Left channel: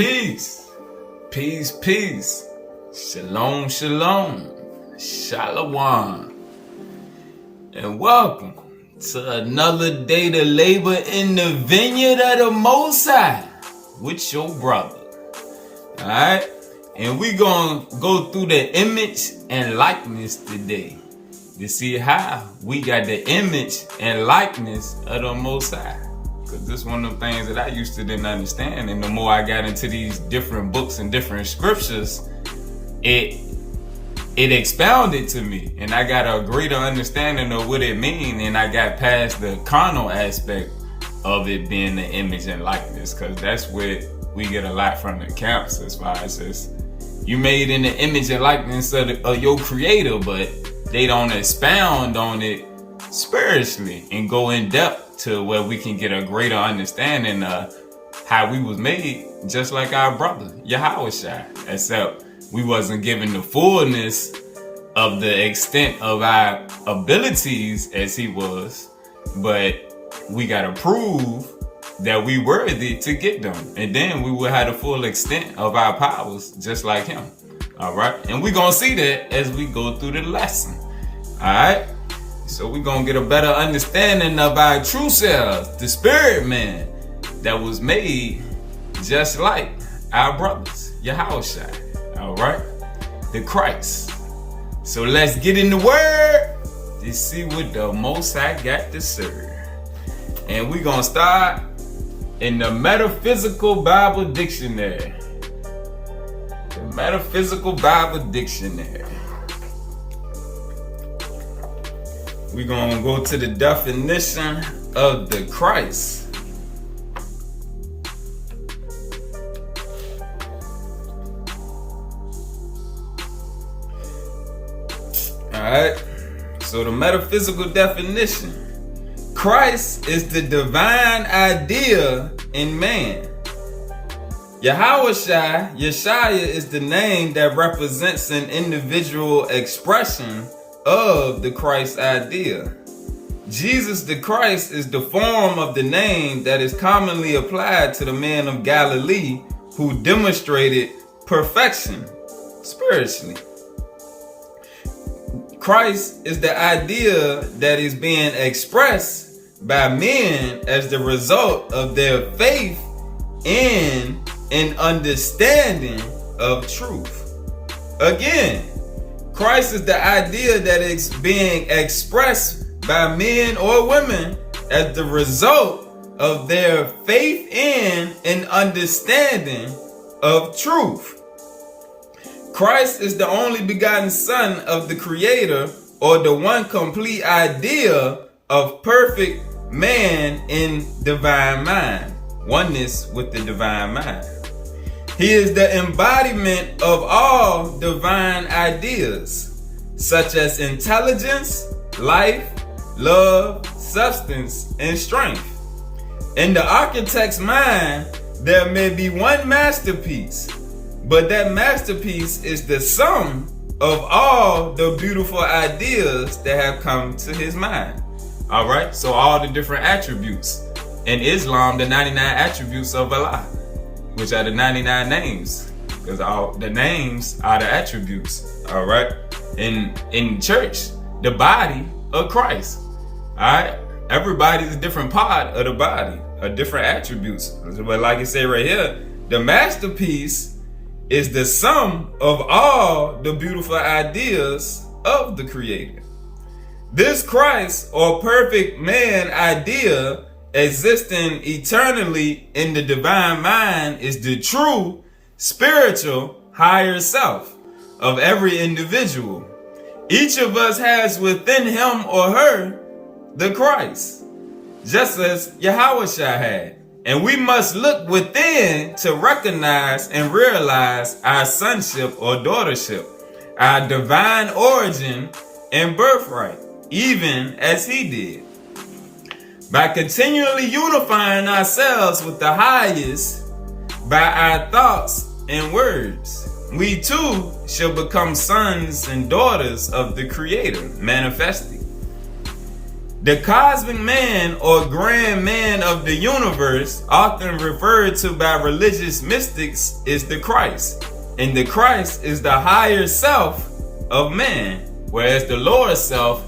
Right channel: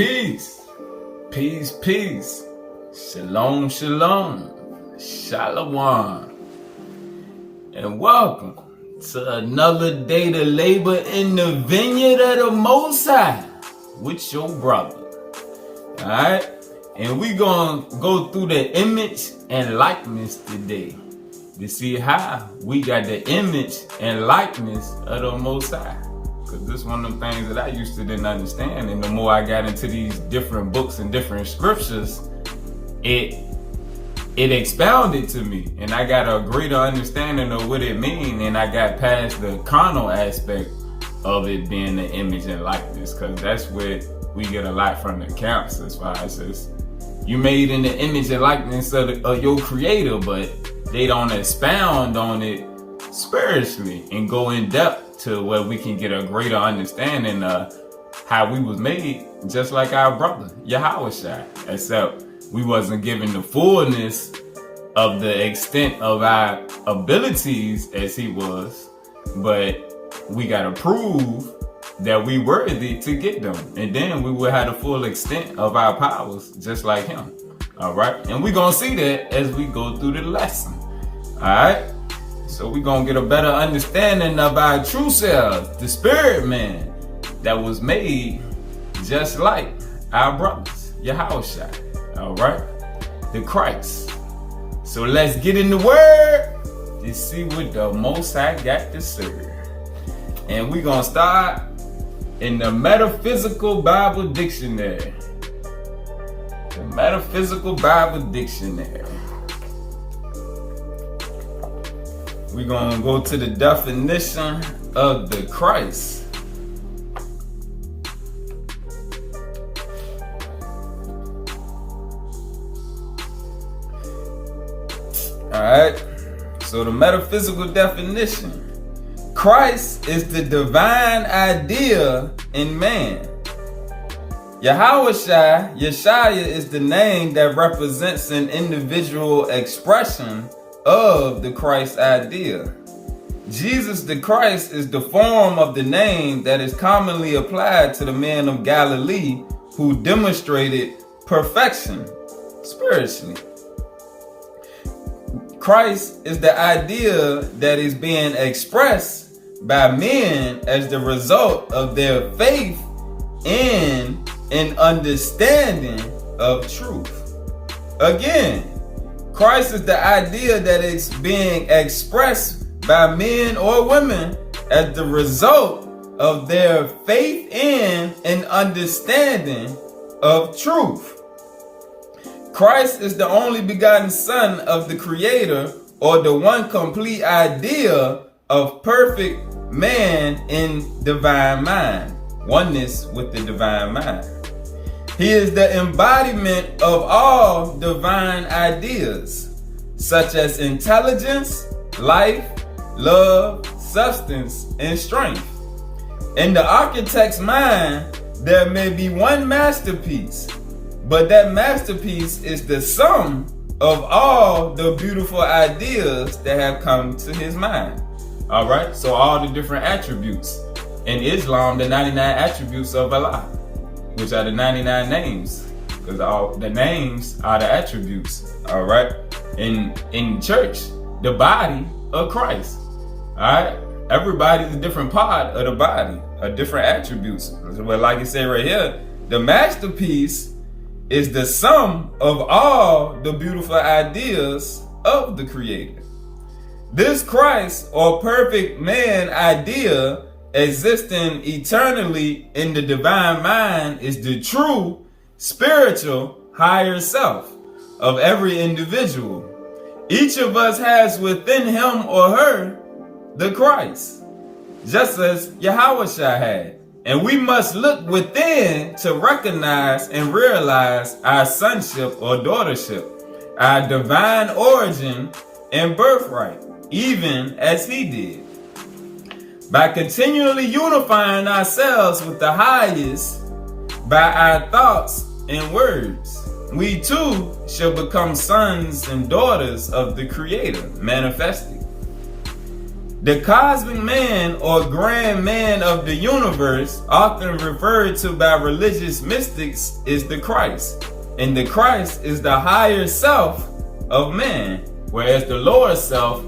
Peace, peace, peace. Shalom, shalom, shalom. And welcome to another day to labor in the vineyard of the Most High with your brother. Alright? And we gonna go through the image and likeness today to see how we got the image and likeness of the Most High. Because this is one of the things that I used to didn't understand. And the more I got into these different books and different scriptures, it expounded to me. And I got a greater understanding of what it means. And I got past the carnal aspect of it being the image and likeness. Because that's where we get a lot from the camps as far as this. You made in the image and likeness of your creator, but they don't expound on it spiritually and go in depth to where we can get a greater understanding of how we was made, just like our brother Yahushua, except we wasn't given the fullness of the extent of our abilities as he was, but we gotta prove that we worthy to get them, and then we will have the full extent of our powers just like him. All right, and we're gonna see that as we go through the lesson. All right, so we're gonna get a better understanding of our true selves, the spirit man that was made just like our brothers Yahushua. All right, the Christ. So let's get in the word to see what the Most High got to serve. And we're gonna start in the Metaphysical Bible Dictionary. The Metaphysical Bible Dictionary. We're going to go to the definition of the Christ. Alright, so the metaphysical definition. Christ is the divine idea in man. Yeshua is the name that represents an individual expression of the Christ idea. Jesus the Christ is the form of the name that is commonly applied to the man of Galilee who demonstrated perfection spiritually. Christ is the idea that is being expressed by men as the result of their faith in an understanding of truth. Again, Christ is the idea that is being expressed by men or women as the result of their faith in an understanding of truth. Christ is the only begotten Son of the Creator, or the one complete idea of perfect man in divine mind, oneness with the divine mind. He is the embodiment of all divine ideas, such as intelligence, life, love, substance, and strength. In the architect's mind, there may be one masterpiece, but that masterpiece is the sum of all the beautiful ideas that have come to his mind. All right, so all the different attributes. In Islam, the 99 attributes of Allah, which are the 99 names, because all the names are the attributes. All right, in church, the body of Christ. All right, everybody's a different part of the body, different attributes. But like it said right here, the masterpiece is the sum of all the beautiful ideas of the Creator. This Christ, or perfect man idea, existing eternally in the divine mind, is the true spiritual higher self of every individual. Each of us has within him or her the Christ, just as Yahushua had. And we must look within to recognize and realize our sonship or daughtership, our divine origin and birthright, even as he did. By continually unifying ourselves with the highest by our thoughts and words, we too shall become sons and daughters of the Creator manifested. The cosmic man or grand man of the universe, often referred to by religious mystics, is the Christ. And the Christ is the higher self of man, whereas the lower self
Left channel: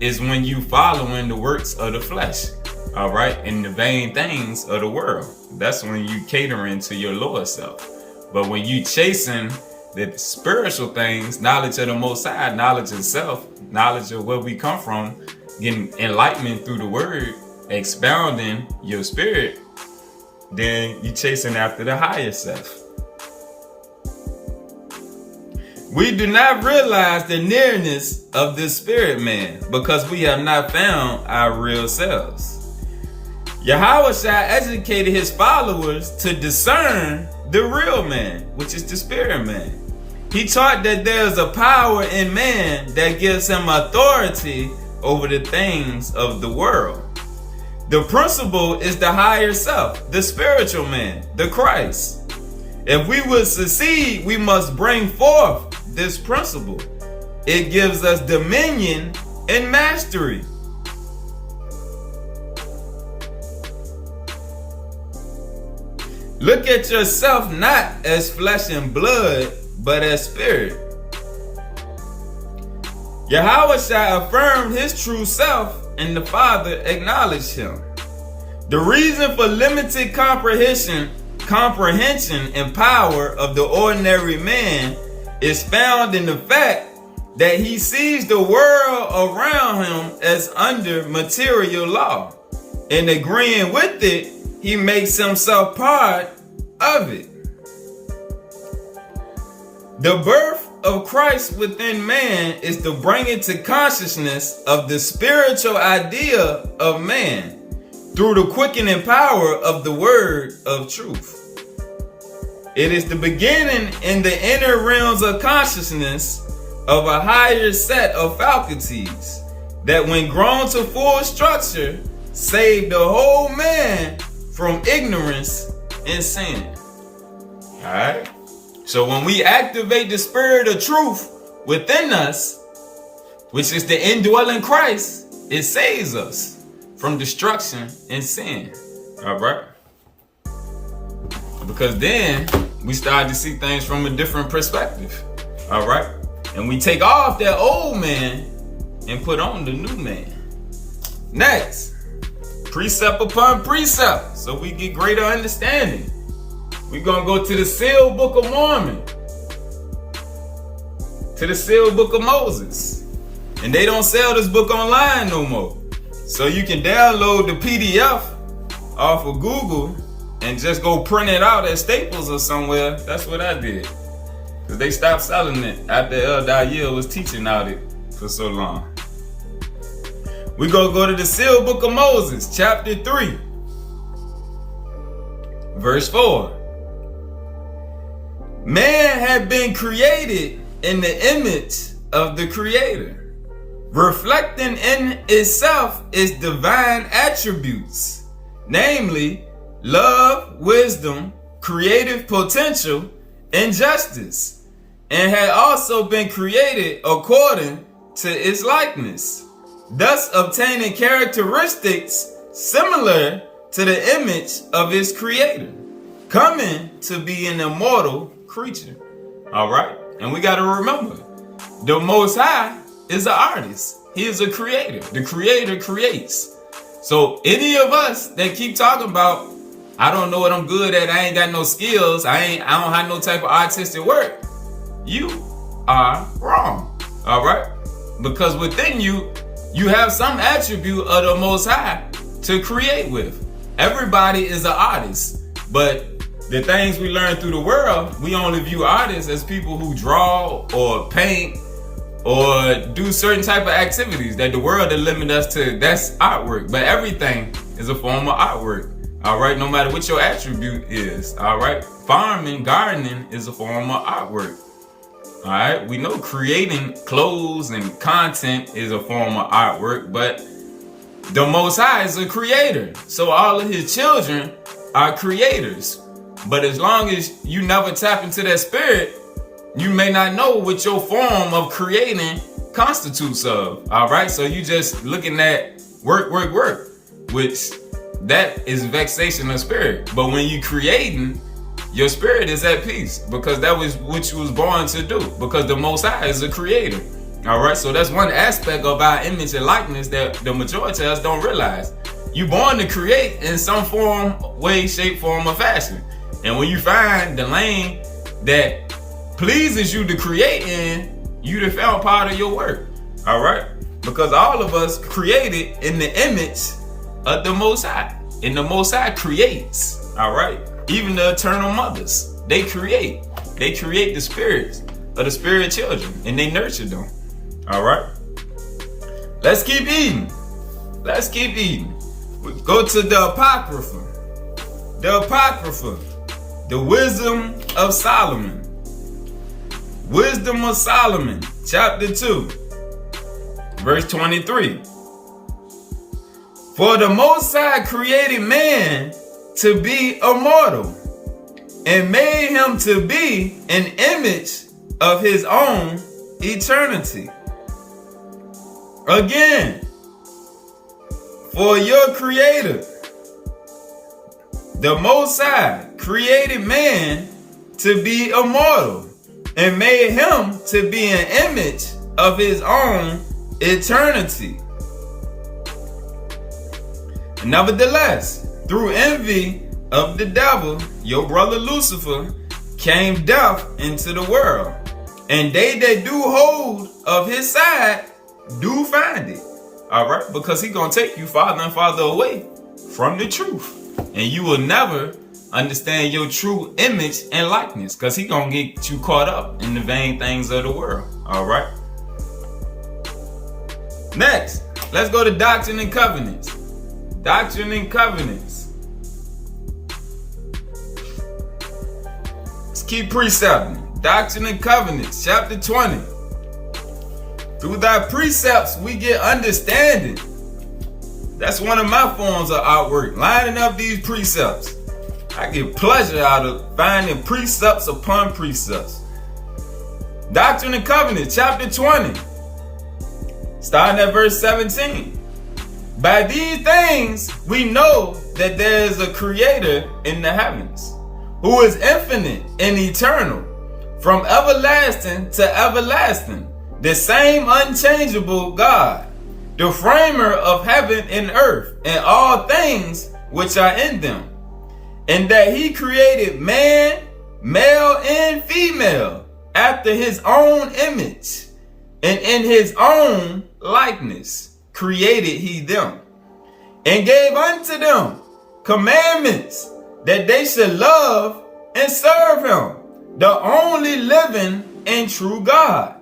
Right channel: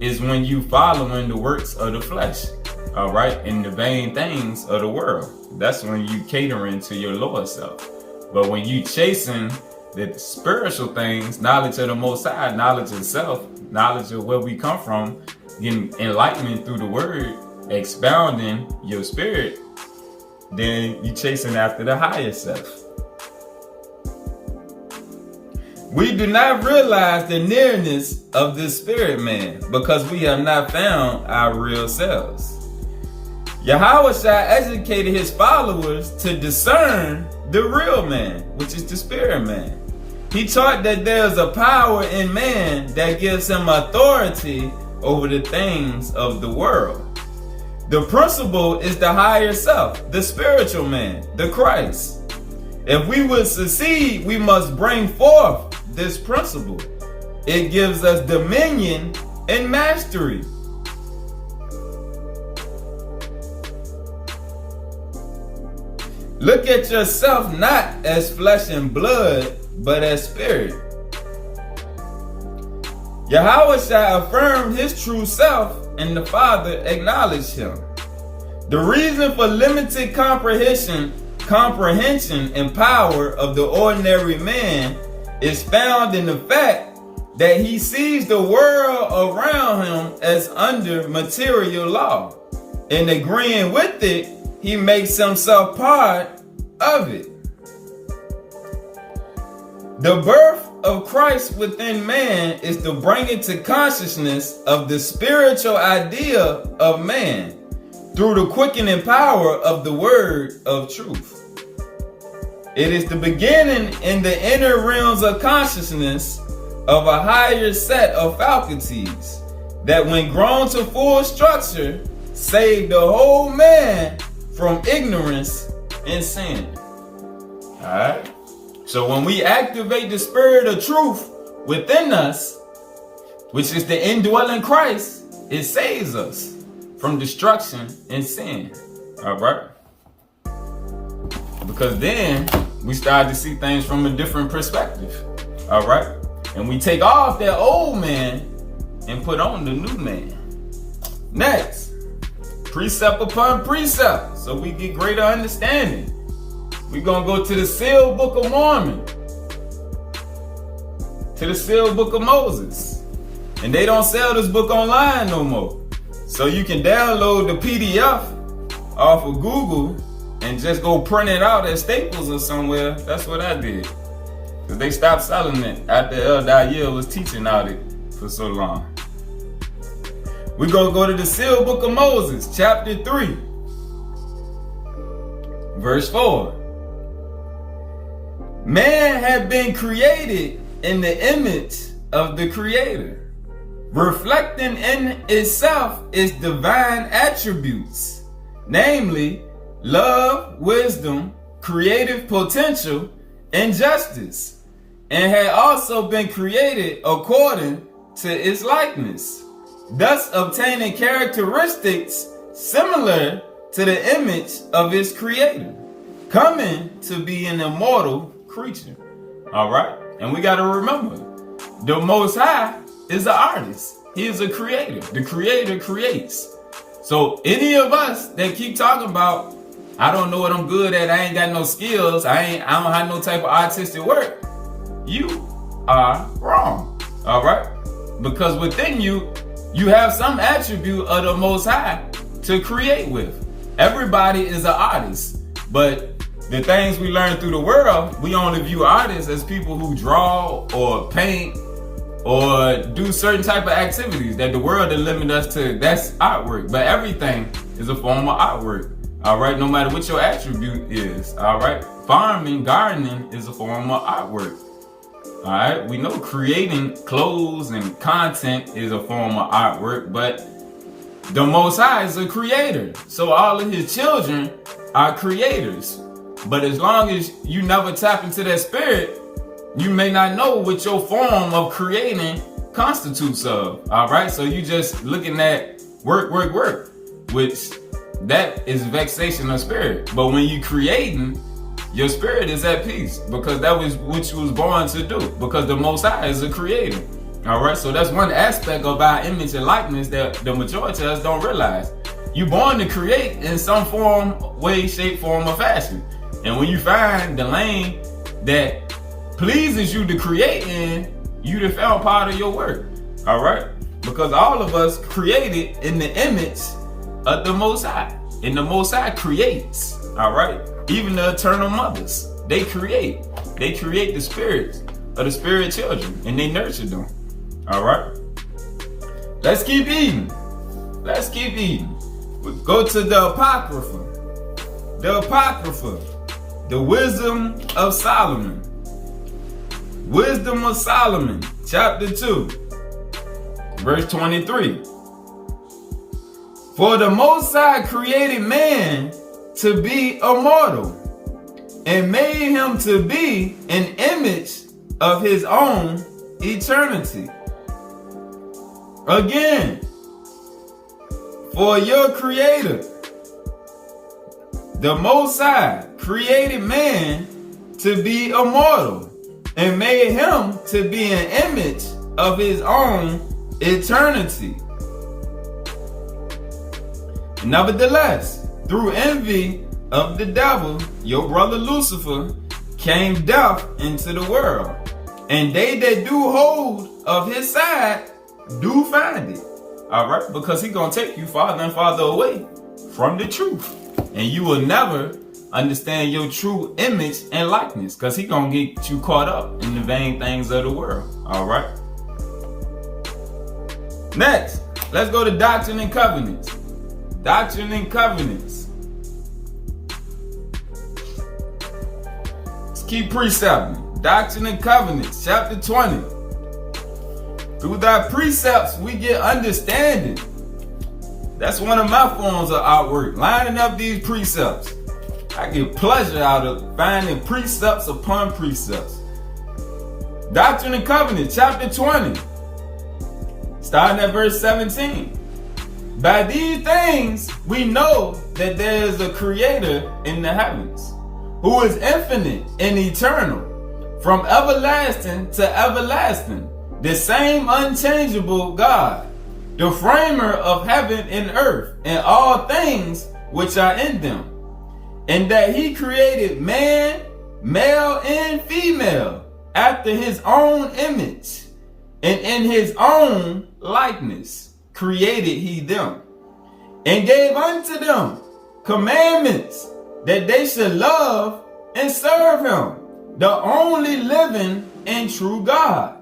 is when you following the works of the flesh, all right, and the vain things of the world. That's when you catering to your lower self. But when you chasing the spiritual things, knowledge of the Most High, knowledge of self, knowledge of where we come from, getting enlightenment through the word, expounding your spirit, then you chasing after the higher self. We do not realize the nearness of this spirit man because we have not found our real selves. Yahweh educated his followers to discern the real man, which is the spirit man. He taught that there's a power in man that gives him authority over the things of the world. The principle is the higher self, the spiritual man, the Christ. If we would succeed, we must bring forth this principle. It gives us dominion and mastery. Look at yourself not as flesh and blood, but as spirit. Yahweh affirmed his true self, and the Father acknowledged him. The reason for limited comprehension and power of the ordinary man is found in the fact that he sees the world around him as under material law. In agreeing with it, he makes himself part of it. The birth of Christ within man is to bring into consciousness of the spiritual idea of man through the quickening power of the word of truth. It is the beginning in the inner realms of consciousness of a higher set of faculties that, when grown to full structure, save the whole man from ignorance and sin. All right. So when we activate the spirit of truth within us, which is the indwelling Christ, it saves us from destruction and sin. All right. Because then we start to see things from a different perspective. All right. And we take off that old man and put on the new man. Next, precept upon precept, so we get greater understanding. We're going to go to the sealed book of Mormon, to the sealed book of Moses. And they don't sell this book online no more. So you can download the PDF off of Google and just go print it out at Staples or somewhere. That's what I did. Because they stopped selling it after El Dayil was teaching out it for so long. We're going to go to the sealed book of Moses, chapter 3, verse 4. Man had been created in the image of the Creator, reflecting in itself its divine attributes, namely love, wisdom, creative potential, and justice, and had also been created according to its likeness, thus obtaining characteristics similar to the image of its Creator, coming to be an immortal creature. All right. And we got to remember, the Most High is an artist. He is a creator. The Creator creates. So any of us that keep talking about, I don't know what I'm good at, I ain't got no skills, I don't have no type of artistic work, you are wrong. All right. Because within you, you have some attribute of the Most High to create with. Everybody is an artist, but the things we learn through the world, we only view artists as people who draw or paint or do certain type of activities that the world will limit us to. That's artwork, but everything is a form of artwork. All right, no matter what your attribute is. All right, farming, gardening is a form of artwork. All right, we know creating clothes and content is a form of artwork, but the Most High is a creator. So all of his children are creators. But as long as you never tap into that spirit, you may not know what your form of creating constitutes of. All right. So you just looking at work, which that is vexation of spirit. But when you creating, your spirit is at peace, because that was what you was born to do, because the Most High is a creator. All right, so that's one aspect of our image and likeness that the majority of us don't realize. You born to create in some form, way, shape, form, or fashion. And when you find the lane that pleases you to create in, you done found part of your work. All right, because all of us created in the image of the Most High, and the Most High creates. All right, even the eternal mothers, they create the spirits of the spirit children, and they nurture them. All right, let's keep eating. We go to the Apocrypha. The Wisdom of Solomon. Wisdom of Solomon, chapter 2, verse 23. For the Most High created man to be immortal, and made him to be an image of his own eternity. Again, for your creator, the Most High created man to be immortal, and made him to be an image of his own eternity. Nevertheless, through envy of the devil, your brother Lucifer, came death into the world, and they that do hold of his side do find it. All right, because he gonna take you farther and farther away from the truth, and you will never understand your true image and likeness, because he gonna get you caught up in the vain things of the world. All right, next, let's go to Doctrine and Covenants. Doctrine and Covenants. Let's keep precepting. Doctrine and Covenants, chapter 20. Through thy precepts we get understanding. That's one of my forms of artwork, lining up these precepts. I get pleasure out of finding precepts upon precepts. Doctrine and Covenants, chapter 20, starting at verse 17. By these things we know that there is a creator in the heavens, who is infinite and eternal, from everlasting to everlasting, the same unchangeable God, the framer of heaven and earth, and all things which are in them. And that he created man, male and female, after his own image, and in his own likeness created he them, and gave unto them commandments that they should love and serve him, the only living and true God.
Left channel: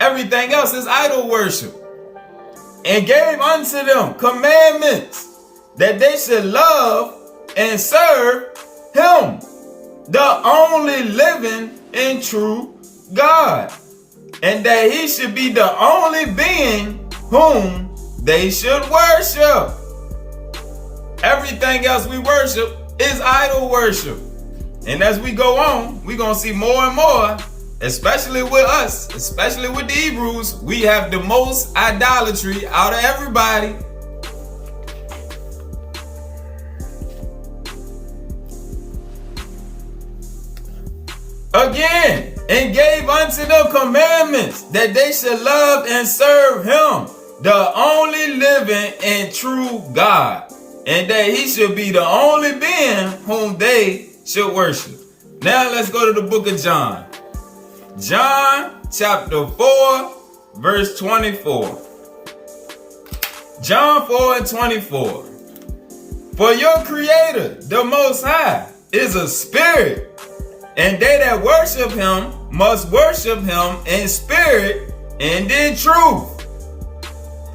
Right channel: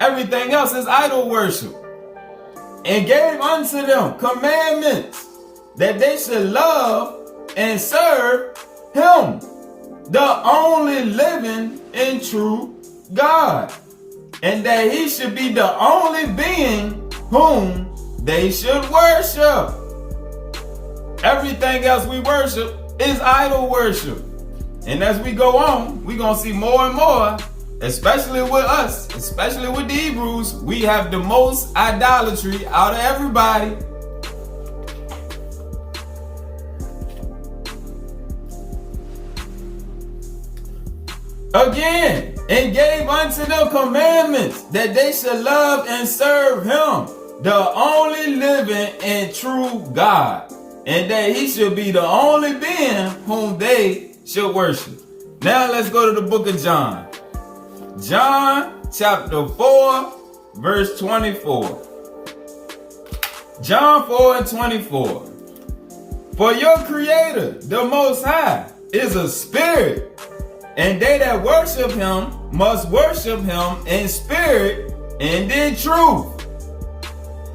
Everything else is idol worship. And gave unto them commandments that they should love and serve him, the only living and true God, and that he should be the only being whom they should worship. Everything else we worship is idol worship. And as we go on, we're going to see more and more, especially with us, especially with the Hebrews, we have the most idolatry out of everybody. Again, and gave unto them commandments that they should love and serve him, the only living and true God, and that he should be the only being whom they should worship. Now let's go to the book of John. John chapter 4, verse 24. John 4 and 24. For your creator, the Most High, is a spirit, and they that worship him must worship him in spirit and in truth.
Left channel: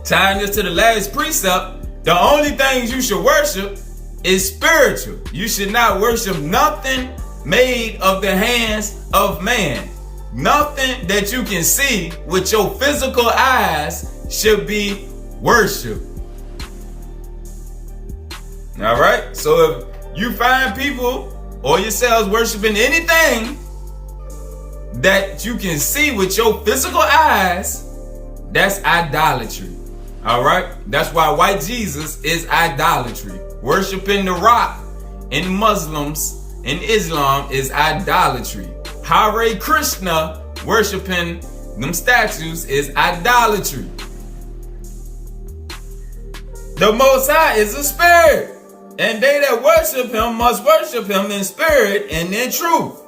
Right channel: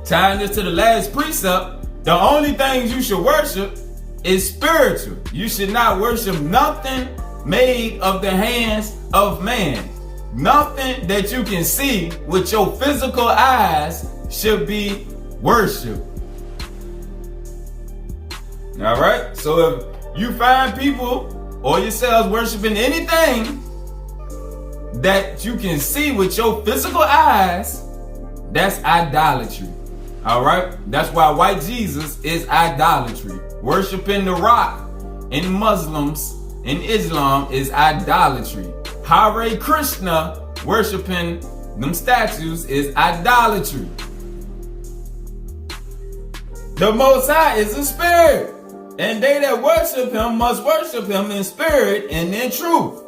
Tying this to the last precept, the only things you should worship is spiritual. You should not worship nothing made of the hands of man. Nothing that you can see with your physical eyes should be worship. All right? So if you find people or yourselves worshiping anything that you can see with your physical eyes, that's idolatry. All right. That's why white Jesus is idolatry. Worshiping the rock in Muslims in Islam is idolatry. Hare Krishna, worshiping them statues, is idolatry. The Most High is a spirit, and they that worship him must worship him in spirit and in truth,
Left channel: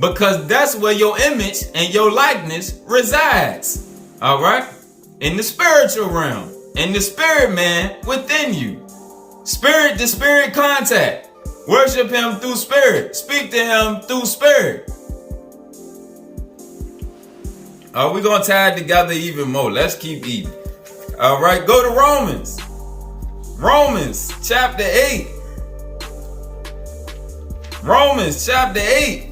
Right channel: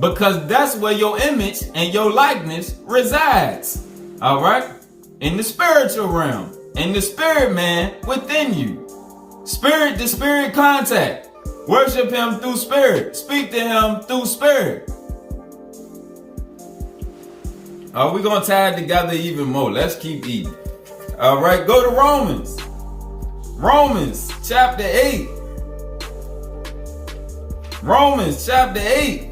because that's where your image and your likeness resides. All right? In the spiritual realm, in the spirit man within you. Spirit to spirit contact. Worship him through spirit. Speak to him through spirit. We're going to tie it together even more. Let's keep eating. All right, go to Romans. Romans chapter 8. Romans chapter 8.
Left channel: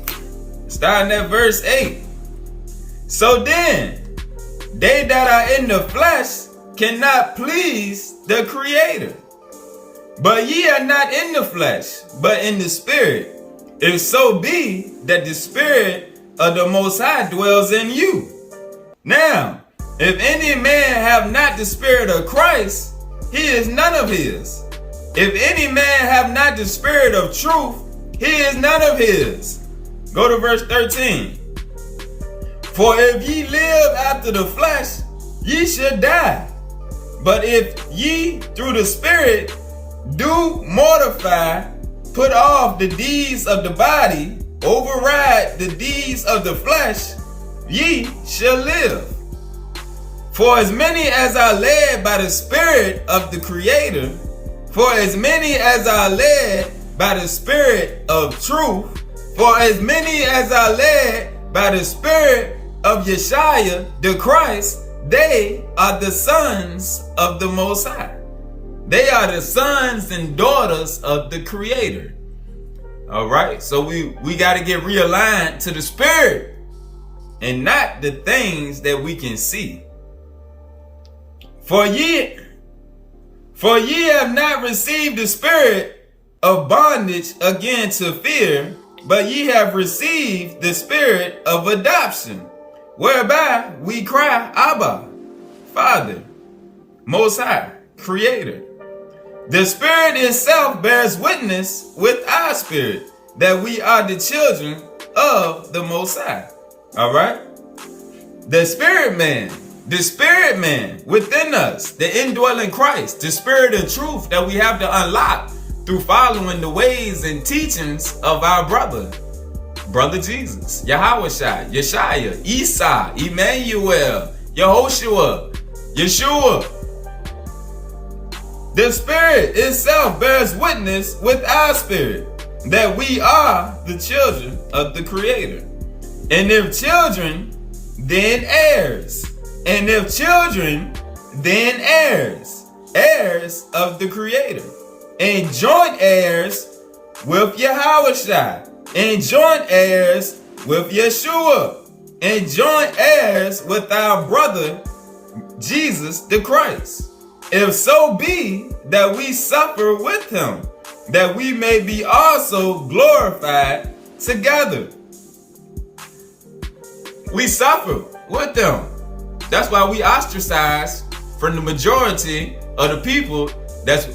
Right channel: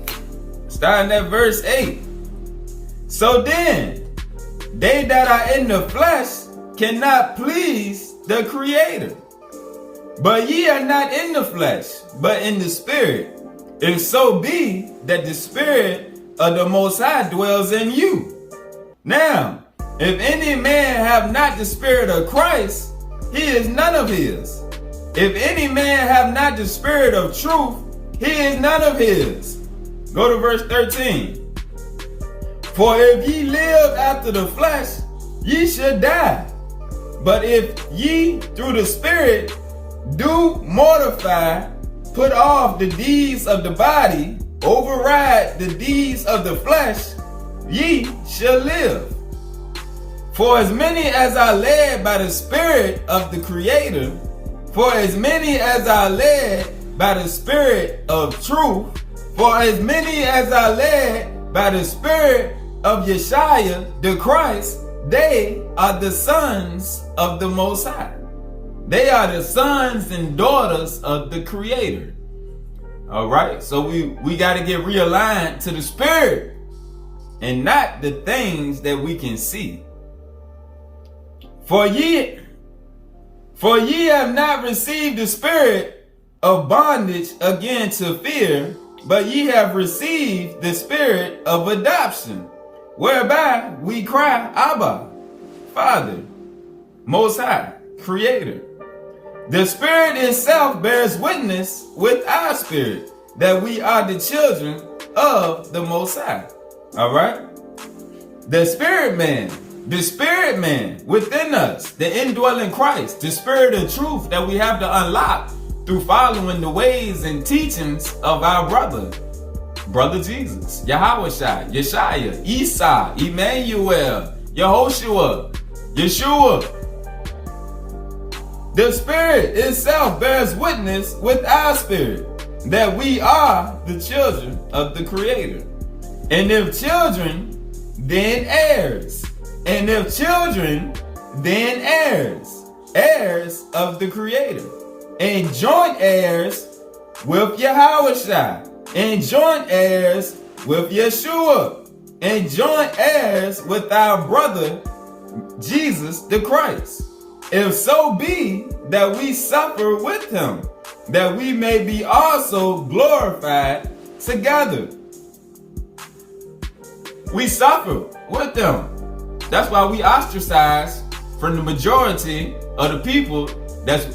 Starting at verse 8. So then, they that are in the flesh cannot please the Creator. But ye are not in the flesh, but in the Spirit. If so be that the Spirit of the Most High dwells in you. Now, if any man have not the Spirit of Christ, he is none of his. If any man have not the Spirit of truth, he is none of his. Go to verse 13. For if ye live after the flesh, ye should die. But if ye through the Spirit do mortify, put off the deeds of the body, override the deeds of the flesh, ye shall live. For as many as are led by the Spirit of the Creator, for as many as are led by the Spirit of truth, for as many as are led by the Spirit of Yeshua the Christ, they are the sons of the Most High. They are the sons and daughters of the Creator. All right, so we got to get realigned to the Spirit and not the things that we can see. For ye have not received the spirit of bondage again to fear, but ye have received the spirit of adoption, whereby we cry, Abba, Father, Most High, Creator. The Spirit itself bears witness with our spirit that we are the children of the Most High. All right? The spirit man within us, the indwelling Christ, the Spirit of truth that we have to unlock through following the ways and teachings of our brother Jesus, Yahushua, Yeshua, Isa, Emmanuel, Yehoshua, Yeshua. The Spirit itself bears witness with our spirit that we are the children of the Creator. And if children, then heirs. And if children, then heirs. Heirs of the Creator. And joint heirs with Yahushua. And joint heirs with Yeshua. And joint heirs with our brother Jesus the Christ. If so be that we suffer with him, that we may be also glorified together. We suffer with them. That's why we ostracized from the majority of the people that's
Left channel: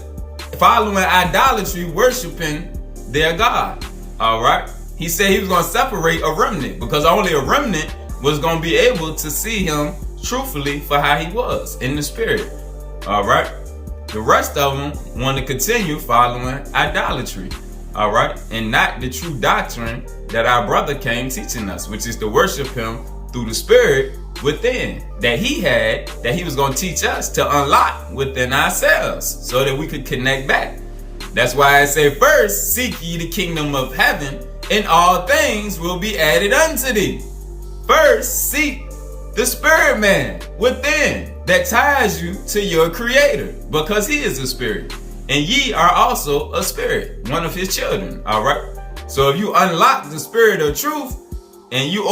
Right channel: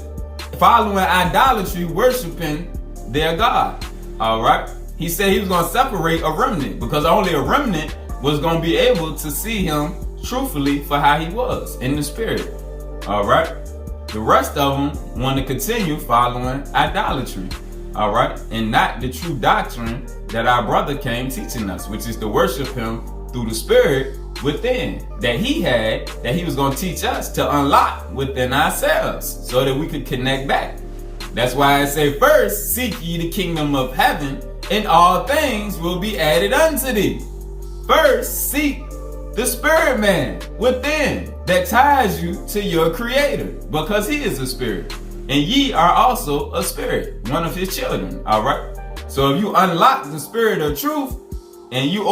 following idolatry, worshiping their God. All right. He said he was going to separate a remnant because only a remnant was going to be able to see him truthfully for how he was in the spirit. All right. The rest of them want to continue following idolatry. All right. And not the true doctrine that our brother came teaching us, which is to worship him through the spirit within that he was going to teach us to unlock within ourselves so that we could connect back. That's why I say first, seek ye the kingdom of heaven, and all things will be added unto thee. First, seek the spirit man within that ties you to your Creator, because he is a spirit. And ye are also a spirit, one of his children. All right. So if you unlock the spirit of truth and you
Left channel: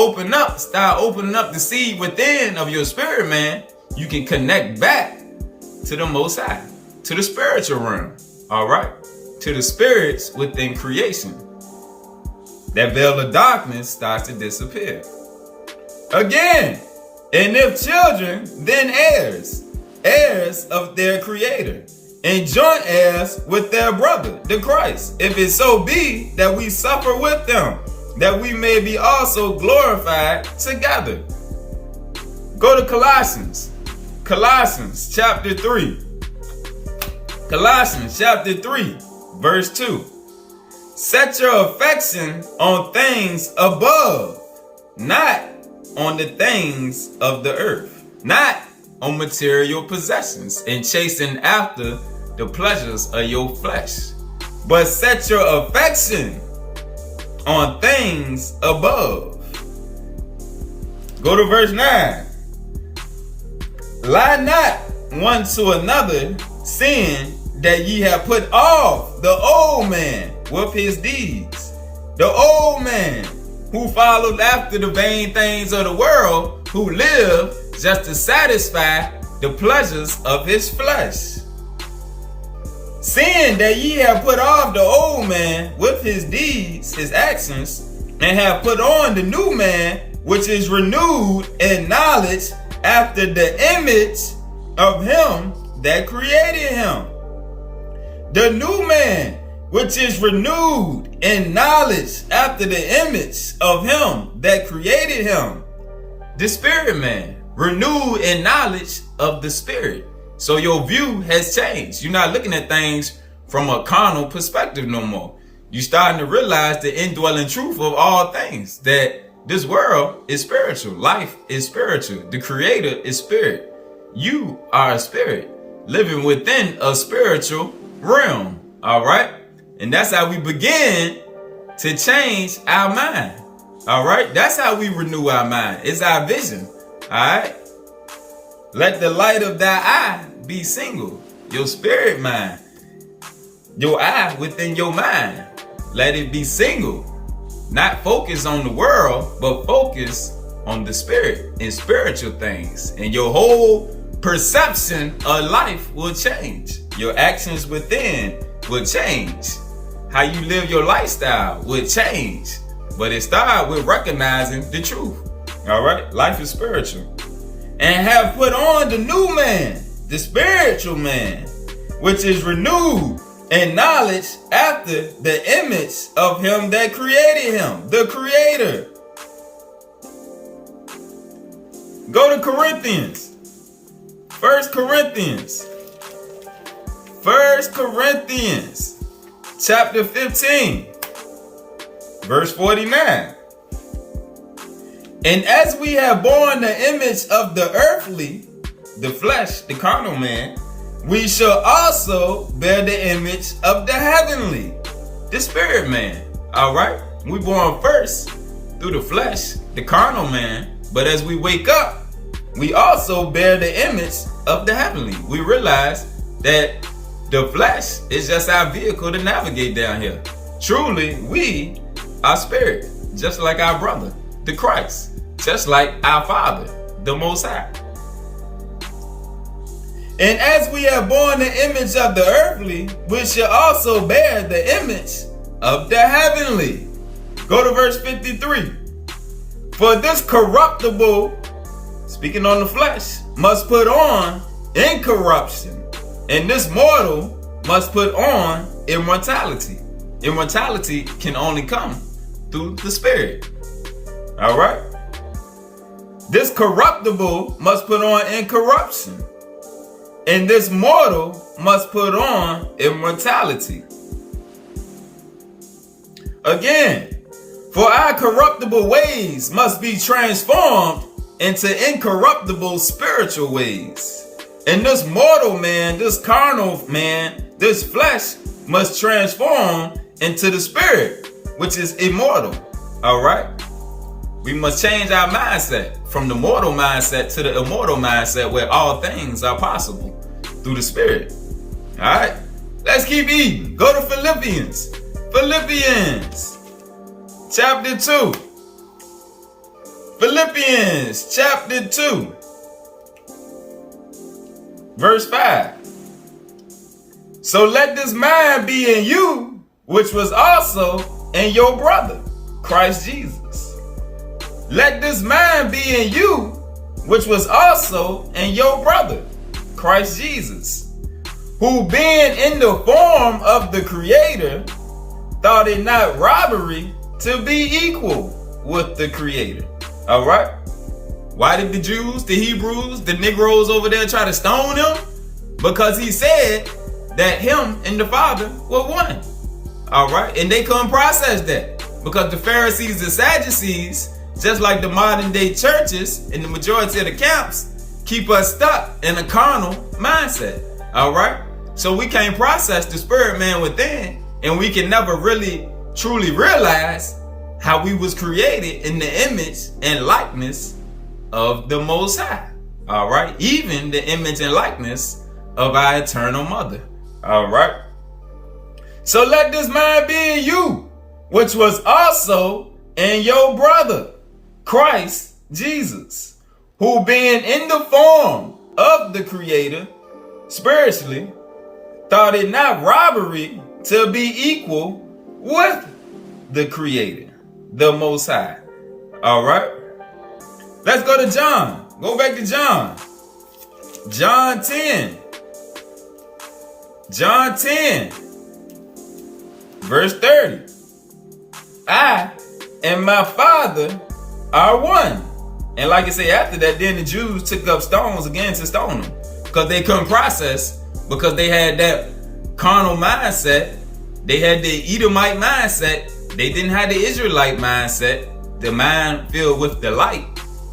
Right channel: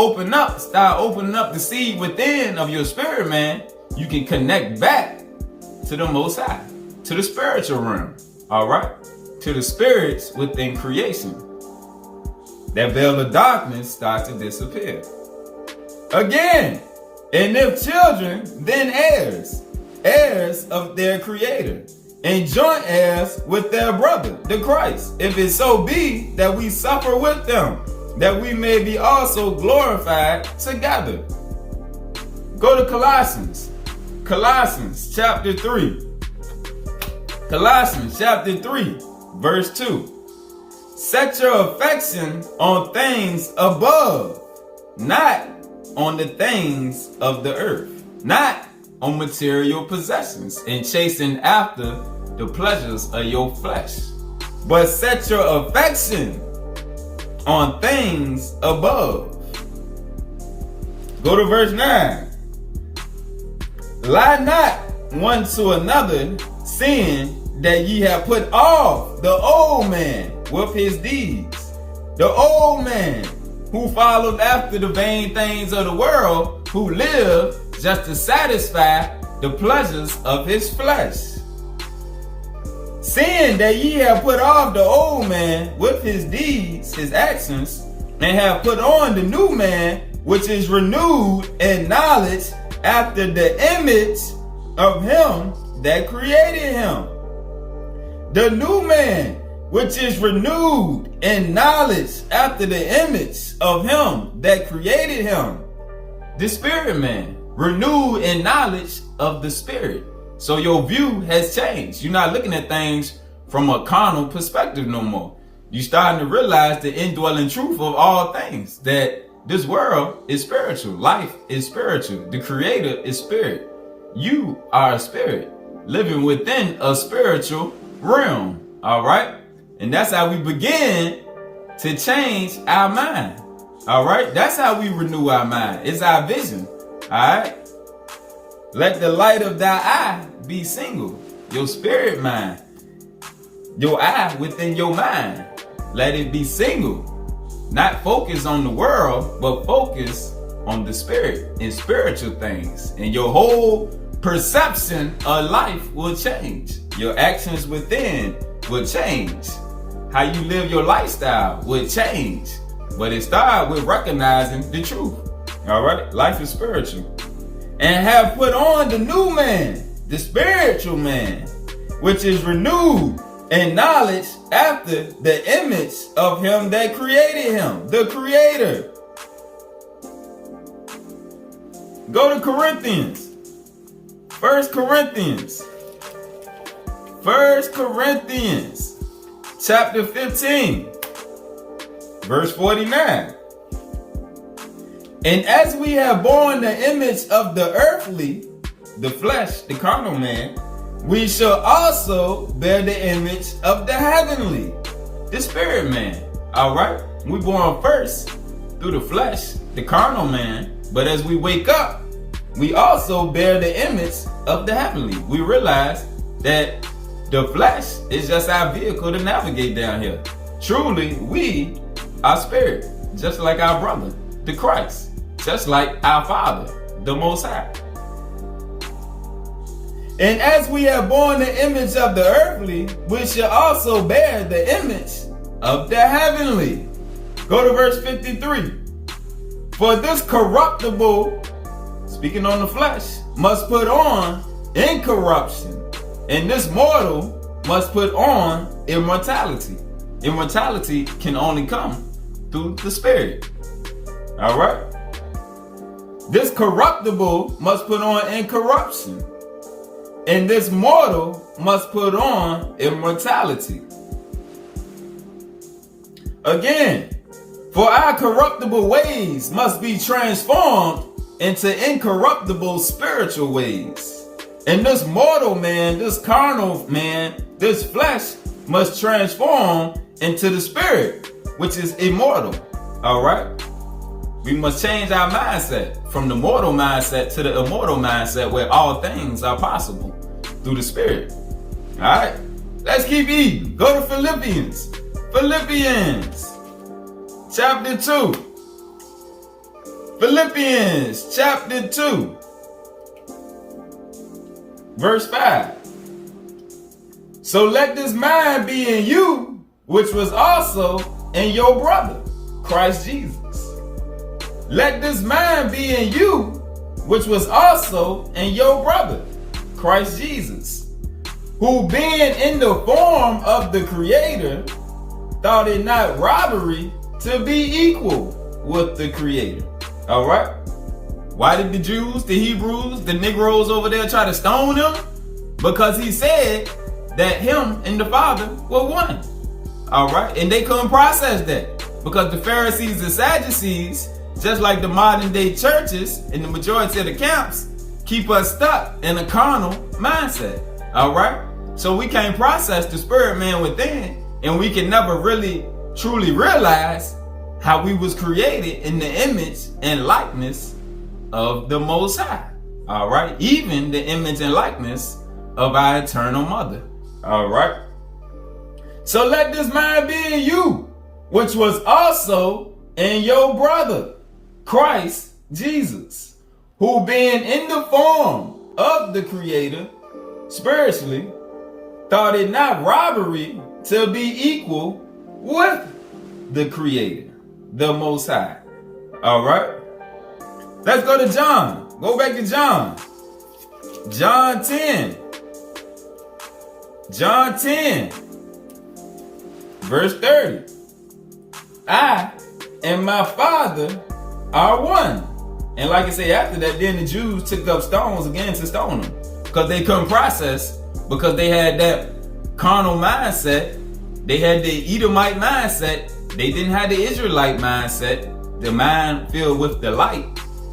start opening up the seed within of your spirit man, you can connect back to the Most High, to the spiritual realm. All right. To the spirits within creation. That veil of darkness starts to disappear. Again, and if children, then heirs. heirs of their Creator, and joint heirs with their brother, the Christ, if it so be that we suffer with them, that we may be also glorified together. Go to Colossians chapter 3. Colossians chapter 3, verse 2. Set your affection on things above, not on the things of the earth, not on material possessions and chasing after the pleasures of your flesh, but set your affection on things above. Go to verse 9. Lie not one to another, seeing that ye have put off the old man with his deeds, the old man who followed after the vain things of the world, who lived just to satisfy the pleasures of his flesh. Seeing that ye have put off the old man with his deeds, his actions, and have put on the new man, which is renewed in knowledge after the image of him that created him. The new man, which is renewed in knowledge after the image of him that created him. The spirit man, renewed in knowledge of the spirit. So your view has changed. You're not looking at things from a carnal perspective no more. You're starting to realize the indwelling truth of all things, that this world is spiritual. Life is spiritual. The Creator is spirit. You are a spirit living within a spiritual realm. All right. And that's how we begin to change our mind. All right. That's how we renew our mind. It's our vision. All right. Let the light of thy eye be single. Your spirit mind. Your eye within your mind. Let it be single. Not focus on the world, but focus on the spirit and spiritual things. And your whole perception of life will change. Your actions within will change. How you live your lifestyle will change. But it starts with recognizing the truth. All right? Life is spiritual. And have put on the new man, the spiritual man, which is renewed in knowledge after the image of him that created him, the Creator. Go to Corinthians. 1 Corinthians chapter 15, verse 49. And as we have borne the image of the earthly, the flesh, the carnal man, we shall also bear the image of the heavenly, the spirit man. All right? We born first through the flesh, the carnal man, but as we wake up, we also bear the image of the heavenly. We realize that the flesh is just our vehicle to navigate down here. Truly, we are spirit, just like our brother, the Christ, just like our Father, the Most High. And as we have borne the image of the earthly, we shall also bear the image of the heavenly. Go to verse 53. For this corruptible, speaking on the flesh, must put on incorruption, and this mortal must put on immortality. Immortality can only come through the spirit. All right? This corruptible must put on incorruption, and this mortal must put on immortality. Again, for our corruptible ways must be transformed into incorruptible spiritual ways. And this mortal man, this carnal man, this flesh must transform into the spirit, which is immortal. All right? We must change our mindset from the mortal mindset to the immortal mindset, where all things are possible through the spirit. All right? Let's keep eating. Go to Philippians. Philippians chapter 2. Philippians chapter 2. Verse 5. So let this mind be in you, which was also in your brother, Christ Jesus. Let this mind be in you, which was also in your brother, Christ Jesus, who being in the form of the Creator, thought it not robbery to be equal with the Creator. All right. Why did the Jews, the Hebrews, the Negroes over there try to stone him? Because he said that him and the Father were one. All right. And they couldn't process that because the Pharisees and Sadducees, just like the modern day churches and the majority of the camps, keep us stuck in a carnal mindset. All right. So we can't process the spirit man within, and we can never really truly realize how we was created in the image and likeness of the Most High. All right. Even the image and likeness of our eternal mother. All right. So let this mind be in you, which was also in your brother, Christ Jesus, who being in the form of the Creator, spiritually, thought it not robbery to be equal with the Creator, the Most High. All right. Let's go to John. Go back to John. John 10. John 10, verse 30. I and my Father are one. And like I say, after that, then the Jews took up stones again to stone them because they couldn't process, because they had that carnal mindset. They had the Edomite mindset. They didn't have the Israelite mindset, the mind filled with the light.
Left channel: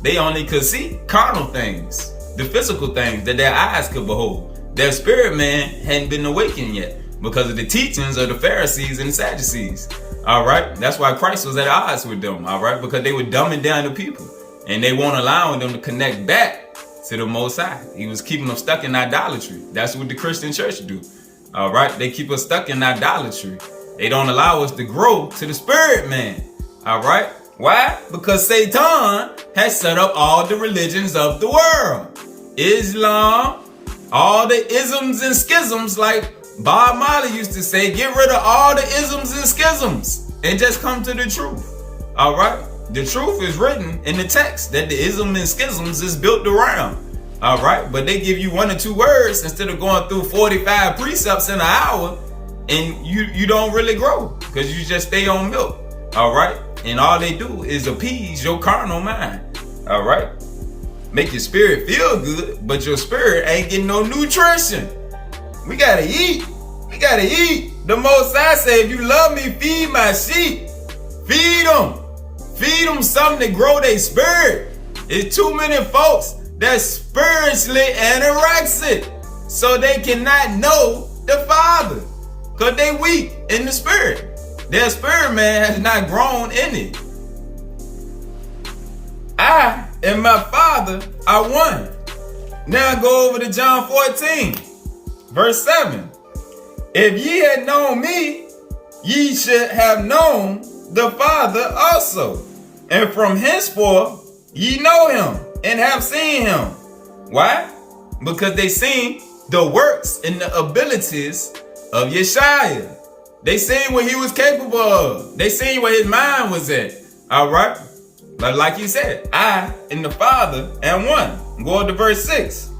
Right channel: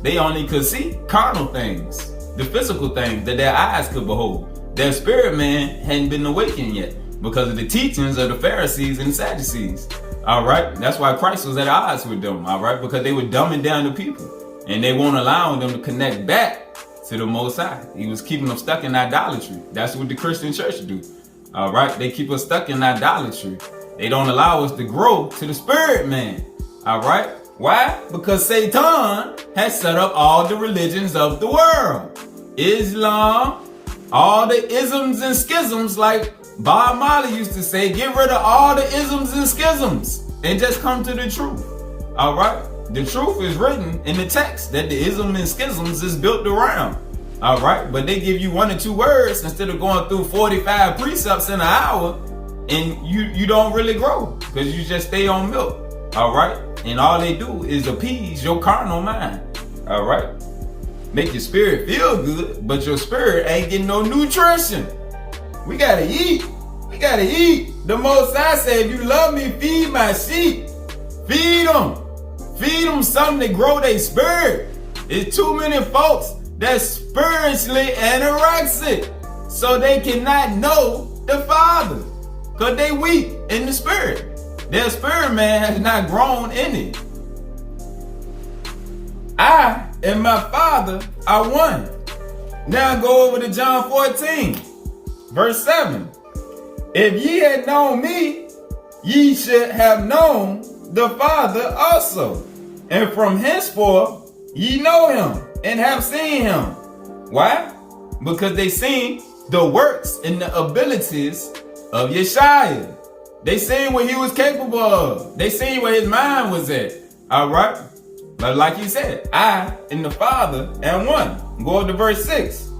They only could see carnal things, the physical things that their eyes could behold. Their spirit man hadn't been awakened yet because of the teachings of the Pharisees and the Sadducees. All right. That's why Christ was at odds with them. All right. Because they were dumbing down the people and they won't allow them to connect back to the Most High. He was keeping them stuck in idolatry. That's what the Christian church do. All right. They keep us stuck in idolatry. They don't allow us to grow to the spirit man. All right. Why? Because Satan has set up all the religions of the world. Islam, all the isms and schisms, like Bob Marley used to say, get rid of all the isms and schisms and just come to the truth. All right. The truth is written in the text that the ism and schisms is built around. All right. But they give you 1 or 2 words instead of going through 45 precepts in an hour, and you don't really grow because you just stay on milk. All right. And all they do is appease your carnal mind. All right. Make your spirit feel good, but your spirit ain't getting no nutrition. We gotta eat. We gotta eat. The Most High said, if you love me, feed my sheep. Feed them. Feed them something to grow their spirit. It's too many folks that's spiritually anorexic, so they cannot know the Father because they weak in the spirit. Their spirit man has not grown in it. I and my Father are one. Now go over to John 14, verse 7. If ye had known me, ye should have known the Father also. And from henceforth ye know him and have seen him. Why? Because they seen the works and the abilities of Yeshua. They seen what he was capable of. They seen where his mind was at. All right. But like he said, I and the Father am one. Go to verse 6.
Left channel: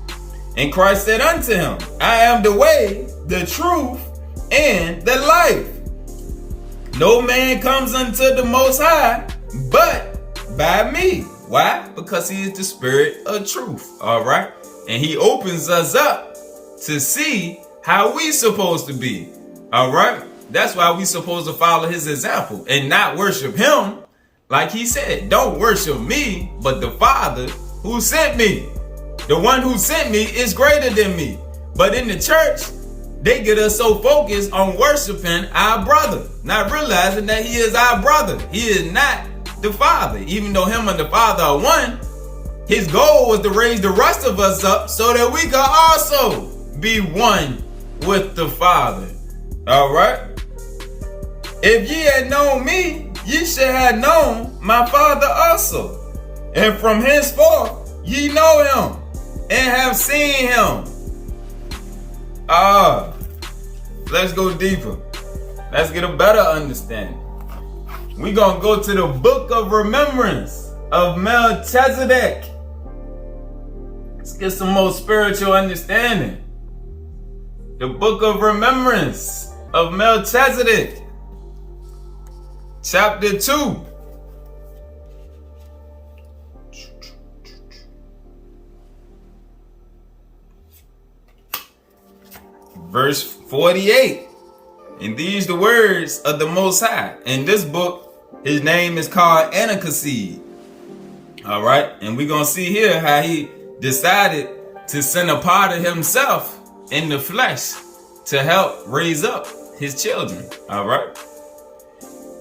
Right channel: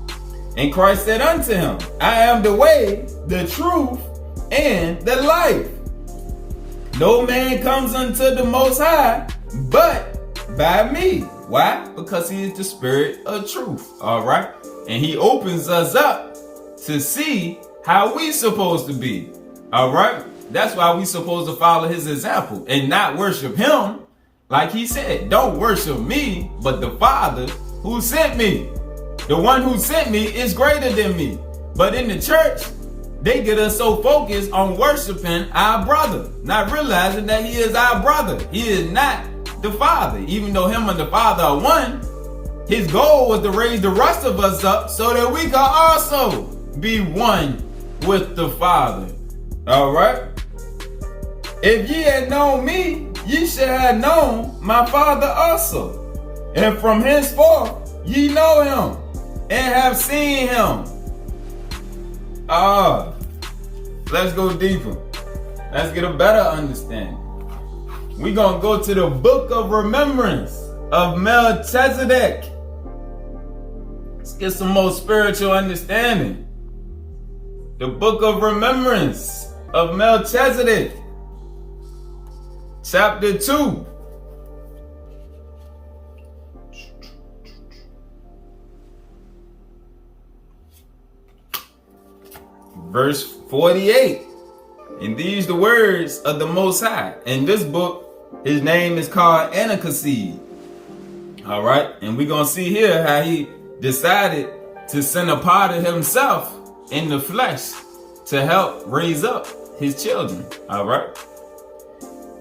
And Christ said unto him, I am the way, the truth, and the life. No man comes unto the Most High but by me. Why? Because he is the Spirit of truth. All right. And he opens us up to see how we supposed to be. All right. That's why we supposed to follow his example and not worship him. Like he said, don't worship me, but the Father who sent me. The one who sent me is greater than me. But in the church, they get us so focused on worshiping our brother, not realizing that he is our brother. He is not the Father. Even though him and the Father are one, his goal was to raise the rest of us up so that we could also be one with the Father. All right. If ye had known me, ye should have known my Father also. And from henceforth ye know him and have seen him. Let's go deeper. Let's get a better understanding. We're going to go to the book of remembrance of Melchizedek. Let's get some more spiritual understanding. The book of remembrance of Melchizedek, chapter 2. Verse 48. And these the words of the Most High. In this book, his name is called Enoch. All right. And we're going to see here how he decided to send a part of himself in the flesh to help raise up his children. All right.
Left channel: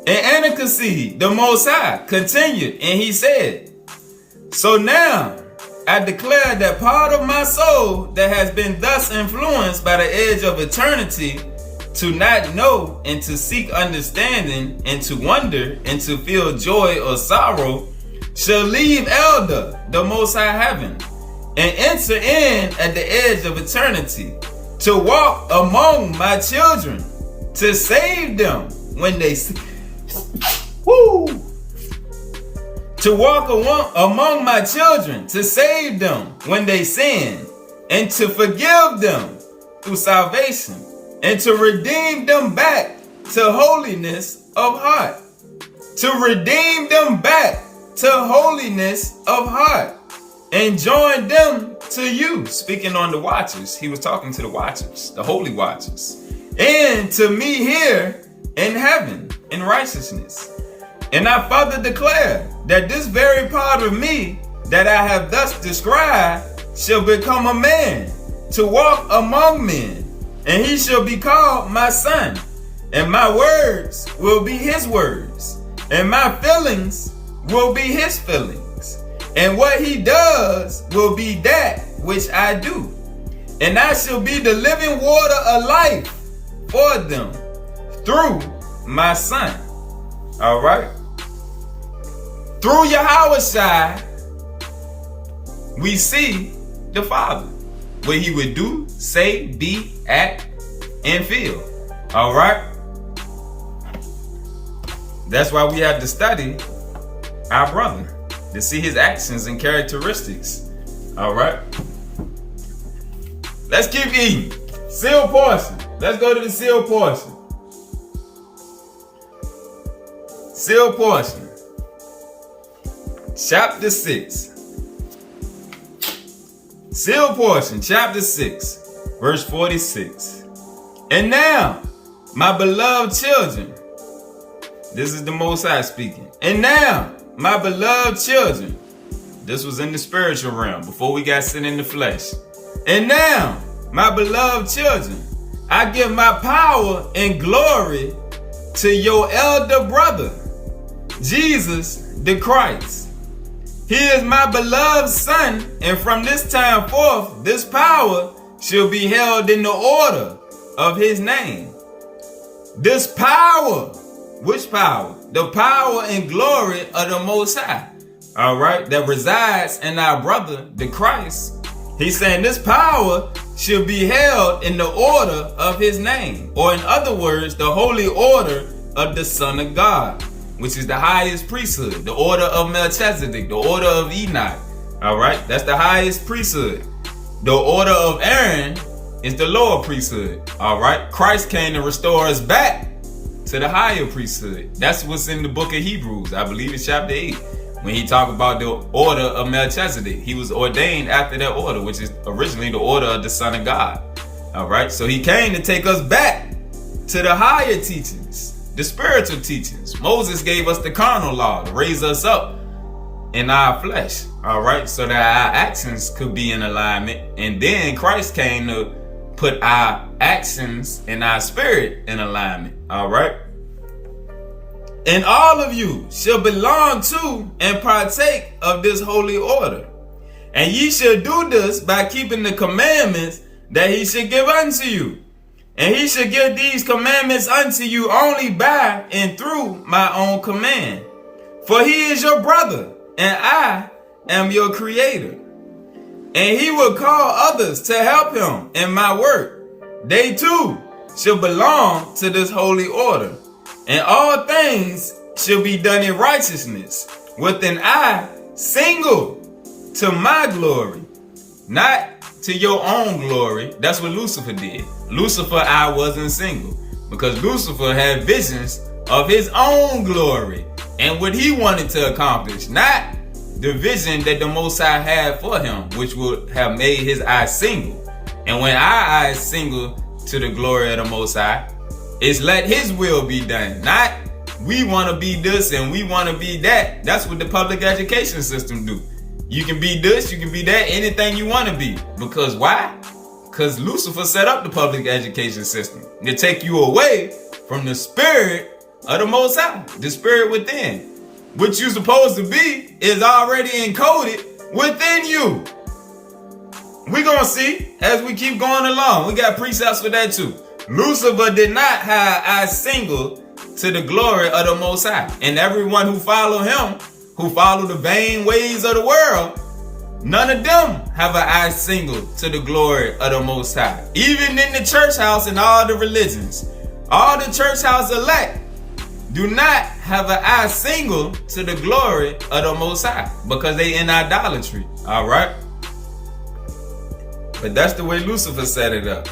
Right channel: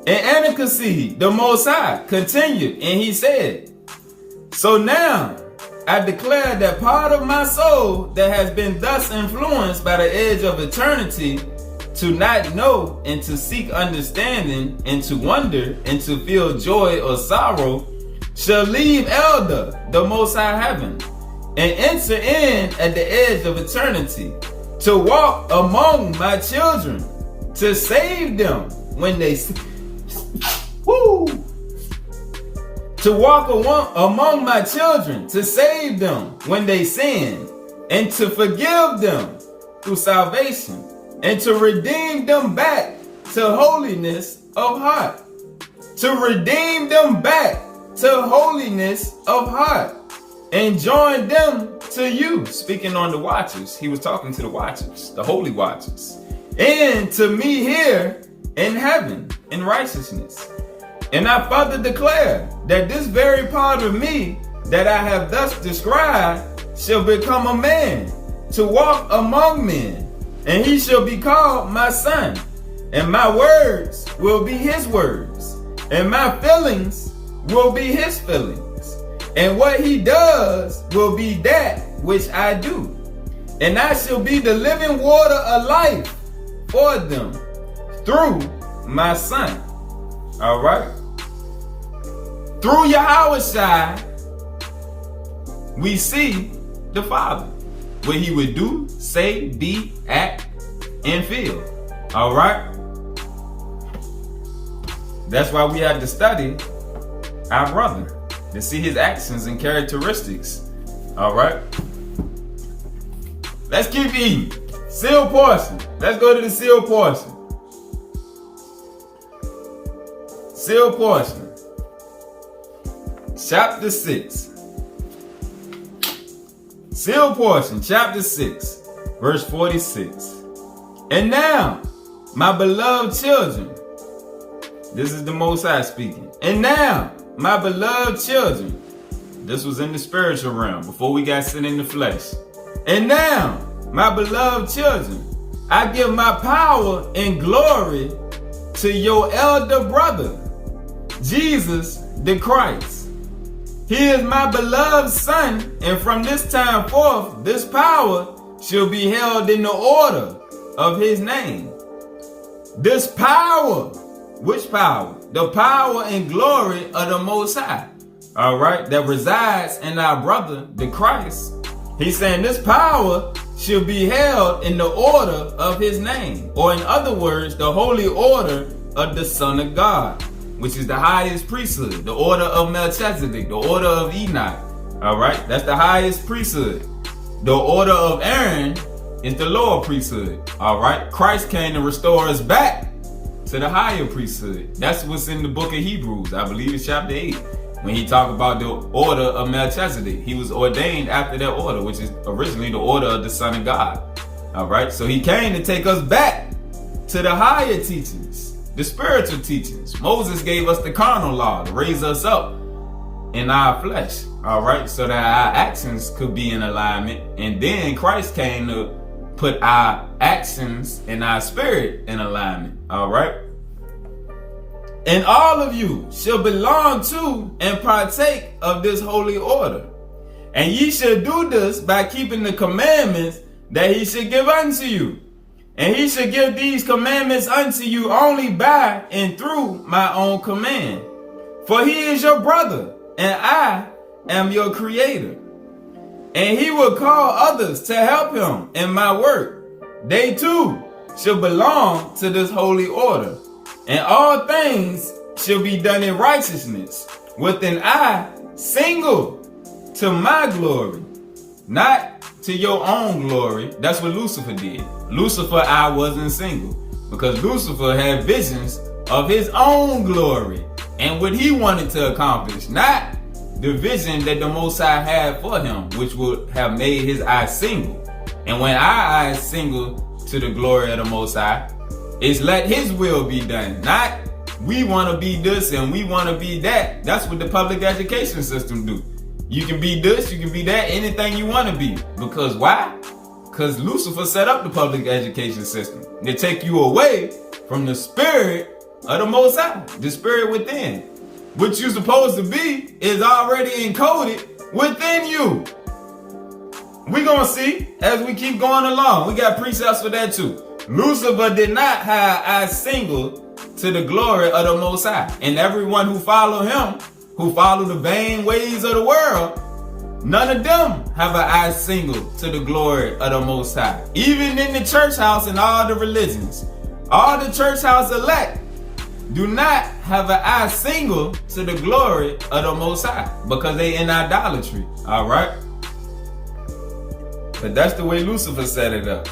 And Enoch, the Most High, continued and he said, so now I declare that part of my soul that has been thus influenced by the edge of eternity to not know and to seek understanding and to wonder and to feel joy or sorrow shall leave Elder, the Most High Heaven, and enter in at the edge of eternity to walk among my children to save them when they to walk among my children to save them when they sin and to forgive them through salvation and to redeem them back to holiness of heart. To redeem them back to holiness of heart and join them to you. Speaking on the watchers, he was talking to the watchers, the holy watchers, and to me here in heaven in righteousness. And I further declare that this very part of me that I have thus described shall become a man to walk among men, and he shall be called my son, and my words will be his words, and my feelings will be his feelings, and what he does will be that which I do, and I shall be the living water of life for them through my son. All right. Through Yahushua, we see the Father, what he would do, say, be, act, and feel. All right? That's why we have to study our brother, to see his actions and characteristics. All right? Let's keep eating. Sealed portion. Let's go to the sealed portion. Sealed portion. Chapter 6. Sealed portion, chapter 6, verse 46. And now, my beloved children, this is the Most High speaking. And now, my beloved children, this was in the spiritual realm before we got sent in the flesh. And now, my beloved children, I give my power and glory to your elder brother, Jesus the Christ. He is my beloved son, and from this time forth, this power shall be held in the order of his name. This power, which power? The power and glory of the Most High, all right, that resides in our brother, the Christ. He's saying this power shall be held in the order of his name, or in other words, the holy order of the Son of God, which is the highest priesthood, the order of Melchizedek, the order of Enoch. All right, that's the highest priesthood. The order of Aaron is the lower priesthood. All right, Christ came to restore us back to the higher priesthood. That's what's in the book of Hebrews, I believe it's chapter 8, when he talked about the order of Melchizedek. He was ordained after that order, which is originally the order of the Son of God. All right, so he came to take us back to the higher teachings, the spiritual teachings. Moses gave us the carnal law to raise us up in our flesh, all right, so that our actions could be in alignment. And then Christ came to put our actions and our spirit in alignment, all right? And all of you shall belong to and partake of this holy order. And ye shall do this by keeping the commandments that he should give unto you. And he shall give these commandments unto you only by and through my own command. For he is your brother, and I am your creator. And he will call others to help him in my work. They too shall belong to this holy order. And all things shall be done in righteousness, with an eye single to my glory. not to your own glory. That's what Lucifer did. Lucifer, I wasn't single, because Lucifer had visions of his own glory and what he wanted to accomplish, not the vision that the Most High had for him, which would have made his eyes single. And when our eyes single to the glory of the Most High, it's let his will be done, not we want to be this and we want to be that. That's what the public education system do. You can be this, you can be that, anything you want to be. Because why? Because Lucifer set up the public education system to take you away from the spirit of the Most High, the spirit within. What you're supposed to be is already encoded within you. We're going to see as we keep going along. We got precepts for that too. Lucifer did not have eyes single to the glory of the Most High. And everyone who follow him, who follow the vain ways of the world, none of them have an eye single to the glory of the Most High. Even in the church house and all the religions, all the church house elect do not have an eye single to the glory of the Most High, because they in idolatry. All right. But that's the way Lucifer set it up.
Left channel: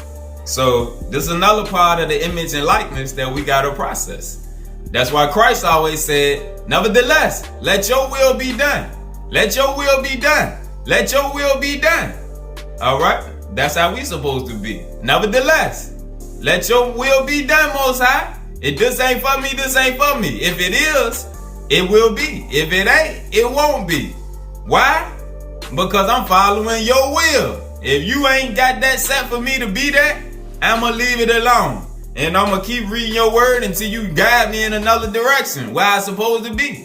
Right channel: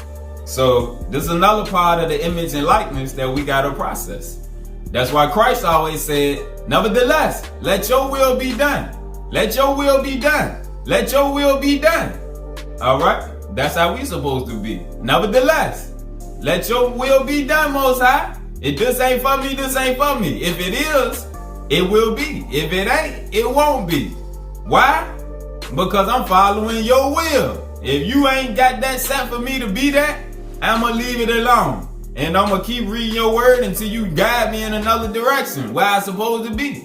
So this is another part of the image and likeness that we got to process. That's why Christ always said, nevertheless, let your will be done. Let your will be done. Let your will be done. All right. That's how we supposed to be. Nevertheless, let your will be done, Most High. If this ain't for me, this ain't for me. If it is, it will be. If it ain't, it won't be. Why? Because I'm following your will. If you ain't got that set for me to be that, I'm going to leave it alone. And I'm going to keep reading your word until you guide me in another direction where I'm supposed to be.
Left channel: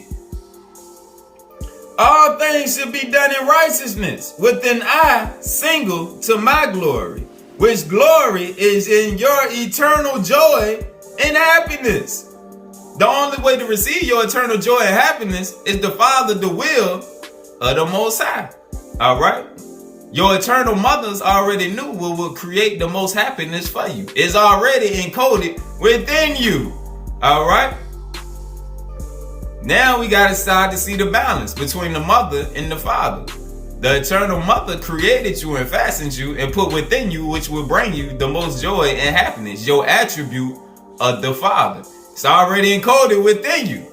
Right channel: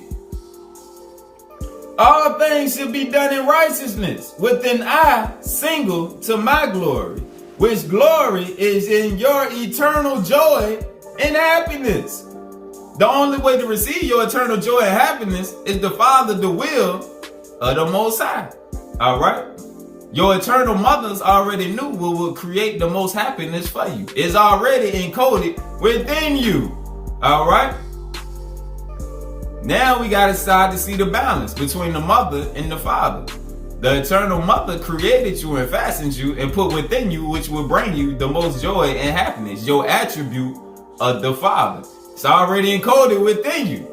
All things should be done in righteousness, with an eye single to my glory, which glory is in your eternal joy and happiness. The only way to receive your eternal joy and happiness is to follow the will of the Most High. All right? Your eternal mothers already knew what would create the most happiness for you. It's already encoded within you. All right? Now we got to start to see the balance between the mother and the father. The eternal mother created you and fastened you and put within you, which will bring you the most joy and happiness, your attribute of the Father. It's already encoded within you.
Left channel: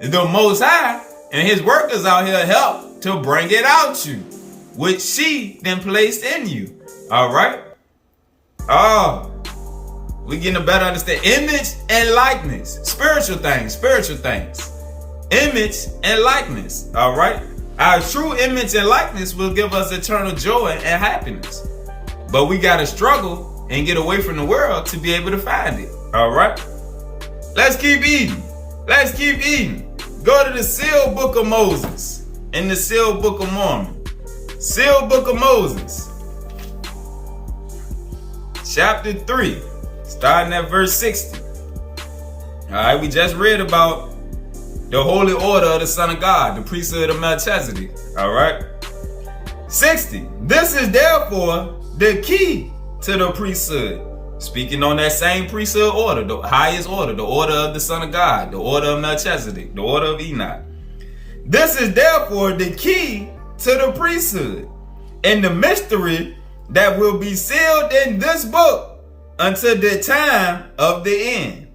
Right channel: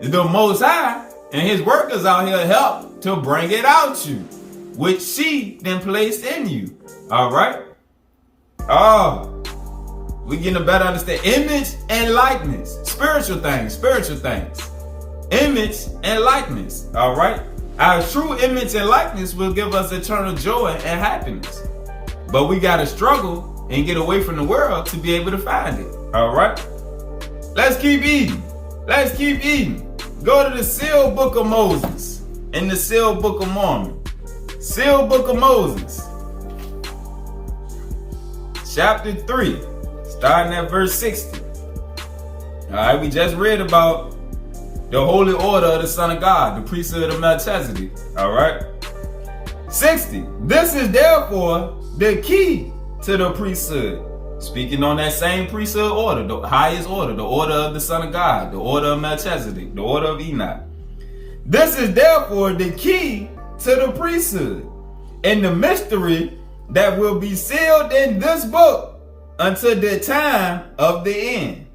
The Most High and his workers out here help to bring it out you, which she then placed in you. All right. We getting a better understanding. Image and likeness. Spiritual things. Image and likeness. All right. Our true image and likeness will give us eternal joy and happiness. But we got to struggle and get away from the world to be able to find it. All right. Let's keep eating. Go to the sealed book of Moses and the sealed book of Mormon. Sealed book of Moses, chapter 3, starting at verse 60. All right, we just read about the holy order of the Son of God, the priesthood of Melchizedek. All right, 60. This is therefore the key to the priesthood. Speaking on that same priesthood order, the highest order, the order of the Son of God, the order of Melchizedek, the order of Enoch. This is therefore the key to the priesthood and the mystery that will be sealed in this book until the time of the end.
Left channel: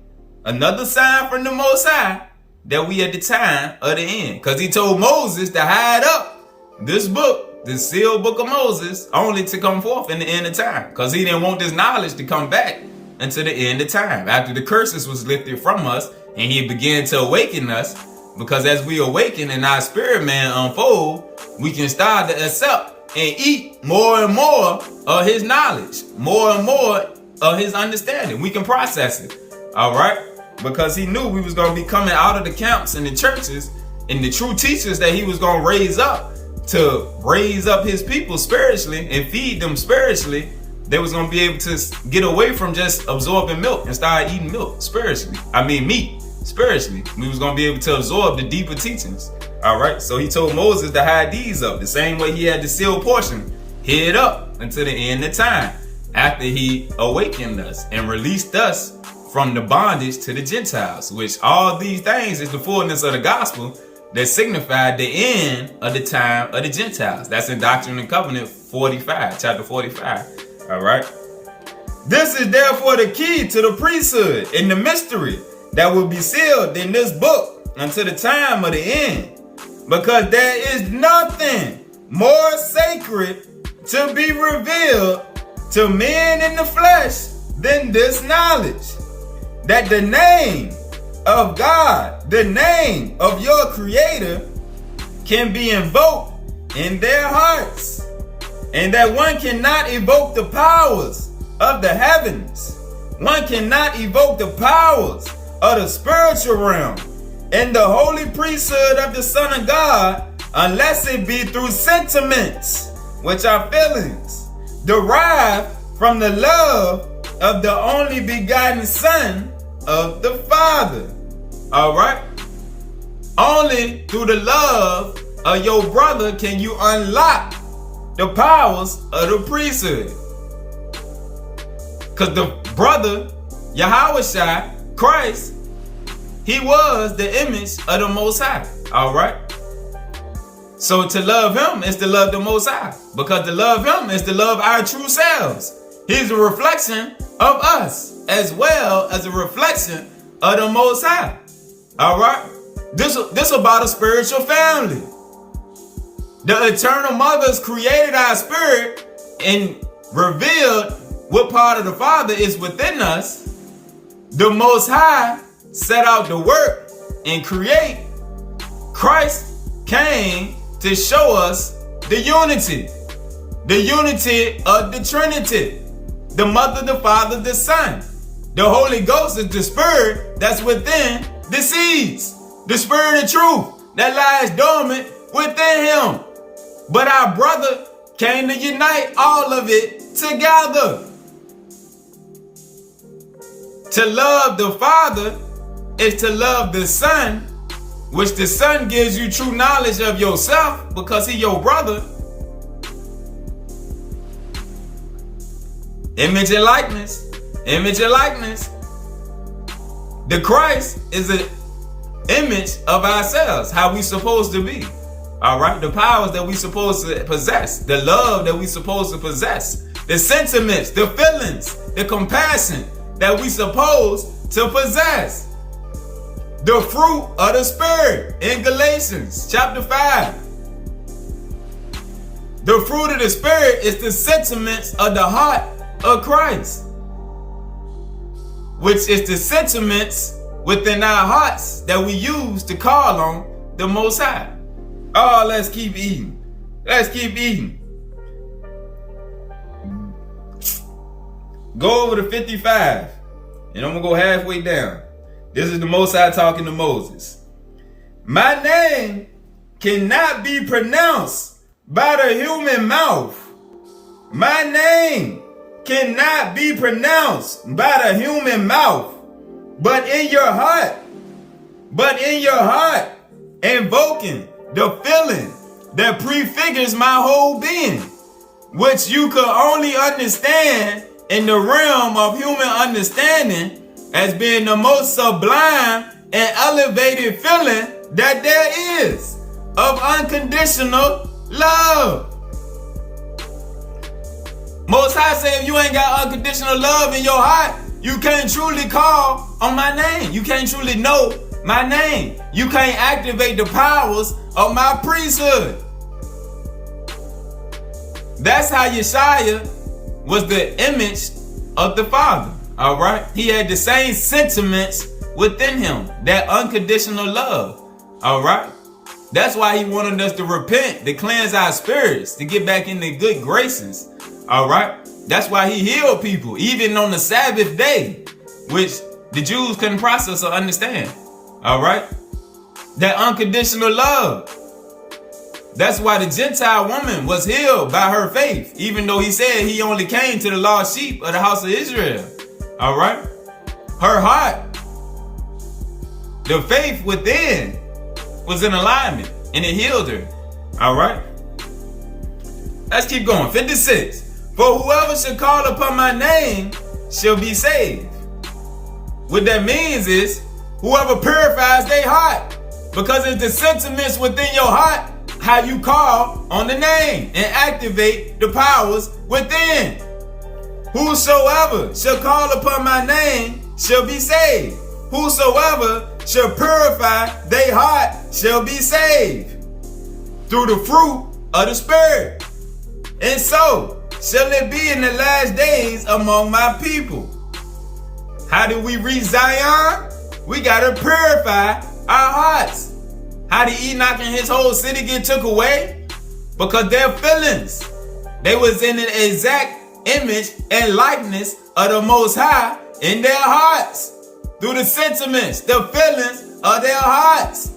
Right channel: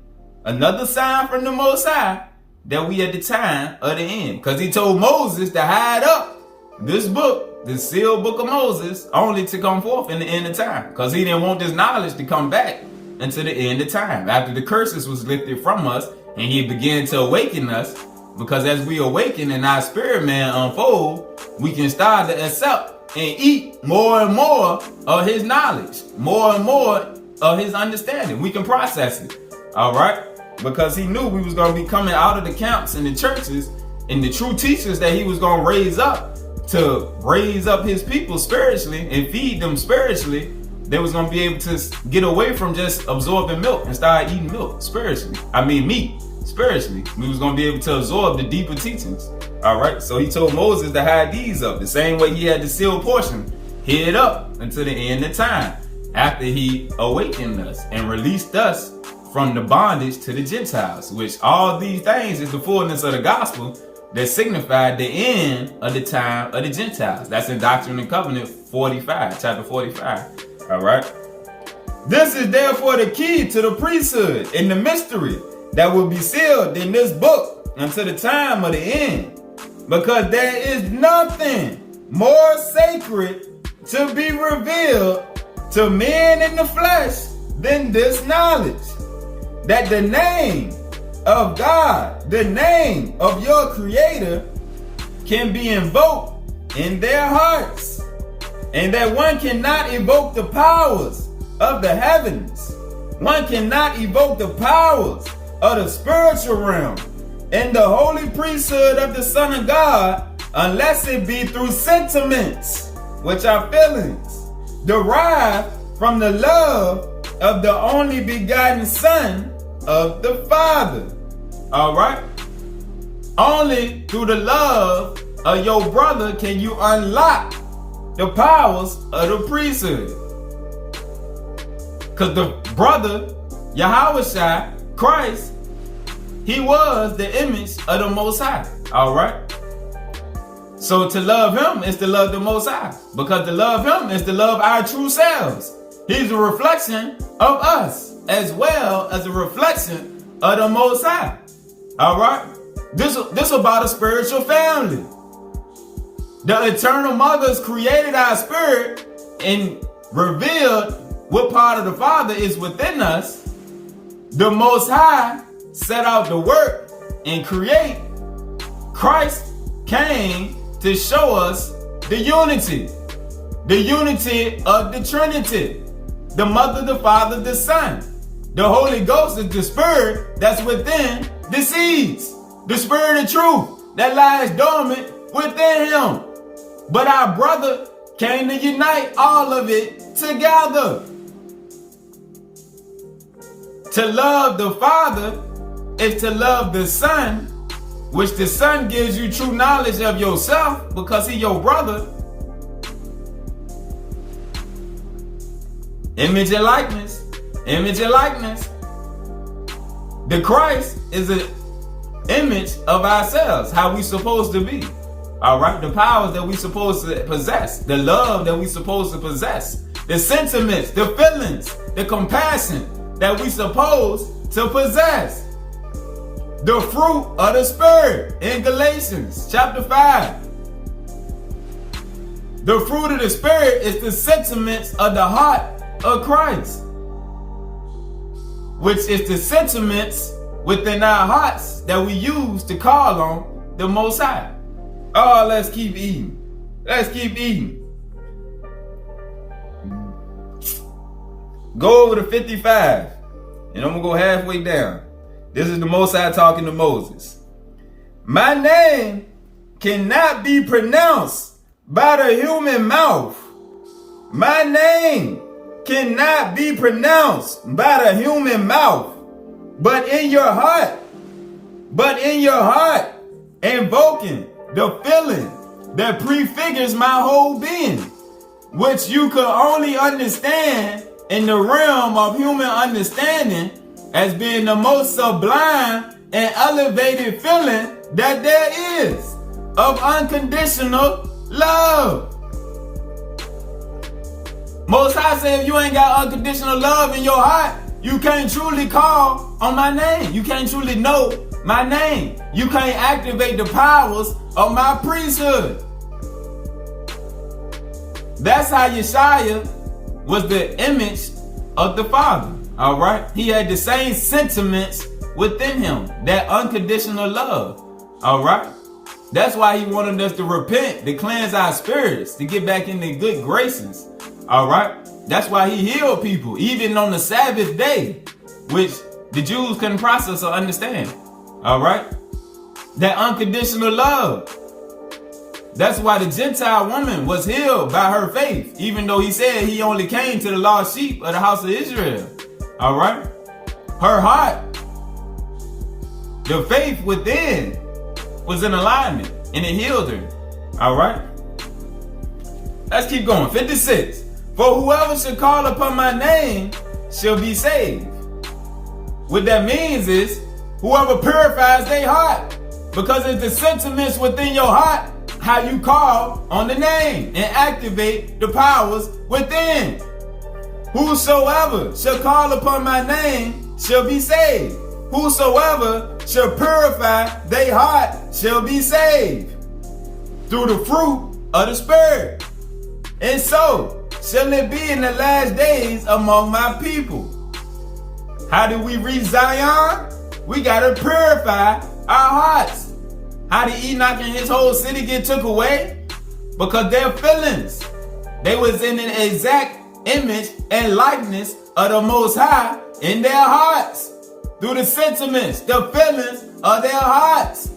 Another sign from the Most High that we at the time of the end, because he told Moses to hide up this book, the sealed book of Moses, only to come forth in the end of time, because he didn't want this knowledge to come back until the end of time, after the curses was lifted from us and he began to awaken us. Because as we awaken and our spirit man unfold, we can start to accept and eat more and more of his knowledge, more and more of his understanding. We can process it. All right. Because he knew we was going to be coming out of the camps and the churches and the true teachers that he was going to raise up to raise up his people spiritually and feed them spiritually. They was going to be able to get away from just absorbing milk and start eating milk spiritually. Meat. Spiritually, we was going to be able to absorb the deeper teachings. All right. So he told Moses to hide these up the same way he had the sealed portion hid up until the end of time, after he awakened us and released us from the bondage to the Gentiles, which all these things is the fullness of the gospel that signified the end of the time of the Gentiles. That's in Doctrine and Covenant 45, chapter 45. All right. This is therefore the key to the priesthood and the mystery that will be sealed in this book until the time of the end. Because there is nothing more sacred to be revealed to men in the flesh than this knowledge, that the name of God, the name of your Creator, can be invoked in their hearts, and that one cannot evoke the powers of the heavens. One cannot evoke the powers of the spiritual realm and the holy priesthood of the Son of God unless it be through sentiments, which are feelings, derived from the love of the only begotten Son of the Father. All right? Only through the love of your brother can you unlock the powers of the priesthood. Because the brother, Yahushua, Christ, he was the image of the Most High. All right? So to love him is to love the Most High. Because to love him is to love our true selves. He's a reflection of us as well as a reflection of the Most High. All right? This about a spiritual family. The eternal mothers created our spirit and revealed what part of the Father is within us. The Most High set out to work and create. Christ came to show us the unity of the Trinity, the Mother, the Father, the Son. The Holy Ghost is the Spirit that's within the seeds, the Spirit of truth that lies dormant within him. But our brother came to unite all of it together. To love the Father is to love the Son, which the Son gives you true knowledge of yourself because he's your brother. Image and likeness. Image and likeness. The Christ is an image of ourselves, how we supposed to be. All right? The powers that we supposed to possess. The love that we supposed to possess. The sentiments, the feelings, the compassion that we supposed to possess. The fruit of the Spirit in Galatians chapter 5. The fruit of the Spirit is the sentiments of the heart of Christ, which is the sentiments within our hearts that we use to call on the Most High. Oh, let's keep eating. Let's keep eating. Go over to 55, and I'm going to go halfway down. This is the Most High talking to Moses. My name cannot be pronounced by the human mouth. My name cannot be pronounced by the human mouth, but in your heart, invoking the feeling that prefigures my whole being, which you could only understand in the realm of human understanding as being the most sublime and elevated feeling that there is of unconditional love. Most High say if you ain't got unconditional love in your heart, you can't truly call on my name. You can't truly know my name. You can't activate the powers of my priesthood. That's how Yeshua was the image of the Father. All right? He had the same sentiments within him, that unconditional love. All right? That's why he wanted us to repent, to cleanse our spirits, to get back into good graces. All right? That's why he healed people, even on the Sabbath day, which the Jews couldn't process or understand. All right? That unconditional love. That's why the Gentile woman was healed by her faith, even though he said he only came to the lost sheep of the house of Israel. All right? Her heart, the faith within, was in alignment, and it healed her. All right? Let's keep going. 56. For whoever shall call upon my name shall be saved. What that means is whoever purifies their heart Because it's the sentiments within your heart how you call on the name and activate the powers within. Whosoever shall call upon my name shall be saved. Whosoever shall purify their heart shall be saved through the fruit of the Spirit. And so shall it be in the last days among my people. How do we reach Zion? We gotta purify our hearts. How did Enoch and his whole city get took away? Because their feelings, they was in an exact image and likeness of the Most High in their hearts. Through the sentiments, the feelings of their hearts.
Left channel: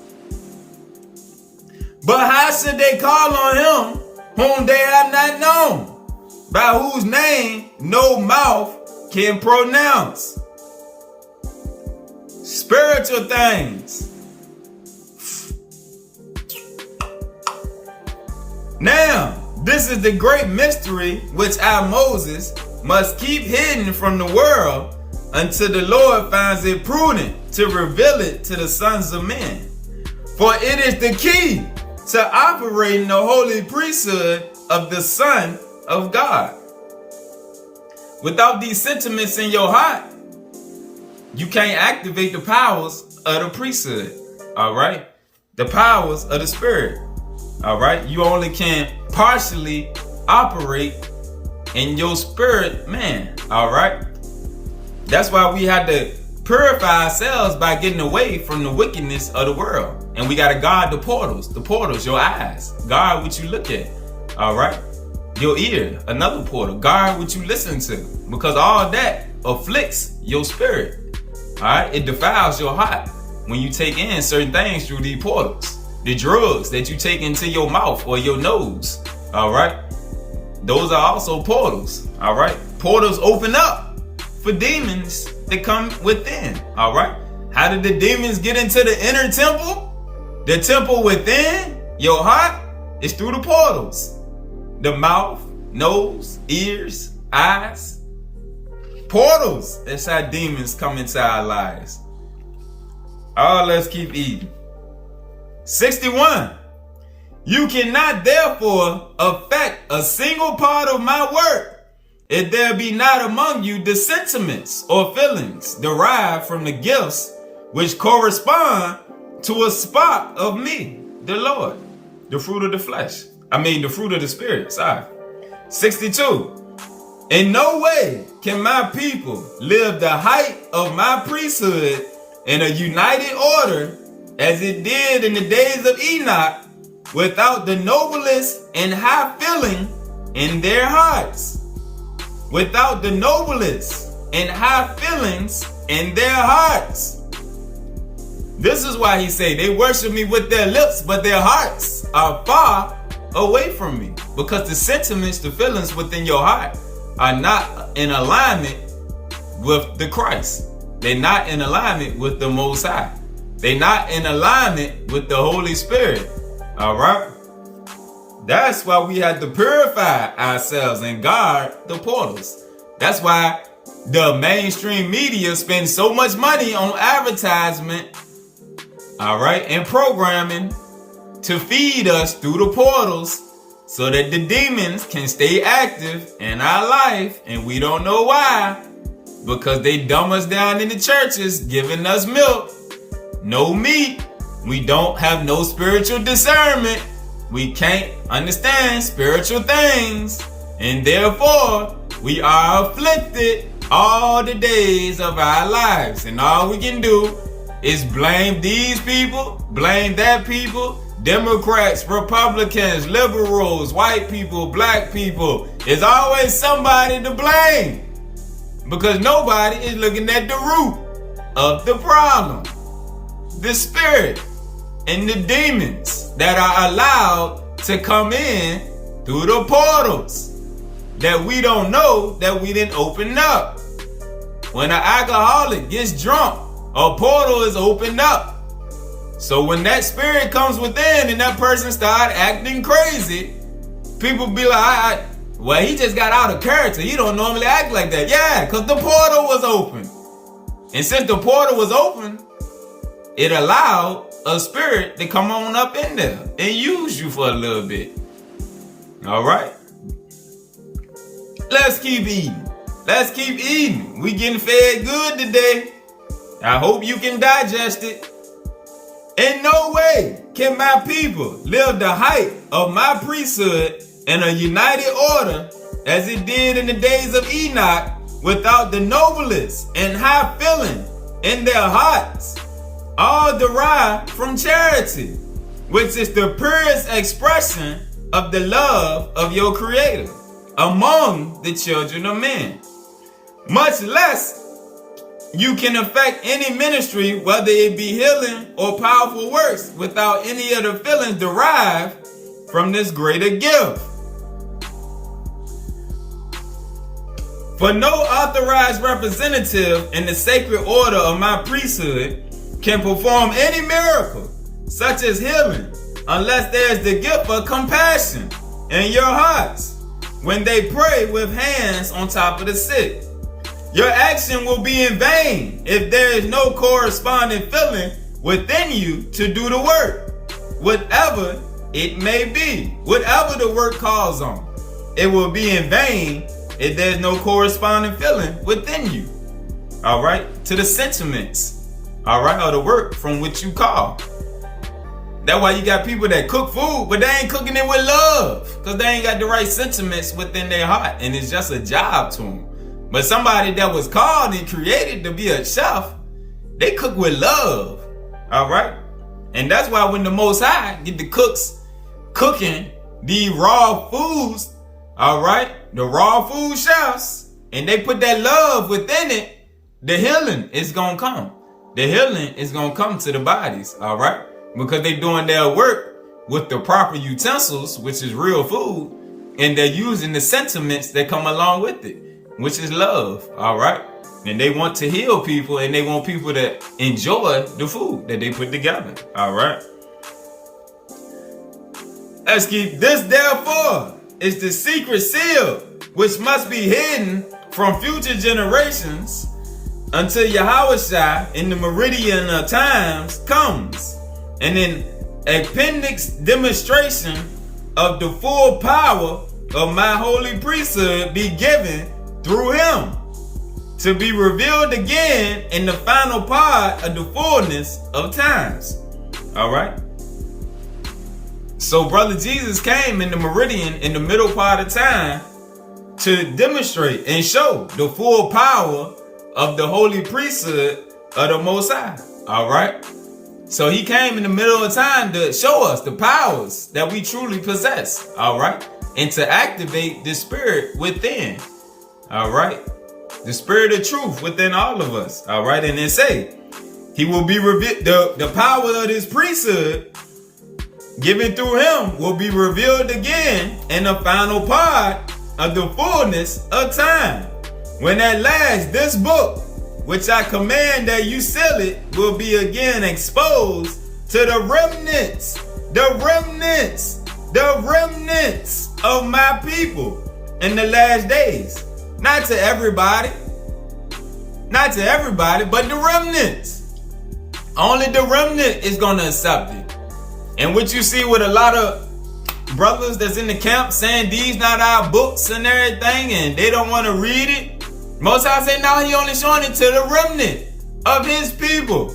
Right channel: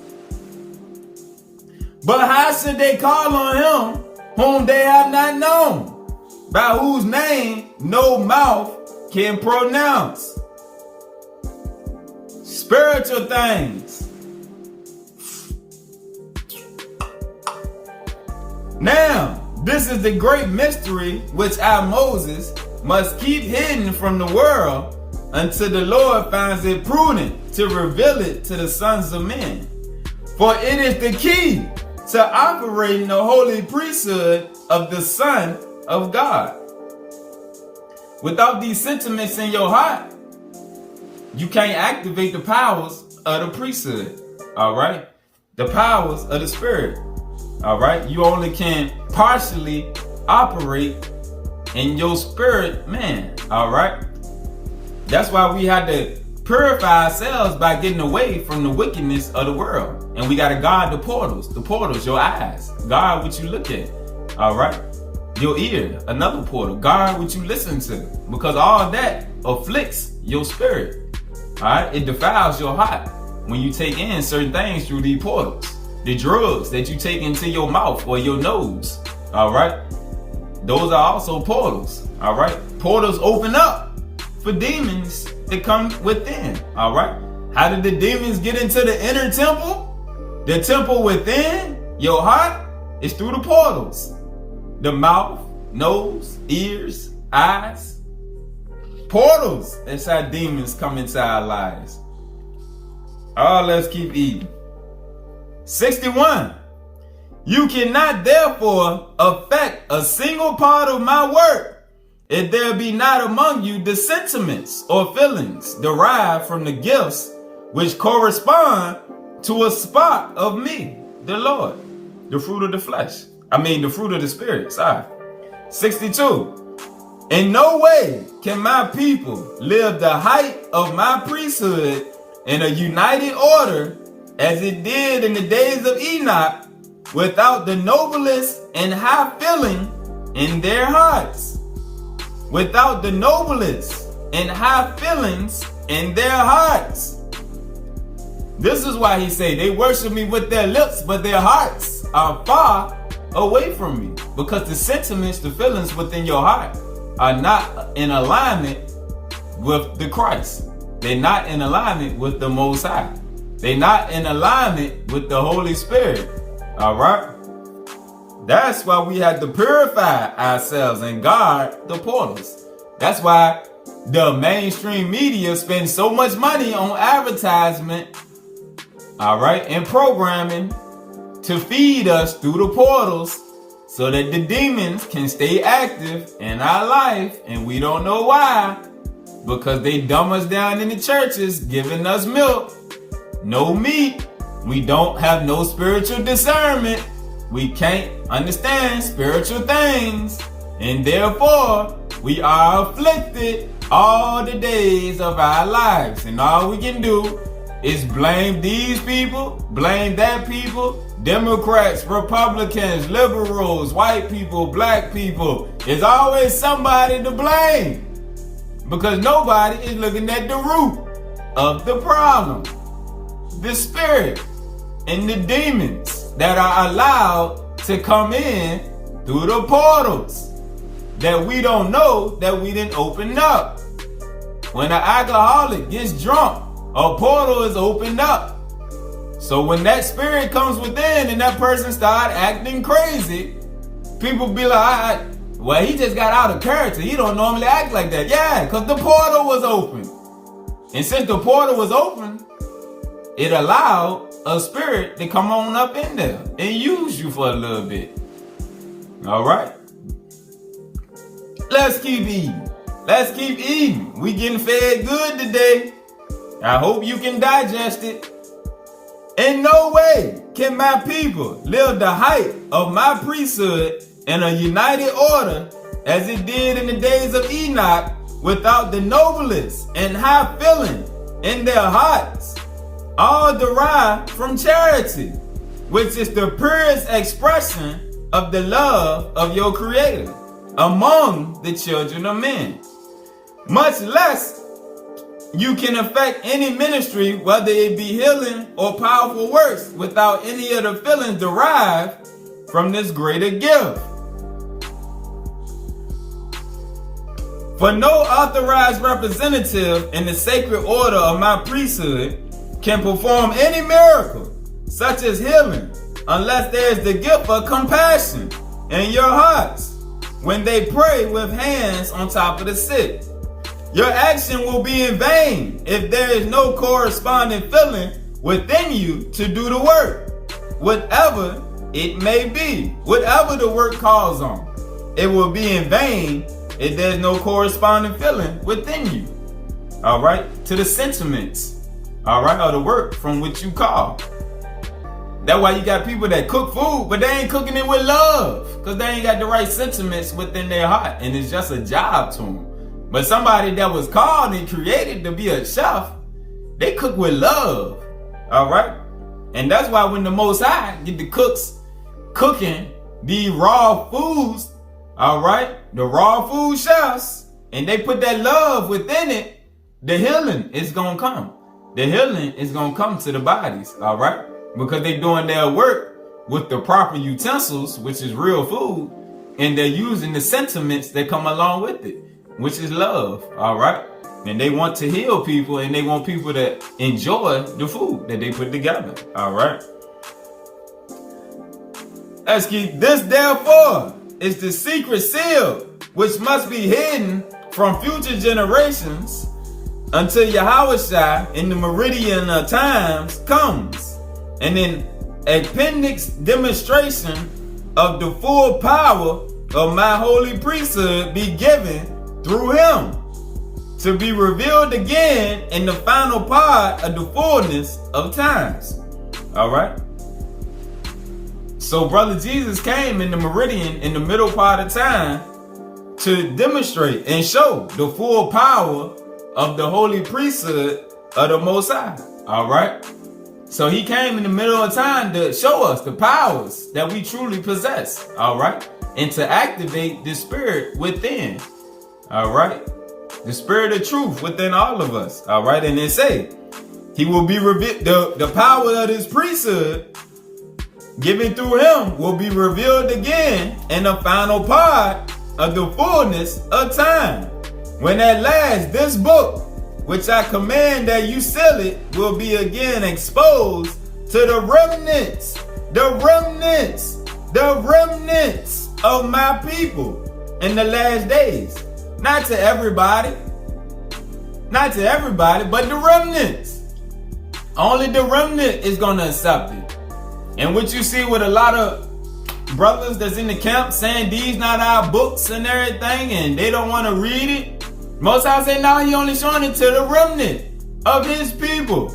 But how should they call on him whom they have not known, by whose name no mouth can pronounce? Spiritual things. Now, this is the great mystery which I, Moses, must keep hidden from the world until the Lord finds it prudent to reveal it to the sons of men. For it is the key to operating the holy priesthood of the Son of God. Without these sentiments in your heart, you can't activate the powers of the priesthood. All right? The powers of the Spirit. All right? You only can partially operate in your spirit, man. All right? That's why we had to purify ourselves by getting away from the wickedness of the world. And we got to guard the portals, your eyes. Guard what you look at. All right? Your ear, another portal. Guard what you listen to. Because all that afflicts your spirit. All right? It defiles your heart when you take in certain things through these portals. The drugs that you take into your mouth or your nose. All right? Those are also portals. All right? Portals open up for demons that come within. All right? How did the demons get into the inner temple? The temple within your heart is through the portals. The mouth, nose, ears, eyes. Portals. That's how demons come into our lives. Oh, let's keep eating. 61. You cannot therefore affect a single part of my work if there be not among you the sentiments or feelings derived from the gifts which correspond to a spot of me, the Lord, the fruit of the flesh. The fruit of the Spirit, 62. In no way can my people live the height of my priesthood in a united order as it did in the days of Enoch without the noblest and high feeling in their hearts. Without the noblest and high feelings in their hearts. This is why he say they worship me with their lips, but their hearts are far away from me. Because the sentiments, the feelings within your heart are not in alignment with the Christ. They're not in alignment with the Most High. They're not in alignment with the Holy Spirit. All right? That's why we have to purify ourselves and guard the portals. That's why the mainstream media spends so much money on advertisement, all right, and programming to feed us through the portals so that the demons can stay active in our life. And we don't know why. Because they dumb us down in the churches, giving us milk, no meat. We don't have no spiritual discernment. We can't understand spiritual things. And therefore, we are afflicted all the days of our lives. And all we can do is blame these people, blame that people, Democrats, Republicans, liberals, white people, black people. There's always somebody to blame. Because nobody is looking at the root of the problem. The spirit and the demons that are allowed to come in through the portals that we don't know that we didn't open up. When an alcoholic gets drunk, a portal is opened up. So when that spirit comes within and that person start acting crazy, people be like, well, he just got out of character. He don't normally act like that. Yeah, because the portal was open. And since the portal was open, it allowed a spirit to come on up in there and use you for a little bit. All right. Let's keep eating. Let's keep eating. We getting fed good today. I hope you can digest it. In no way can my people live the height of my priesthood in a united order as it did in the days of Enoch without the noblest and high feeling in their hearts, all derived from charity, which is the purest expression of the love of your Creator among the children of men. Much less you can affect any ministry, whether it be healing or powerful works, without any of the feelings derived from this greater gift. For no authorized representative in the sacred order of my priesthood can perform any miracle, such as healing, unless there is the gift of compassion in your hearts when they pray with hands on top of the sick. Your action will be in vain if there is no corresponding feeling within you to do the work, whatever it may be, whatever the work calls on. It will be in vain if there's no corresponding feeling within you. All right, to the sentiments, all right, or the work from which you call. That's why you got people that cook food, but they ain't cooking it with love, because they ain't got the right sentiments within their heart, and it's just a job to them. But somebody that was called and created to be a chef, they cook with love, all right? And that's why when the Most High get the cooks cooking the raw foods, all right, the raw food chefs, and they put that love within it, the healing is going to come. The healing is going to come to the bodies, all right? Because they're doing their work with the proper utensils, which is real food, and they're using the sentiments that come along with it, which is love, all right? And they want to heal people, and they want people to enjoy the food that they put together, all right? Let's keep this, therefore, is the secret seal, which must be hidden from future generations until Yahushua in the meridian of times comes, and an appendix demonstration of the full power of my holy priesthood be given through him, to be revealed again in the final part of the fullness of times. All right. So brother Jesus came in the meridian in the middle part of time to demonstrate and show the full power of the holy priesthood of the Most High. All right. So he came in the middle of time to show us the powers that we truly possess. All right. And to activate the spirit within. All right. The spirit of truth within all of us. All right. And then say, he will be revealed. The power of his priesthood given through him will be revealed again in the final part of the fullness of time. When at last this book, which I command that you seal it, will be again exposed to the remnants of my people in the last days. Not to everybody, but the remnants. Only the remnant is going to accept it. And what you see with a lot of brothers that's in the camp saying these not our books and everything, and they don't want to read it. Most High say, no, he only showing it to the remnant of his people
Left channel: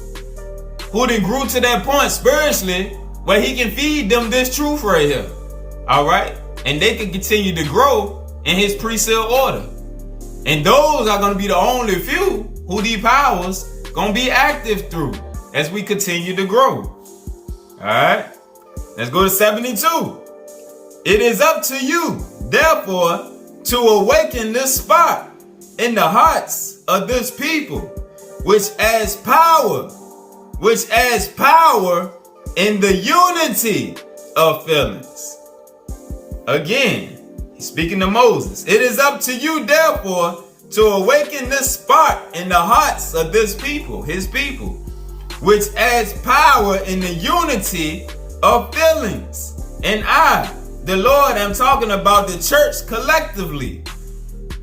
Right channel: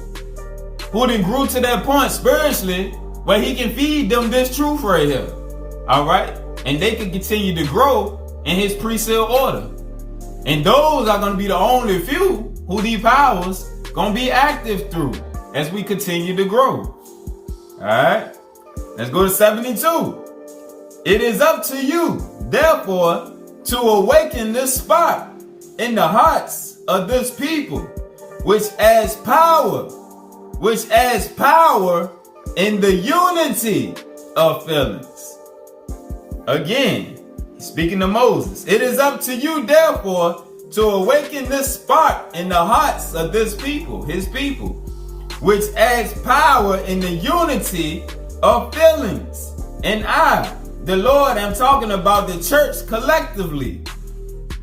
who then grew to that point spiritually where he can feed them this truth right here. All right. And they can continue to grow in his priesthood order. And those are going to be the only few who these powers going to be active through as we continue to grow. All right. Let's go to 72. It is up to you, therefore, to awaken this spark in the hearts of this people, which adds power in the unity of feelings. Again, speaking to Moses, it is up to you, therefore, to awaken this spark in the hearts of this people, his people, which adds power in the unity of feelings. And I, the Lord, am talking about the church collectively.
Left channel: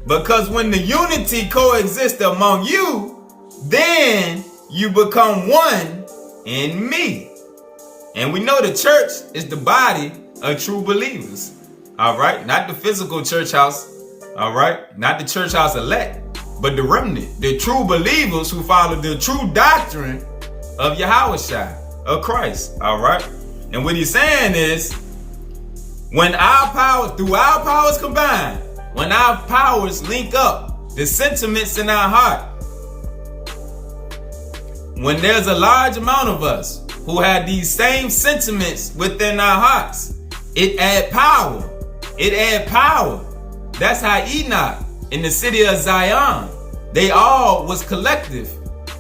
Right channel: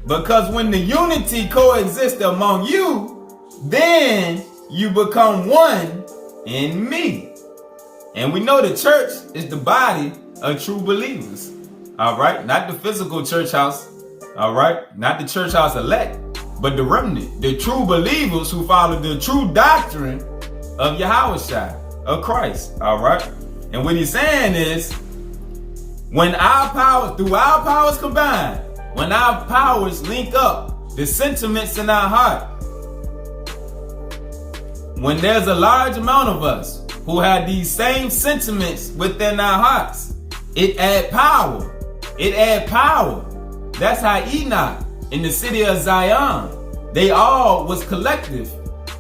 Because when the unity coexists among you, then you become one in me. And we know the church is the body of true believers. All right. Not the physical church house. All right. Not the church house elect, but the remnant, the true believers who follow the true doctrine of Yahushua, of Christ. All right. And what he's saying is, when our powers, through our powers combined, when our powers link up, the sentiments in our heart, when there's a large amount of us who have these same sentiments within our hearts, it add power. It add power. That's how Enoch in the city of Zion, they all was collective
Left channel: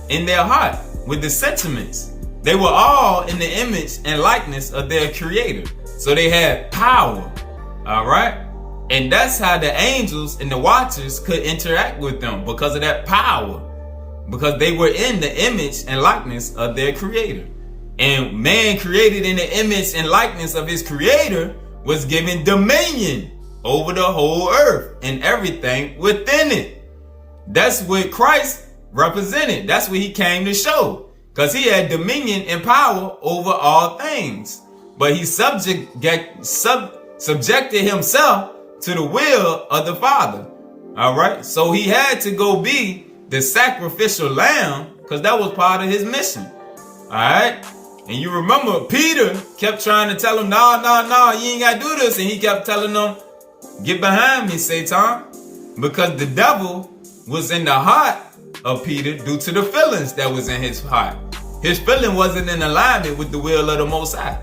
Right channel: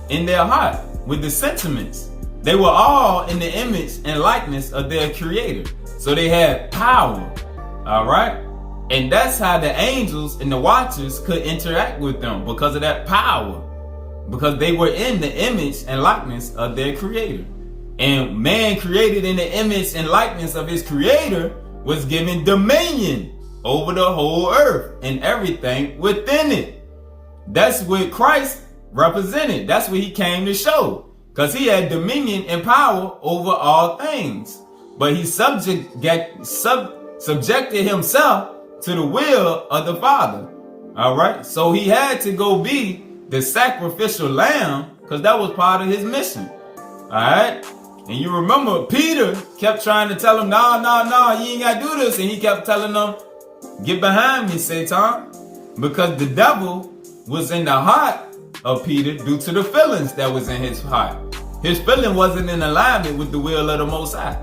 in their heart with the sentiments. They were all in the image and likeness of their creator. So they had power. All right. And that's how the angels and the watchers could interact with them, because of that power. Because they were in the image and likeness of their creator. And man created in the image and likeness of his creator was given dominion over the whole earth and everything within it. That's what Christ represented. That's what he came to show. Because he had dominion and power over all things. But he subjected himself to the will of the Father. All right. So he had to go be the sacrificial lamb, because that was part of his mission. All right. And you remember Peter kept trying to tell him, no, you ain't got to do this. And he kept telling them, get behind me, Satan. Because the devil was in the heart of Peter due to the feelings that was in his heart. His feeling wasn't in alignment with the will of the Most High.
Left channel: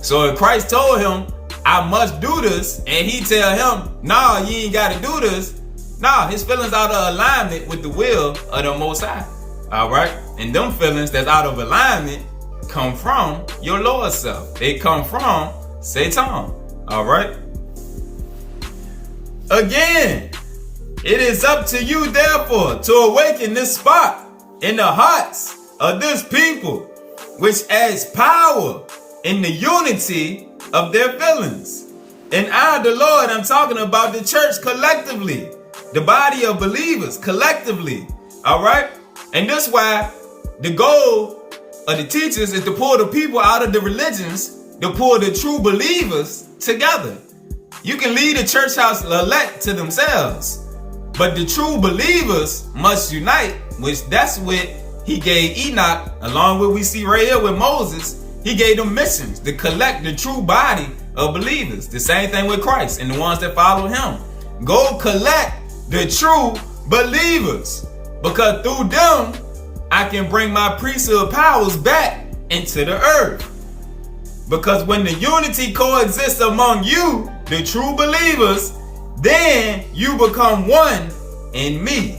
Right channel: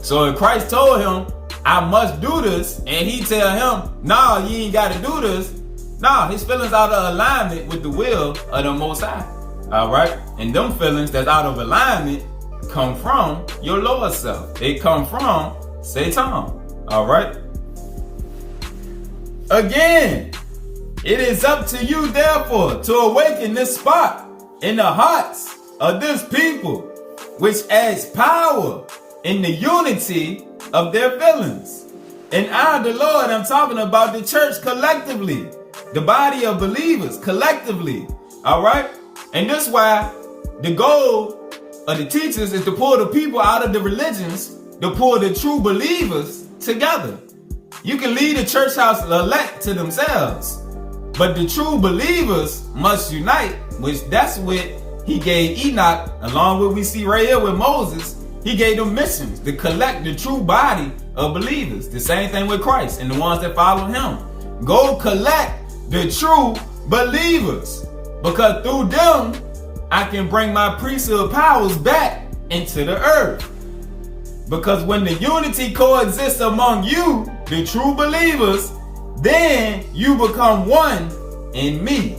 So if Christ told him, I must do this, and he tell him, no, you ain't got to do this. No, his feelings out of alignment with the will of the Most High. All right. And them feelings that's out of alignment come from your lower self. They come from Satan. All right. Again, it is up to you, therefore, to awaken this spark in the hearts of this people, which adds power in the unity of their feelings. And I, the Lord, I'm talking about the church collectively, the body of believers collectively. All right. And that's why the goal of the teachers is to pull the people out of the religions, to pull the true believers together. You can lead the church house elect to themselves, but the true believers must unite, which that's what he gave Enoch, along with we see right here with Moses. He gave them missions to collect the true body of believers. The same thing with Christ and the ones that follow him. Go collect the true believers, because through them, I can bring my priesthood powers back into the earth. Because when the unity coexists among you, the true believers, then you become one in me.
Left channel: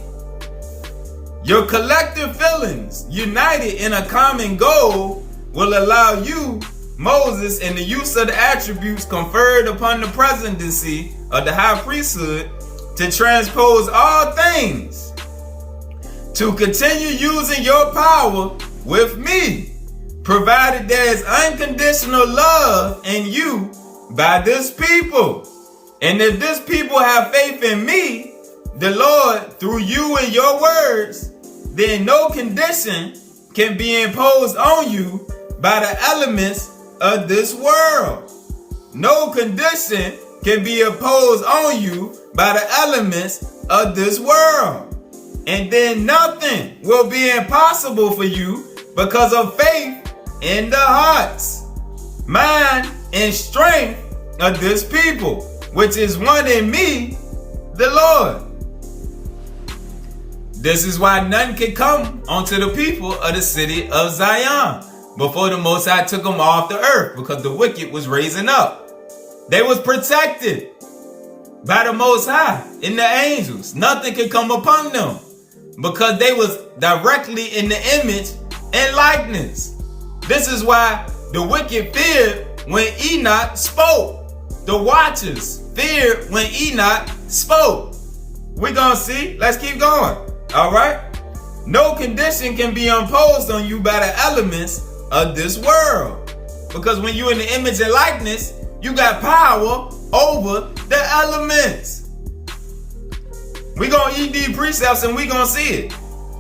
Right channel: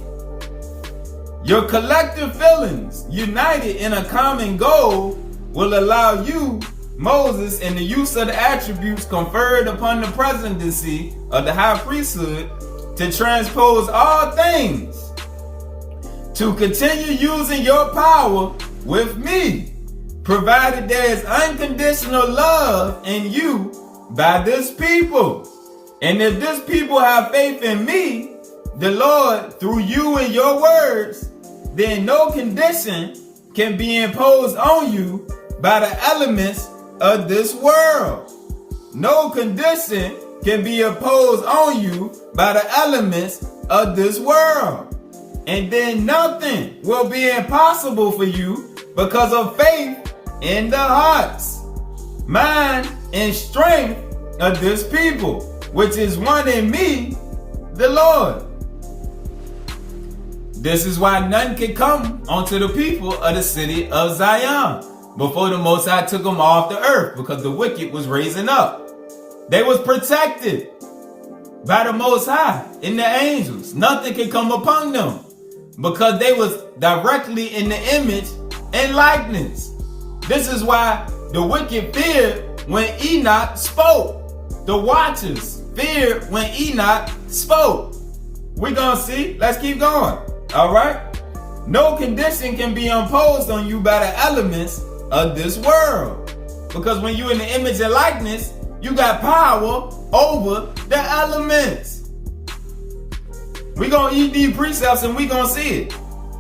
Your collective feelings, united in a common goal, will allow you, Moses, and the use of the attributes conferred upon the presidency of the high priesthood, to transpose all things, to continue using your power with me, provided there is unconditional love in you by this people. And if this people have faith in me, the Lord, through you and your words, then no condition can be imposed on you by the elements of this world. No condition can be imposed on you by the elements of this world. And then nothing will be impossible for you because of faith in the hearts, mind, and strength of this people, which is one in me, the Lord. This is why none could come onto the people of the city of Zion before the Most High took them off the earth, because the wicked was raising up. They was protected by the Most High and the angels. Nothing could come upon them because they was directly in the image and likeness. This is why the wicked feared when Enoch spoke. The watchers feared when Enoch spoke. We're gonna see. Let's keep going. All right. No condition can be imposed on you by the elements of this world, because when you're in the image and likeness, you got power over the elements. We're gonna eat these precepts and we're gonna see it.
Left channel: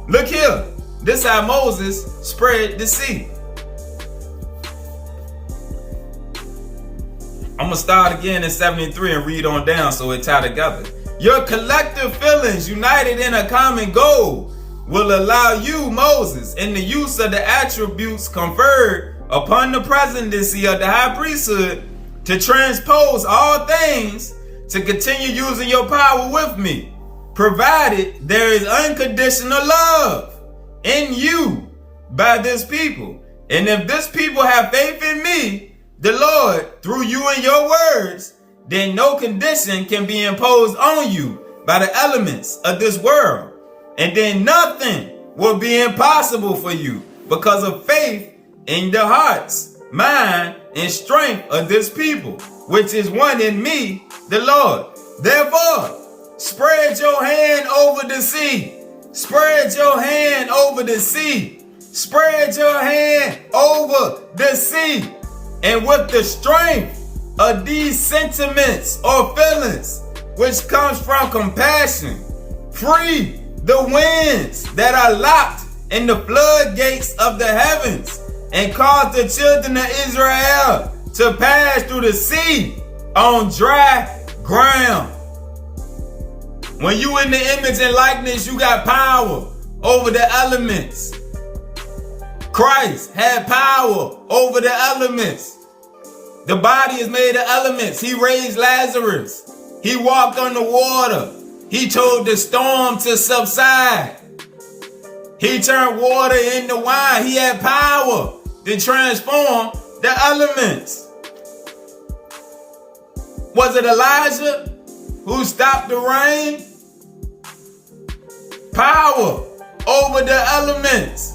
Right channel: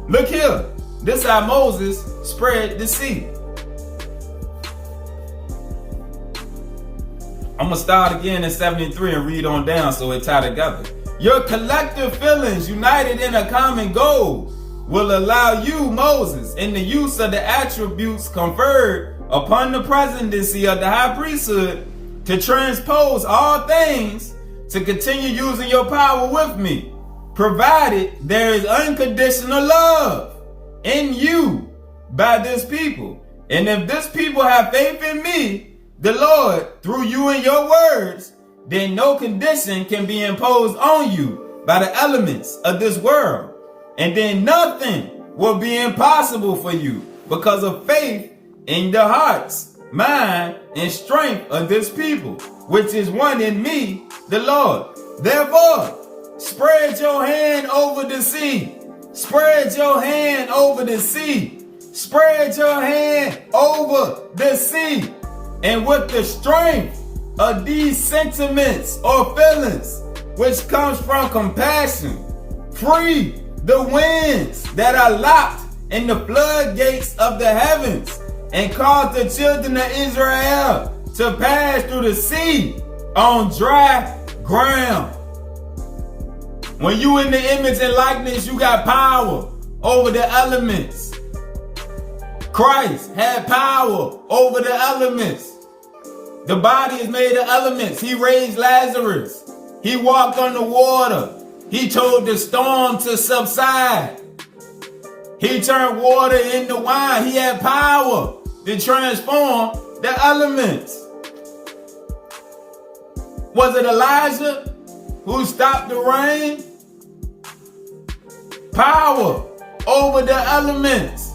Look here. This is how Moses spread the sea. I'm going to start again in 73 and read on down so it tie together. Your collective feelings united in a common goal will allow you, Moses, in the use of the attributes conferred upon the presidency of the high priesthood, to transpose all things, to continue using your power with me, provided there is unconditional love in you by this people. And if this people have faith in me, the Lord, through you and your words, then no condition can be imposed on you by the elements of this world. And then nothing will be impossible for you because of faith in the hearts, mind, and strength of this people, which is one in me, the Lord. Therefore, spread your hand over the sea. Spread your hand over the sea. Spread your hand over the sea. And with the strength of these sentiments or feelings, which comes from compassion, free the winds that are locked in the floodgates of the heavens, and cause the children of Israel to pass through the sea on dry ground. When you in the image and likeness, you got power over the elements. Christ had power over the elements. The body is made of elements. He raised Lazarus. He walked on the water. He told the storm to subside. He turned water into wine. He had power to transform the elements. Was it Elijah who stopped the rain? Power over the elements.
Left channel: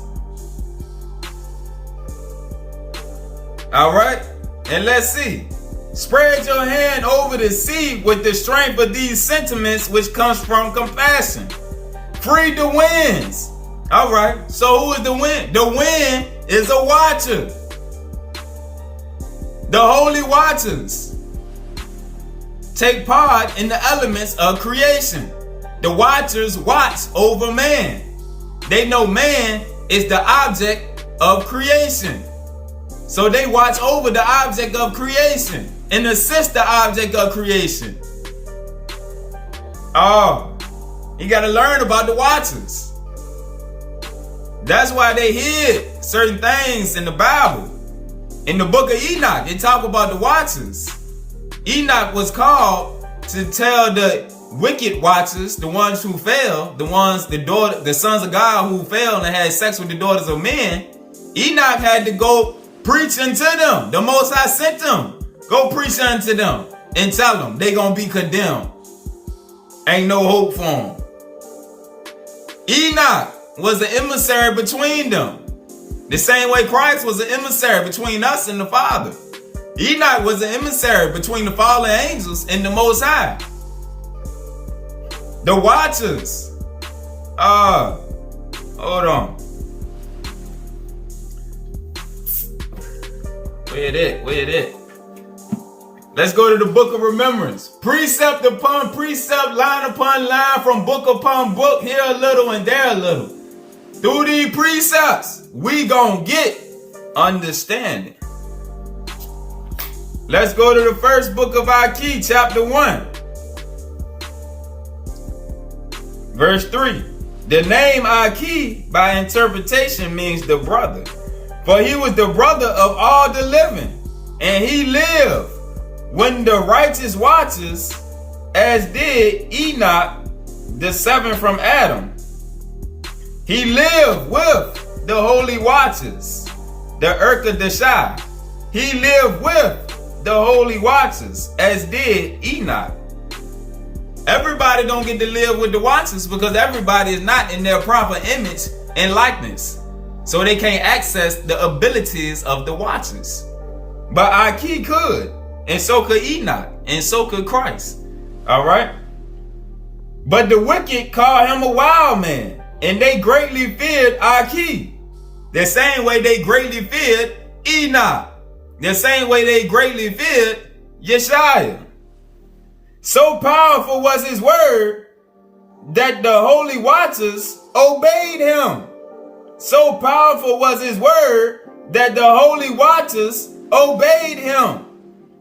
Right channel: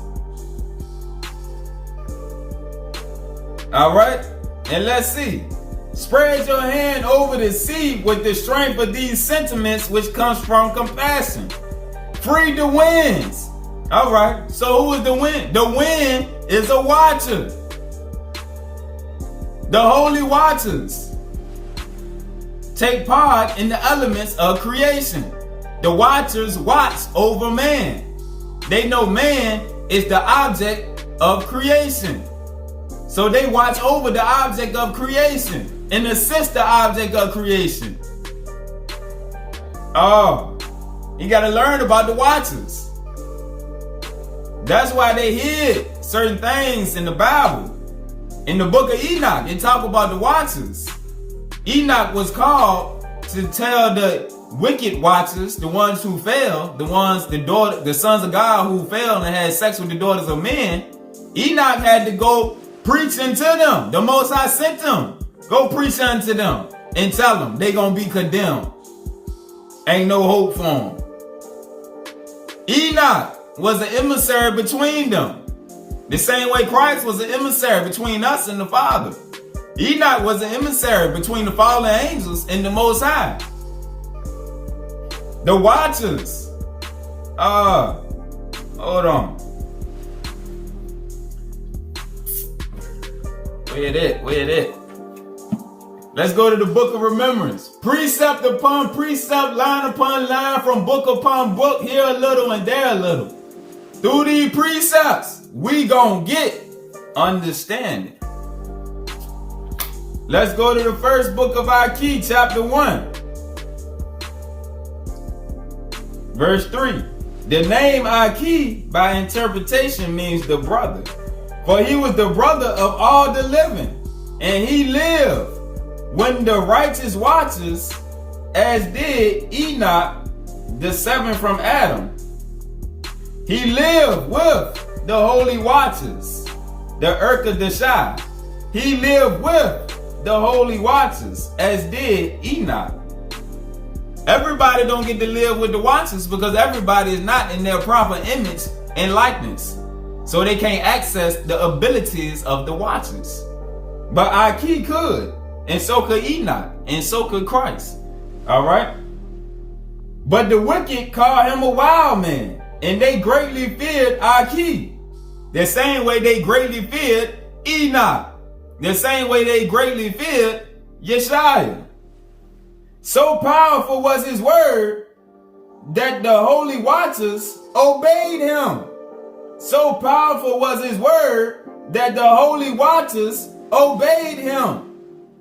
All right, and let's see. Spread your hand over the sea with the strength of these sentiments, which comes from compassion. Free the winds. All right, so who is the wind? The wind is a watcher. The holy watchers take part in the elements of creation. The watchers watch over man. They know man is the object of creation. So they watch over the object of creation and assist the object of creation. Oh, you got to learn about the watchers. That's why they hid certain things in the Bible. In the book of Enoch, they talk about the watchers. Enoch was called to tell the wicked watchers, the ones who fell, the sons of God who fell and had sex with the daughters of men. Enoch had to go preach unto them. The Most High sent them. Go preach unto them and tell them they gonna be condemned. Ain't no hope for them. Enoch was an emissary between them. The same way Christ was an emissary between us and the Father. Enoch was an emissary between the fallen angels and the Most High. The watchers. Hold on. Where it? Let's go to the book of remembrance. Precept upon precept, line upon line, from book upon book, here a little and there a little. Through these precepts, we gonna get understanding. Let's go to the first book of Aki, chapter 1. Verse 3. The name Aki, by interpretation, means the brother. For he was the brother of all the living, and he lived when the righteous watchers, as did Enoch, the seventh from Adam. He lived with the holy watchers, the Urkadashai. He lived with the holy watchers, as did Enoch. Everybody don't get to live with the watchers because everybody is not in their proper image and likeness. So they can't access the abilities of the watchers. But Aki could, and so could Enoch, and so could Christ. All right? But the wicked call him a wild man, and they greatly feared Aki. The same way they greatly feared Enoch. The same way they greatly feared Yeshua. So powerful was his word that the holy watchers obeyed him. So powerful was his word that the holy watchers obeyed him.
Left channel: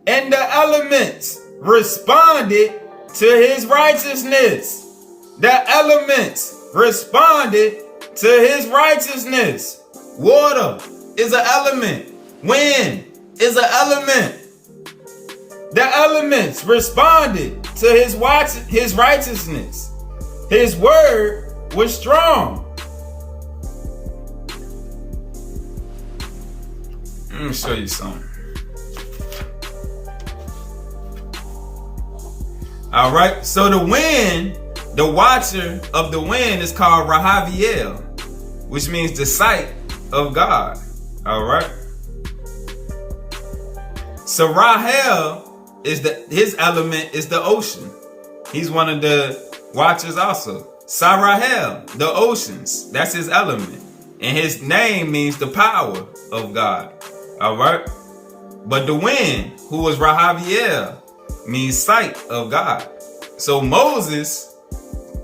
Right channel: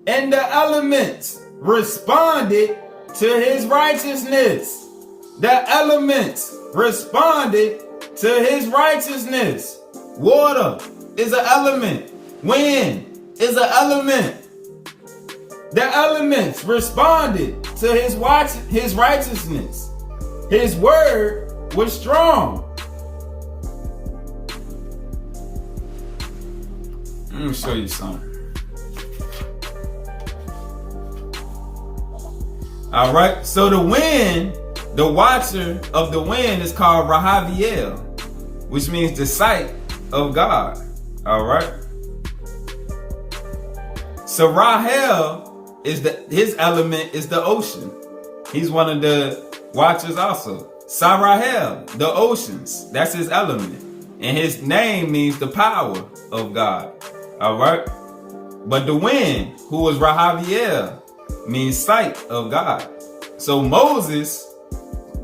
And And the elements responded to his righteousness. The elements responded to his righteousness. Water is an element. Wind is an element. The elements responded to his righteousness. His word was strong. Let me show you something. All right, so the wind, the watcher of the wind is called Rahaviel, which means the sight of God. All right. So Rahel his element is the ocean. He's one of the watchers also. Sarahel, the oceans, that's his element. And his name means the power of God. All right. But the wind, who was Rahaviel, means sight of God. So Moses,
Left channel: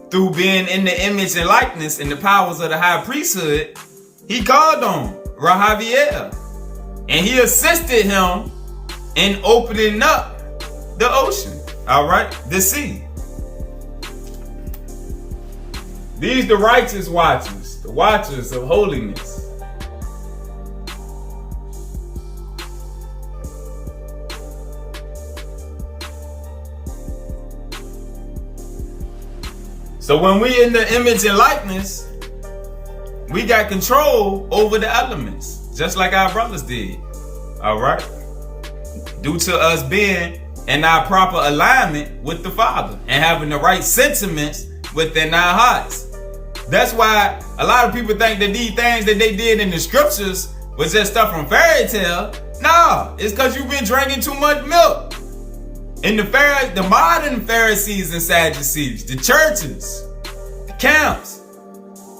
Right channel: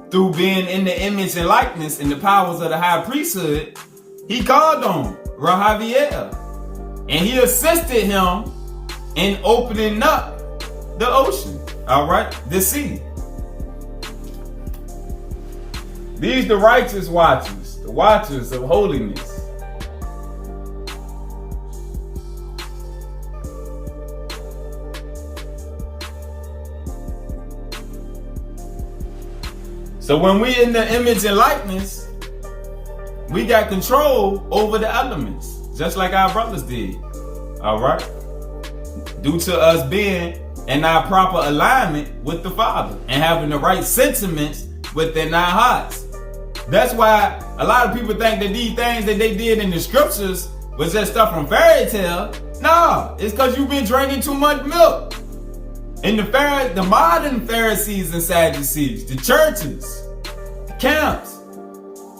through being in the image and likeness and the powers of the high priesthood, he called on Rahaviel. And he assisted him in opening up the ocean, all right, the sea. These the righteous watchers, the watchers of holiness. So when we in the image and likeness, we got control over the elements, just like our brothers did, all right? Due to us being in our proper alignment with the Father and having the right sentiments within our hearts. That's why a lot of people think that these things that they did in the scriptures was just stuff from fairy tale. No, it's because you've been drinking too much milk. And the modern Pharisees and Sadducees, the churches, the camps,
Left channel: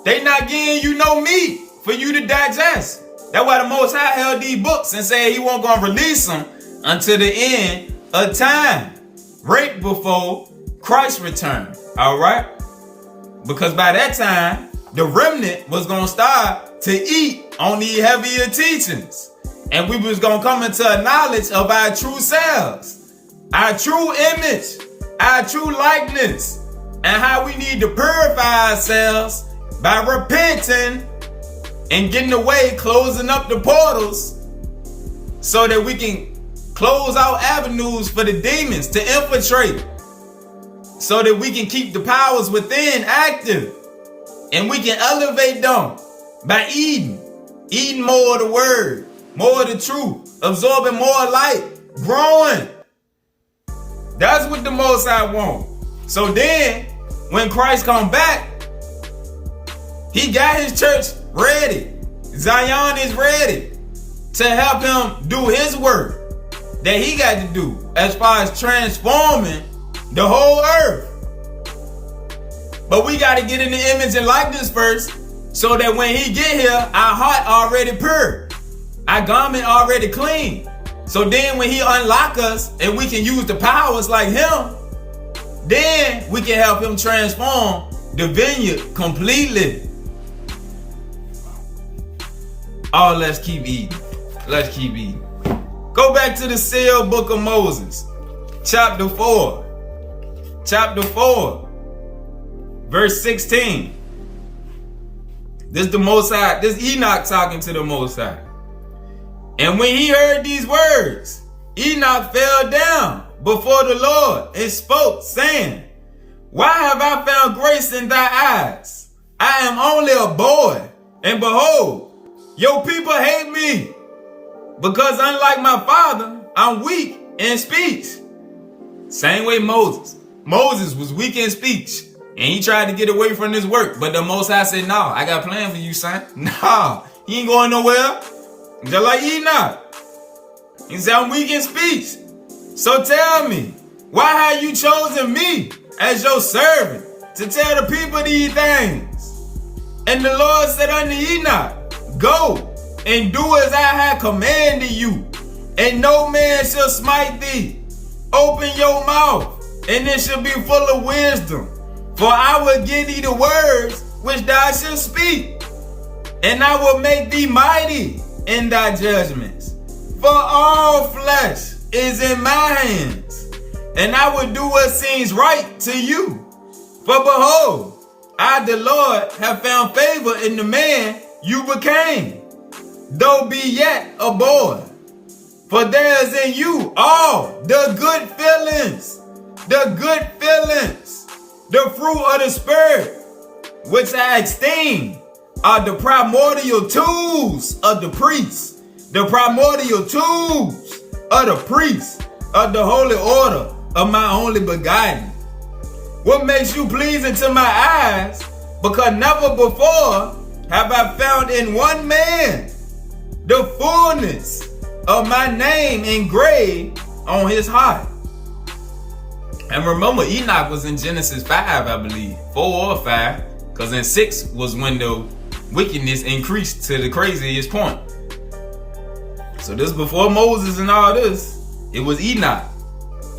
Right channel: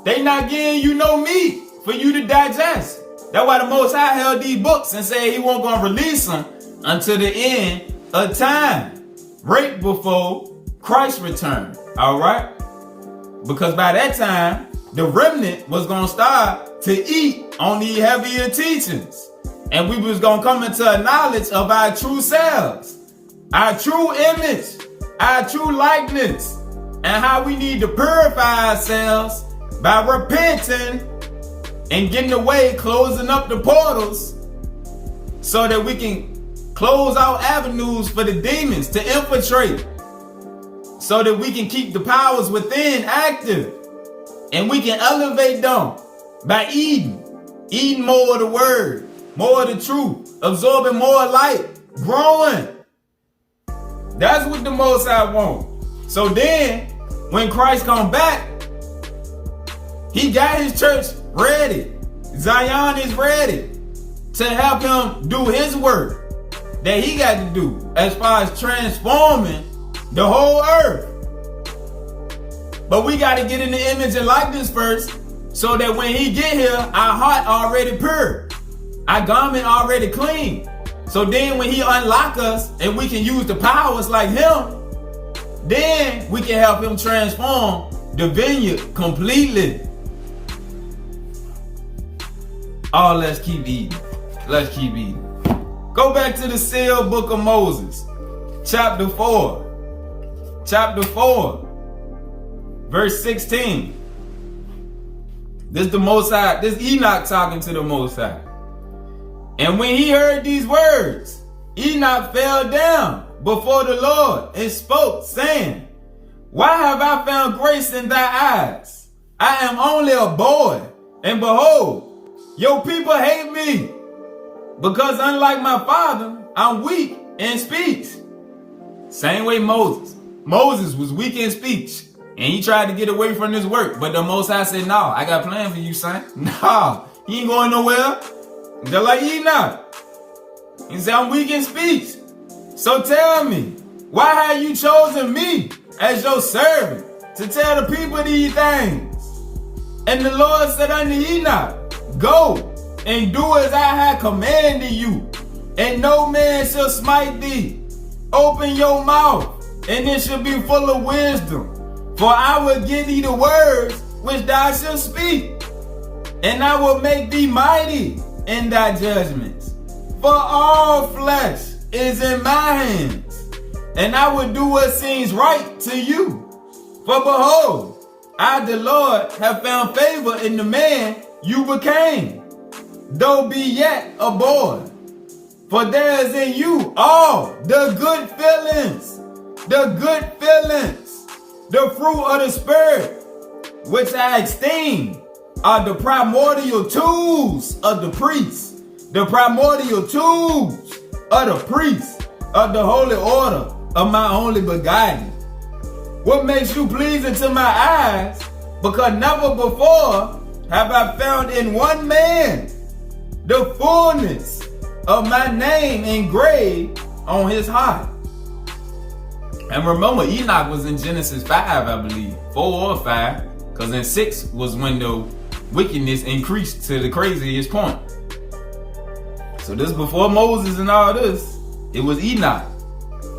they not giving you no meat for you to digest. That's why the Most High held these books and said he won't gonna release them until the end of time, right before Christ's return. All right, because by that time the remnant was gonna start to eat on these heavier teachings, and we was gonna come into a knowledge of our true selves, our true image, our true likeness, and how we need to purify ourselves by repenting and getting away, closing up the portals so that we can close out avenues for the demons to infiltrate, so that we can keep the powers within active, and we can elevate them by eating more of the word, more of the truth, absorbing more light, growing. That's what the Most High want. So then, when Christ come back, he got his church ready. Zion is ready to help him do his work that he got to do as far as transforming the whole earth. But we got to get in the image and likeness first, so that when he get here, our heart already pure, our garment already clean. So then when he unlock us and we can use the powers like him, then we can help him transform the vineyard completely. Oh, let's keep eating. Let's keep eating. Go back to the sealed book of Moses, chapter 4. Chapter 4, verse 16. This the Most High, this Enoch talking to the Most High. And when he heard these words, Enoch fell down before the Lord and spoke, saying, why have I found grace in thy eyes? I am only a boy, and behold, your people hate me, because unlike my father, I'm weak in speech. Same way Moses. Moses was weak in speech, and he tried to get away from his work, but the Most High said, no, I got a plan for you, son. No, he ain't going nowhere. Just like Enoch. He said, I'm weak in speech. So tell me, why have you chosen me as your servant to tell the people these things? And the Lord said unto Enoch, go and do as I have commanded you, and no man shall smite thee. Open your mouth, and it shall be full of wisdom. For I will give thee the words which thou shalt speak, and I will make thee mighty in thy judgments. For all flesh is in my hands, and I will do what seems right to you. For behold, I, the Lord, have found favor in the man you became, though be yet a boy. For there is in you all the good feelings, the fruit of the Spirit, which I esteem are the primordial tools of the priests, of the holy order of my only begotten. What makes you pleasing to my eyes? Because never before have I found in one man the fullness of my name engraved on his heart. And remember, Enoch was in Genesis 5, I believe, 4 or 5, because in 6 was when the wickedness increased to the craziest point. So this before Moses and all this, it was Enoch.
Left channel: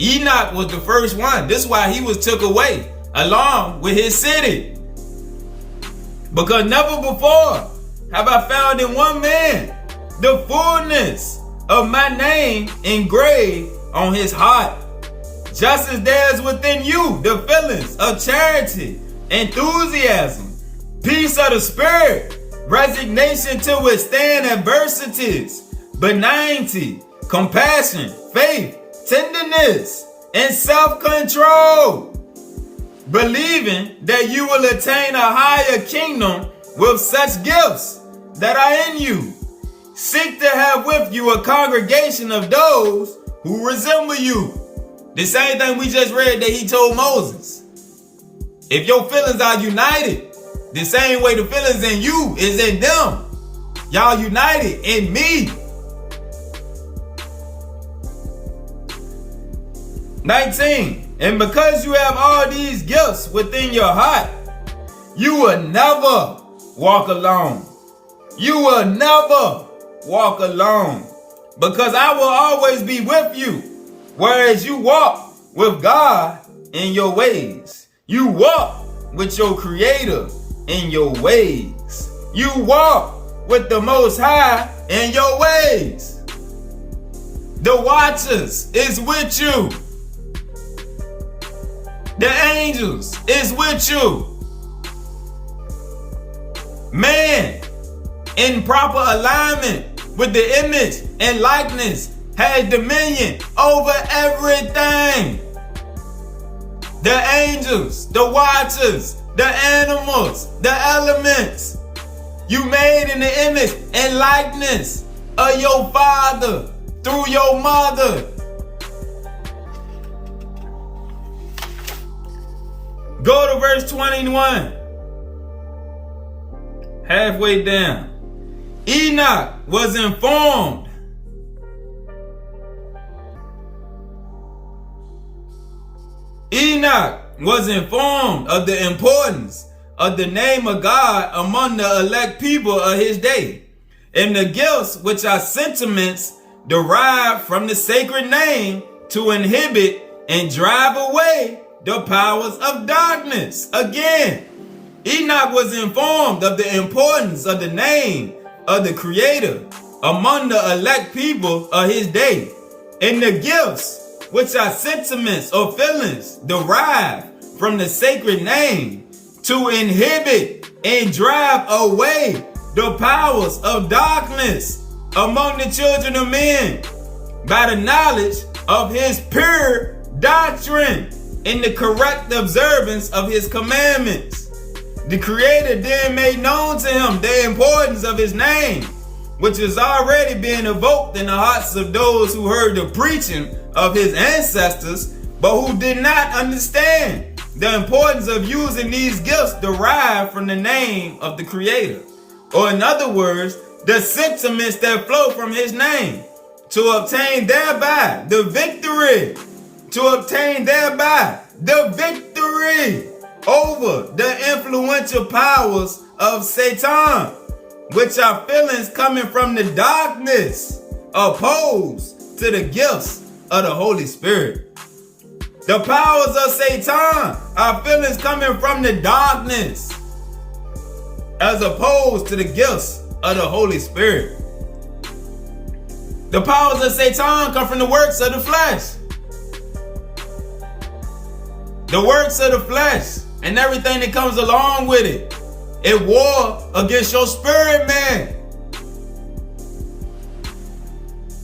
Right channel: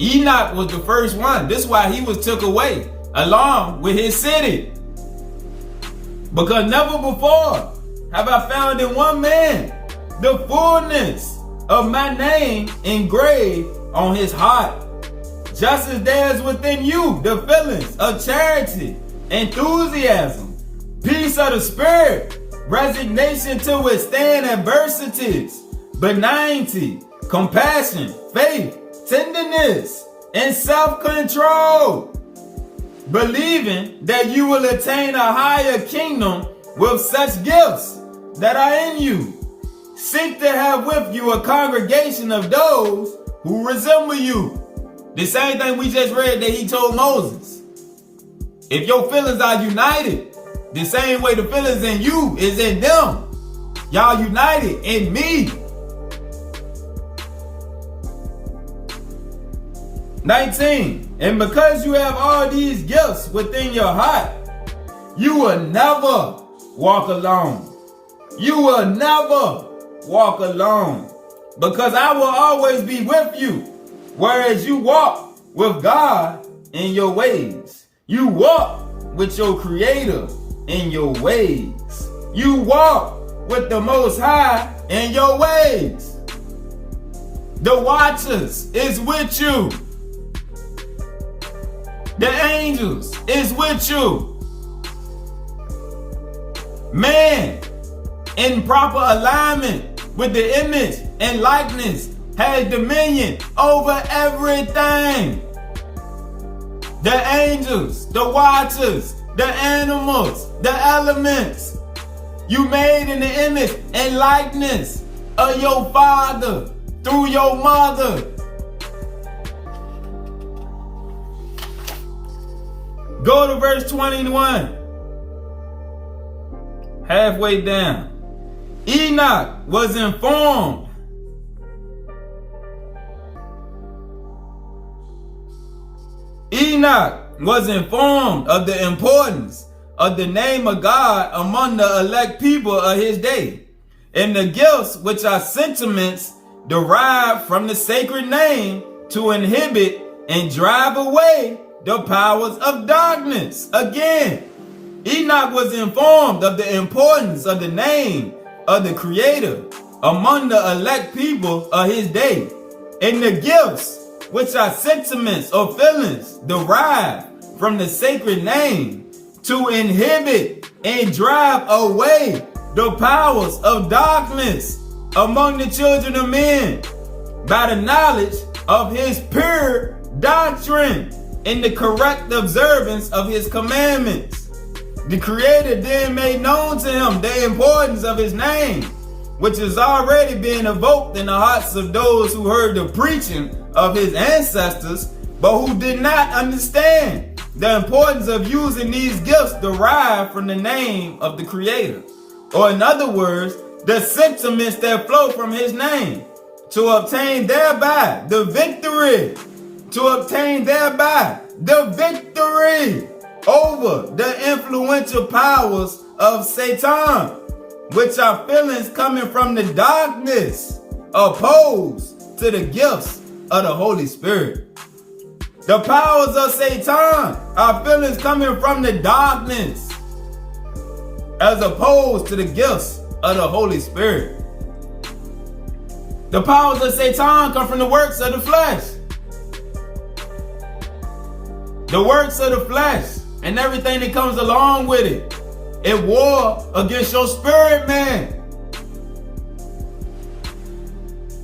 Enoch was the first one. This is why he was took away along with his city. Because never before have I found in one man the fullness of my name engraved on his heart. Just as there is within you the feelings of charity, enthusiasm, peace of the spirit, resignation to withstand adversities, benignity, compassion, faith, tenderness, and self-control, believing that you will attain a higher kingdom with such gifts that are in you. Seek to have with you a congregation of those who resemble you. The same thing we just read that he told Moses. If your feelings are united, the same way the feelings in you is in them. Y'all united in me. 19. And because you have all these gifts within your heart, you will never walk alone. You will never walk alone. Because I will always be with you. Whereas you walk with God in your ways. You walk with your Creator in your ways. You walk with the Most High in your ways. The Watchers is with you. The angels is with you. Man, in proper alignment with the image and likeness, has dominion over everything. The angels, the watchers, the animals, the elements. You made in the image and likeness of your father through your mother. Go to verse 21. Halfway down. Enoch was informed. Enoch was informed of the importance of the name of God among the elect people of his day, and the gifts which are sentiments derived from the sacred name to inhibit and drive away the powers of darkness. Again, Enoch was informed of the importance of the name of the Creator among the elect people of his day, and the gifts which are sentiments or feelings derived from the sacred name to inhibit and drive away the powers of darkness among the children of men by the knowledge of his pure doctrine and the correct observance of his commandments. The Creator then made known to him the importance of his name, which is already being evoked in the hearts of those who heard the preaching of his ancestors, but who did not understand the importance of using these gifts derived from the name of the Creator. Or in other words, the sentiments that flow from his name, to obtain thereby the victory. To obtain thereby the victory over the influential powers of Satan, which are feelings coming from the darkness, opposed to the gifts of the Holy Spirit. The powers of Satan are feelings coming from the darkness, as opposed to the gifts of the Holy Spirit. The powers of Satan come from the works of the flesh. The works of the flesh and everything that comes along with it. It war against your spirit, man.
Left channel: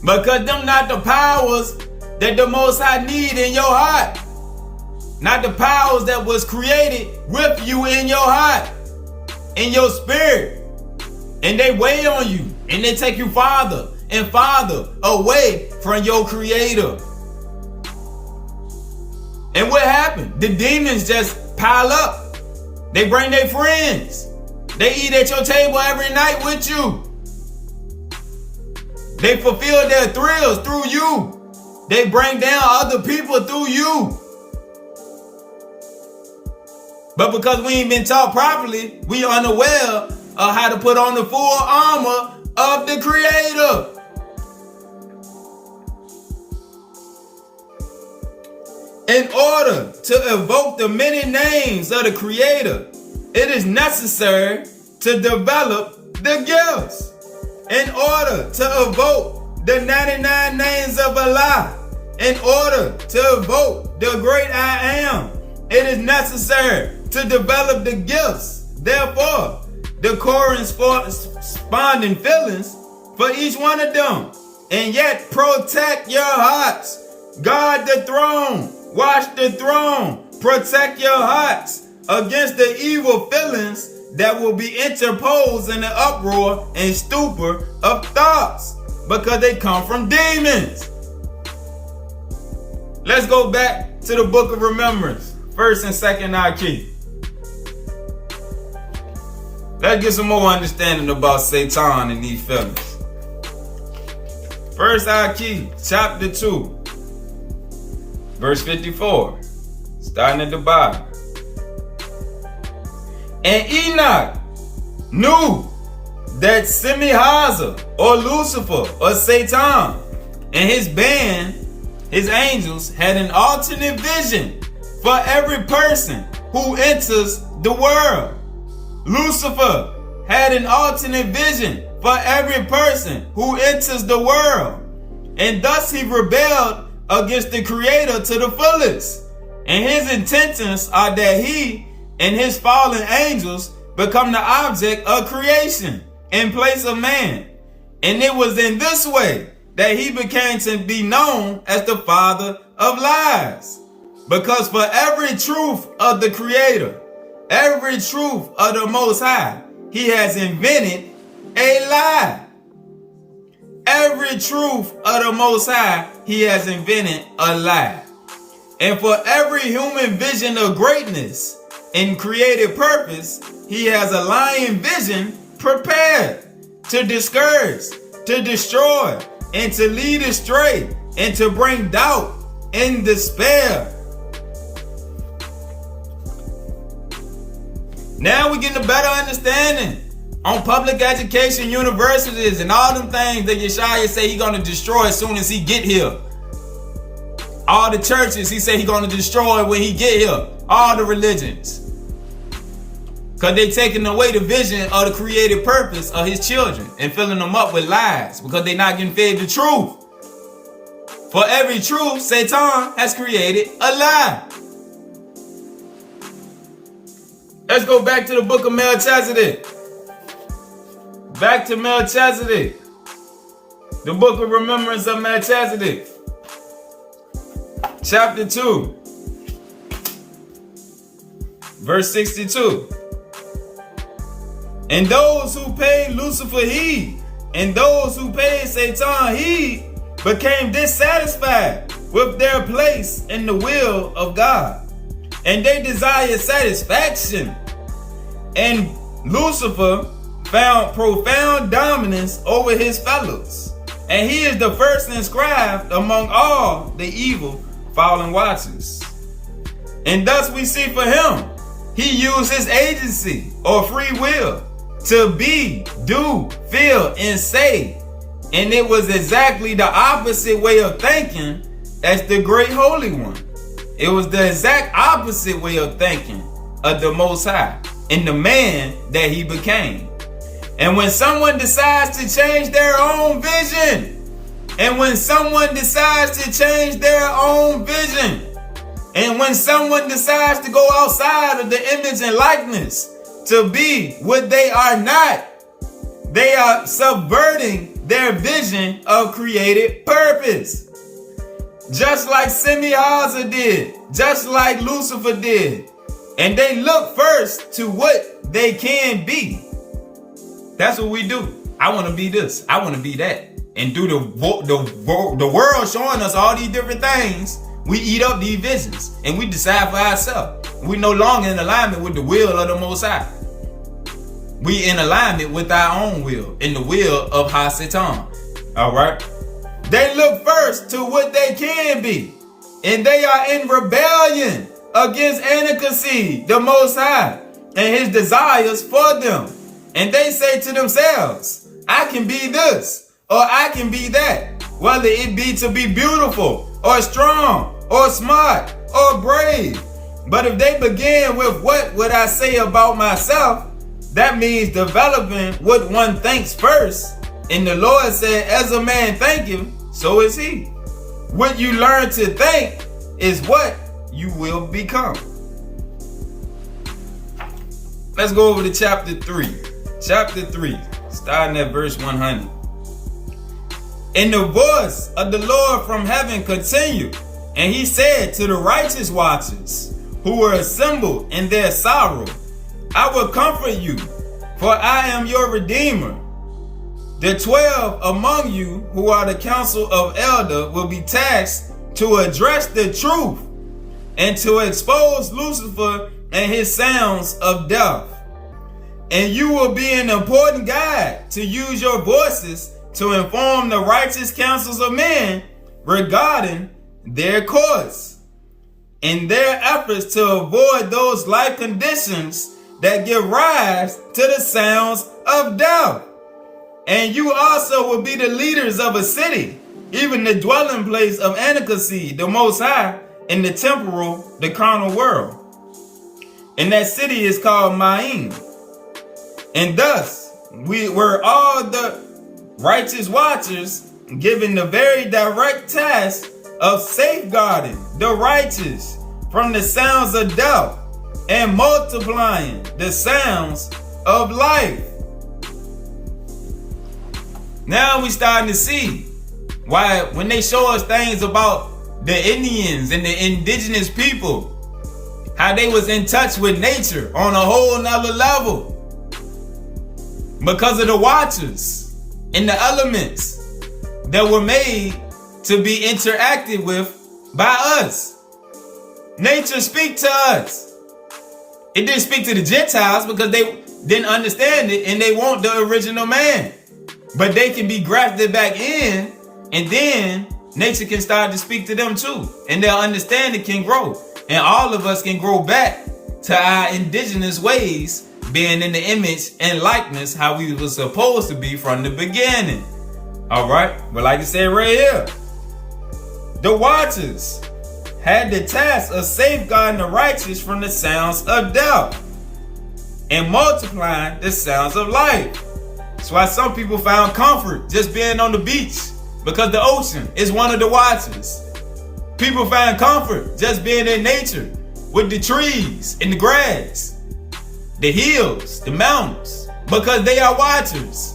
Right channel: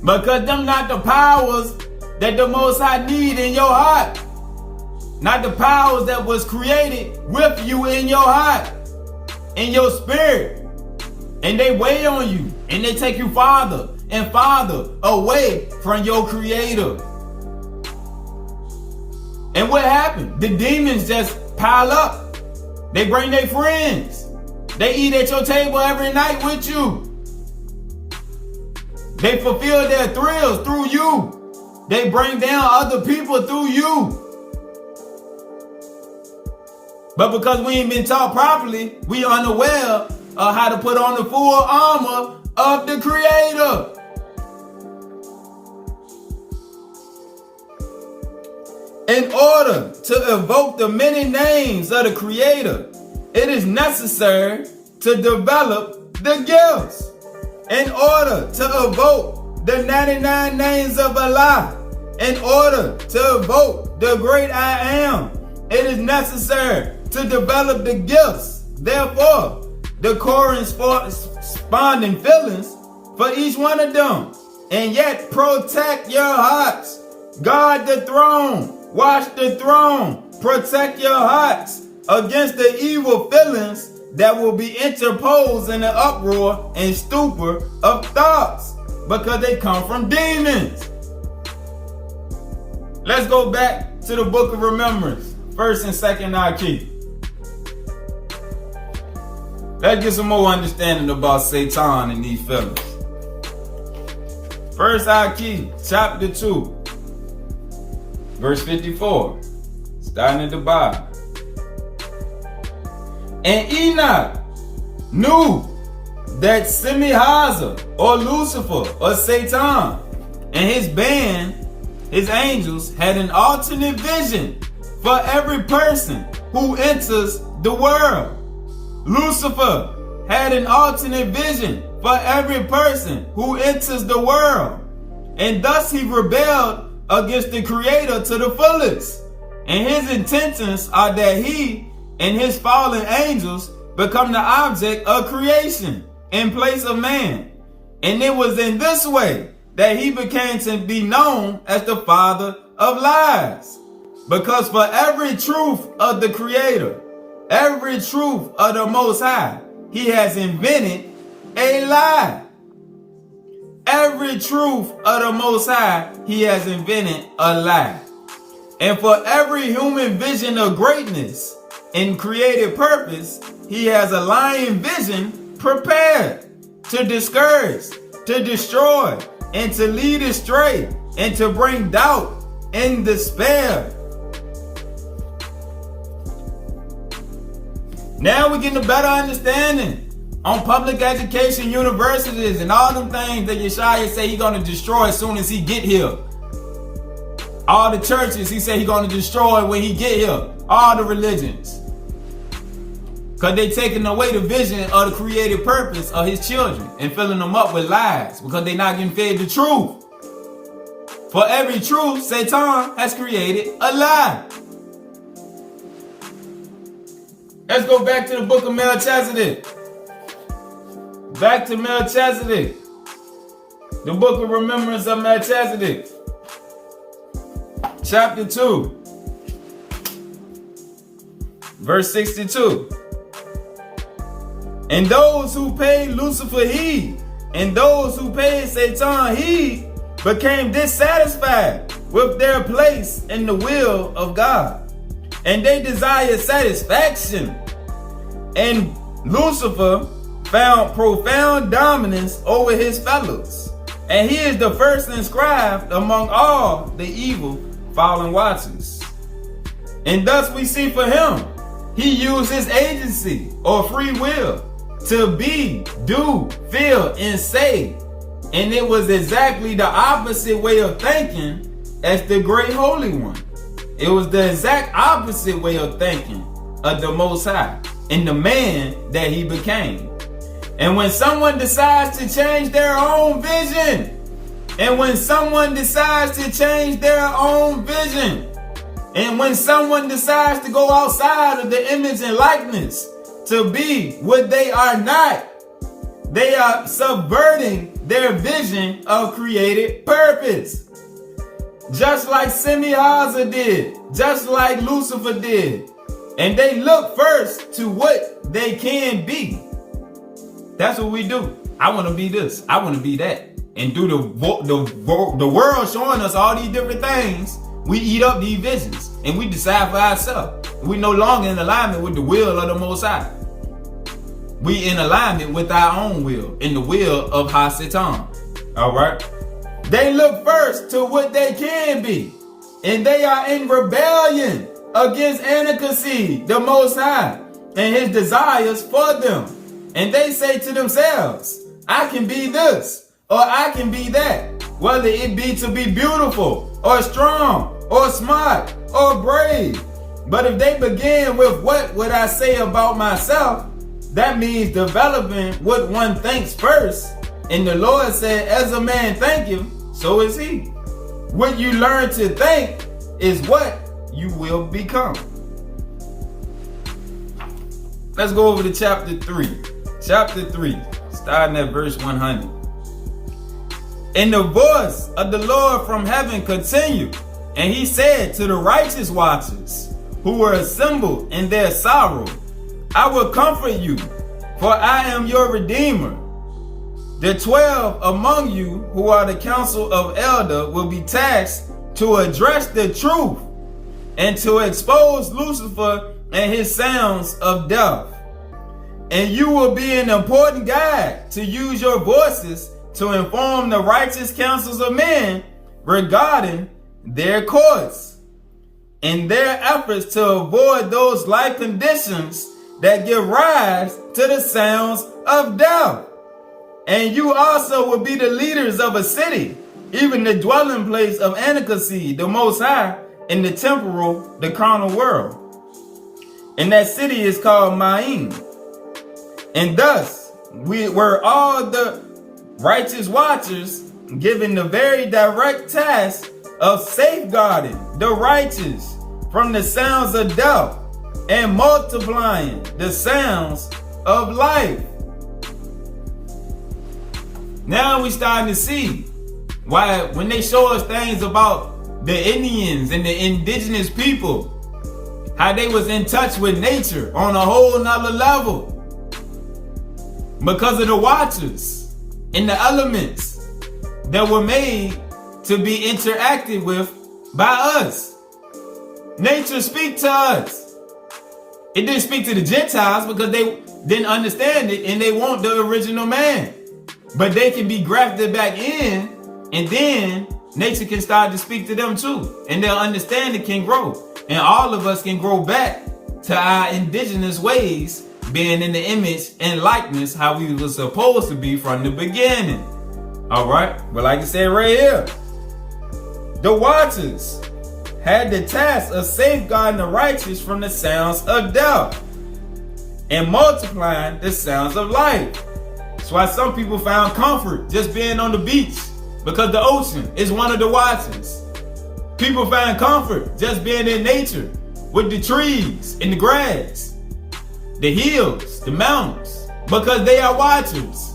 Because them not the powers that the Most High need in your heart. Not the powers that was created with you in your heart, in your spirit. And they weigh on you. And they take you farther and farther away from your Creator. And what happened? The demons just pile up. They bring their friends. They eat at your table every night with you. They fulfill their thrills through you. They bring down other people through you. But because we ain't been taught properly, we are unaware of how to put on the full armor of the Creator. In order to evoke the many names of the Creator, it is necessary to develop the gifts. In order to evoke the 99 names of Allah, in order to evoke the great I Am, it is necessary to develop the gifts. Therefore, the corresponding feelings for each one of them. And yet protect your hearts. Guard the throne. Watch the throne. Protect your hearts against the evil feelings that will be interposed in the uproar and stupor of thoughts, because they come from demons. Let's go back to the book of remembrance, 1st and 2nd Archy. Let's get some more understanding about Satan and these feelings. 1st Archy, chapter 2, verse 54, starting at the bottom. And Enoch knew that Semihaza, or Lucifer, or Satan, and his band, his angels, had an alternate vision for every person who enters the world. Lucifer had an alternate vision for every person who enters the world. And thus he rebelled against the Creator to the fullest. And his intentions are that he and his fallen angels become the object of creation in place of man. And it was in this way that he became to be known as the father of lies. Because for every truth of the Creator, every truth of the Most High, he has invented a lie. Every truth of the Most High, he has invented a lie. And for every human vision of greatness and creative purpose, he has a lying vision prepared to discourage, to destroy, and to lead astray, and to bring doubt and despair. Now we're getting a better understanding on public education, universities, and all them things that Yeshaya say he gonna destroy as soon as he get here. All the churches he say he gonna destroy when he get here. All the religions. Because they taking away the vision of the creative purpose of his children and filling them up with lies because they not getting fed the truth. For every truth, Satan has created a lie. Let's go back to the book of Melchizedek. Back to Melchizedek. The book of remembrance of Melchizedek. Chapter 2. Verse 62. And those who paid Lucifer heed, and those who paid Satan heed, became dissatisfied with their place in the will of God. And they desired satisfaction. And Lucifer found profound dominance over his fellows. And he is the first inscribed among all the evil fallen watchers. And thus we see for him, he used his agency or free will to be, do, feel, and say. And it was exactly the opposite way of thinking as the great Holy One. It was the exact opposite way of thinking of the Most High and the man that he became. And when someone decides to change their own vision, And when someone decides to change their own vision, and when someone decides to go outside of the image and likeness to be what they are not, they are subverting their vision of created purpose. Just like Semi-Haza did, just like Lucifer did. And they look first to what they can be. That's what we do. I want to be this. I want to be that. And through the world showing us all these different things, we eat up these visions and we decide for ourselves. We no longer in alignment with the will of the Most High. We in alignment with our own will, in the will of Ha-Satan. All right. They look first to what they can be, and they are in rebellion against Enoch, the Most High, and his desires for them. And they say to themselves, I can be this, or I can be that, whether it be to be beautiful, or strong, or smart, or brave. But if they begin with what would I say about myself, that means developing what one thinks first. And the Lord said, as a man thinketh, so is he. What you learn to think is what you will become. Let's go over to chapter 3. Chapter 3, starting at verse 100. And the voice of the Lord from heaven continued, and he said to the righteous watchers who were assembled in their sorrow, I will comfort you, for I am your Redeemer. The 12 among you who are the council of elder will be tasked to address the truth and to expose Lucifer and his sounds of death. And you will be an important guide to use your voices to inform the righteous counsels of men regarding their course in their efforts to avoid those life conditions that give rise to the sounds of death. And you also will be the leaders of a city, even the dwelling place of Enoch, the Most High, in the temporal, the carnal world. And that city is called Ma'in. And thus, we were all the righteous watchers given the very direct task of safeguarding the righteous from the sounds of death and multiplying the sounds of life. Now we starting to see why when they show us things about the Indians and the indigenous people, how they was in touch with nature on a whole nother level because of the watchers and the elements that were made to be interacted with by us. Nature speak to us. It didn't speak to the Gentiles because they didn't understand it and they want the original man. But they can be grafted back in, and then nature can start to speak to them too. And their understanding can grow. And all of us can grow back to our indigenous ways, being in the image and likeness how we were supposed to be from the beginning. All right. But like I said right here, the watchers had the task of safeguarding the righteous from the sounds of death and multiplying the sounds of life. That's why some people found comfort just being on the beach, because the ocean is one of the watchers. People find comfort just being in nature with the trees and the grass, the hills, the mountains, because they are watchers.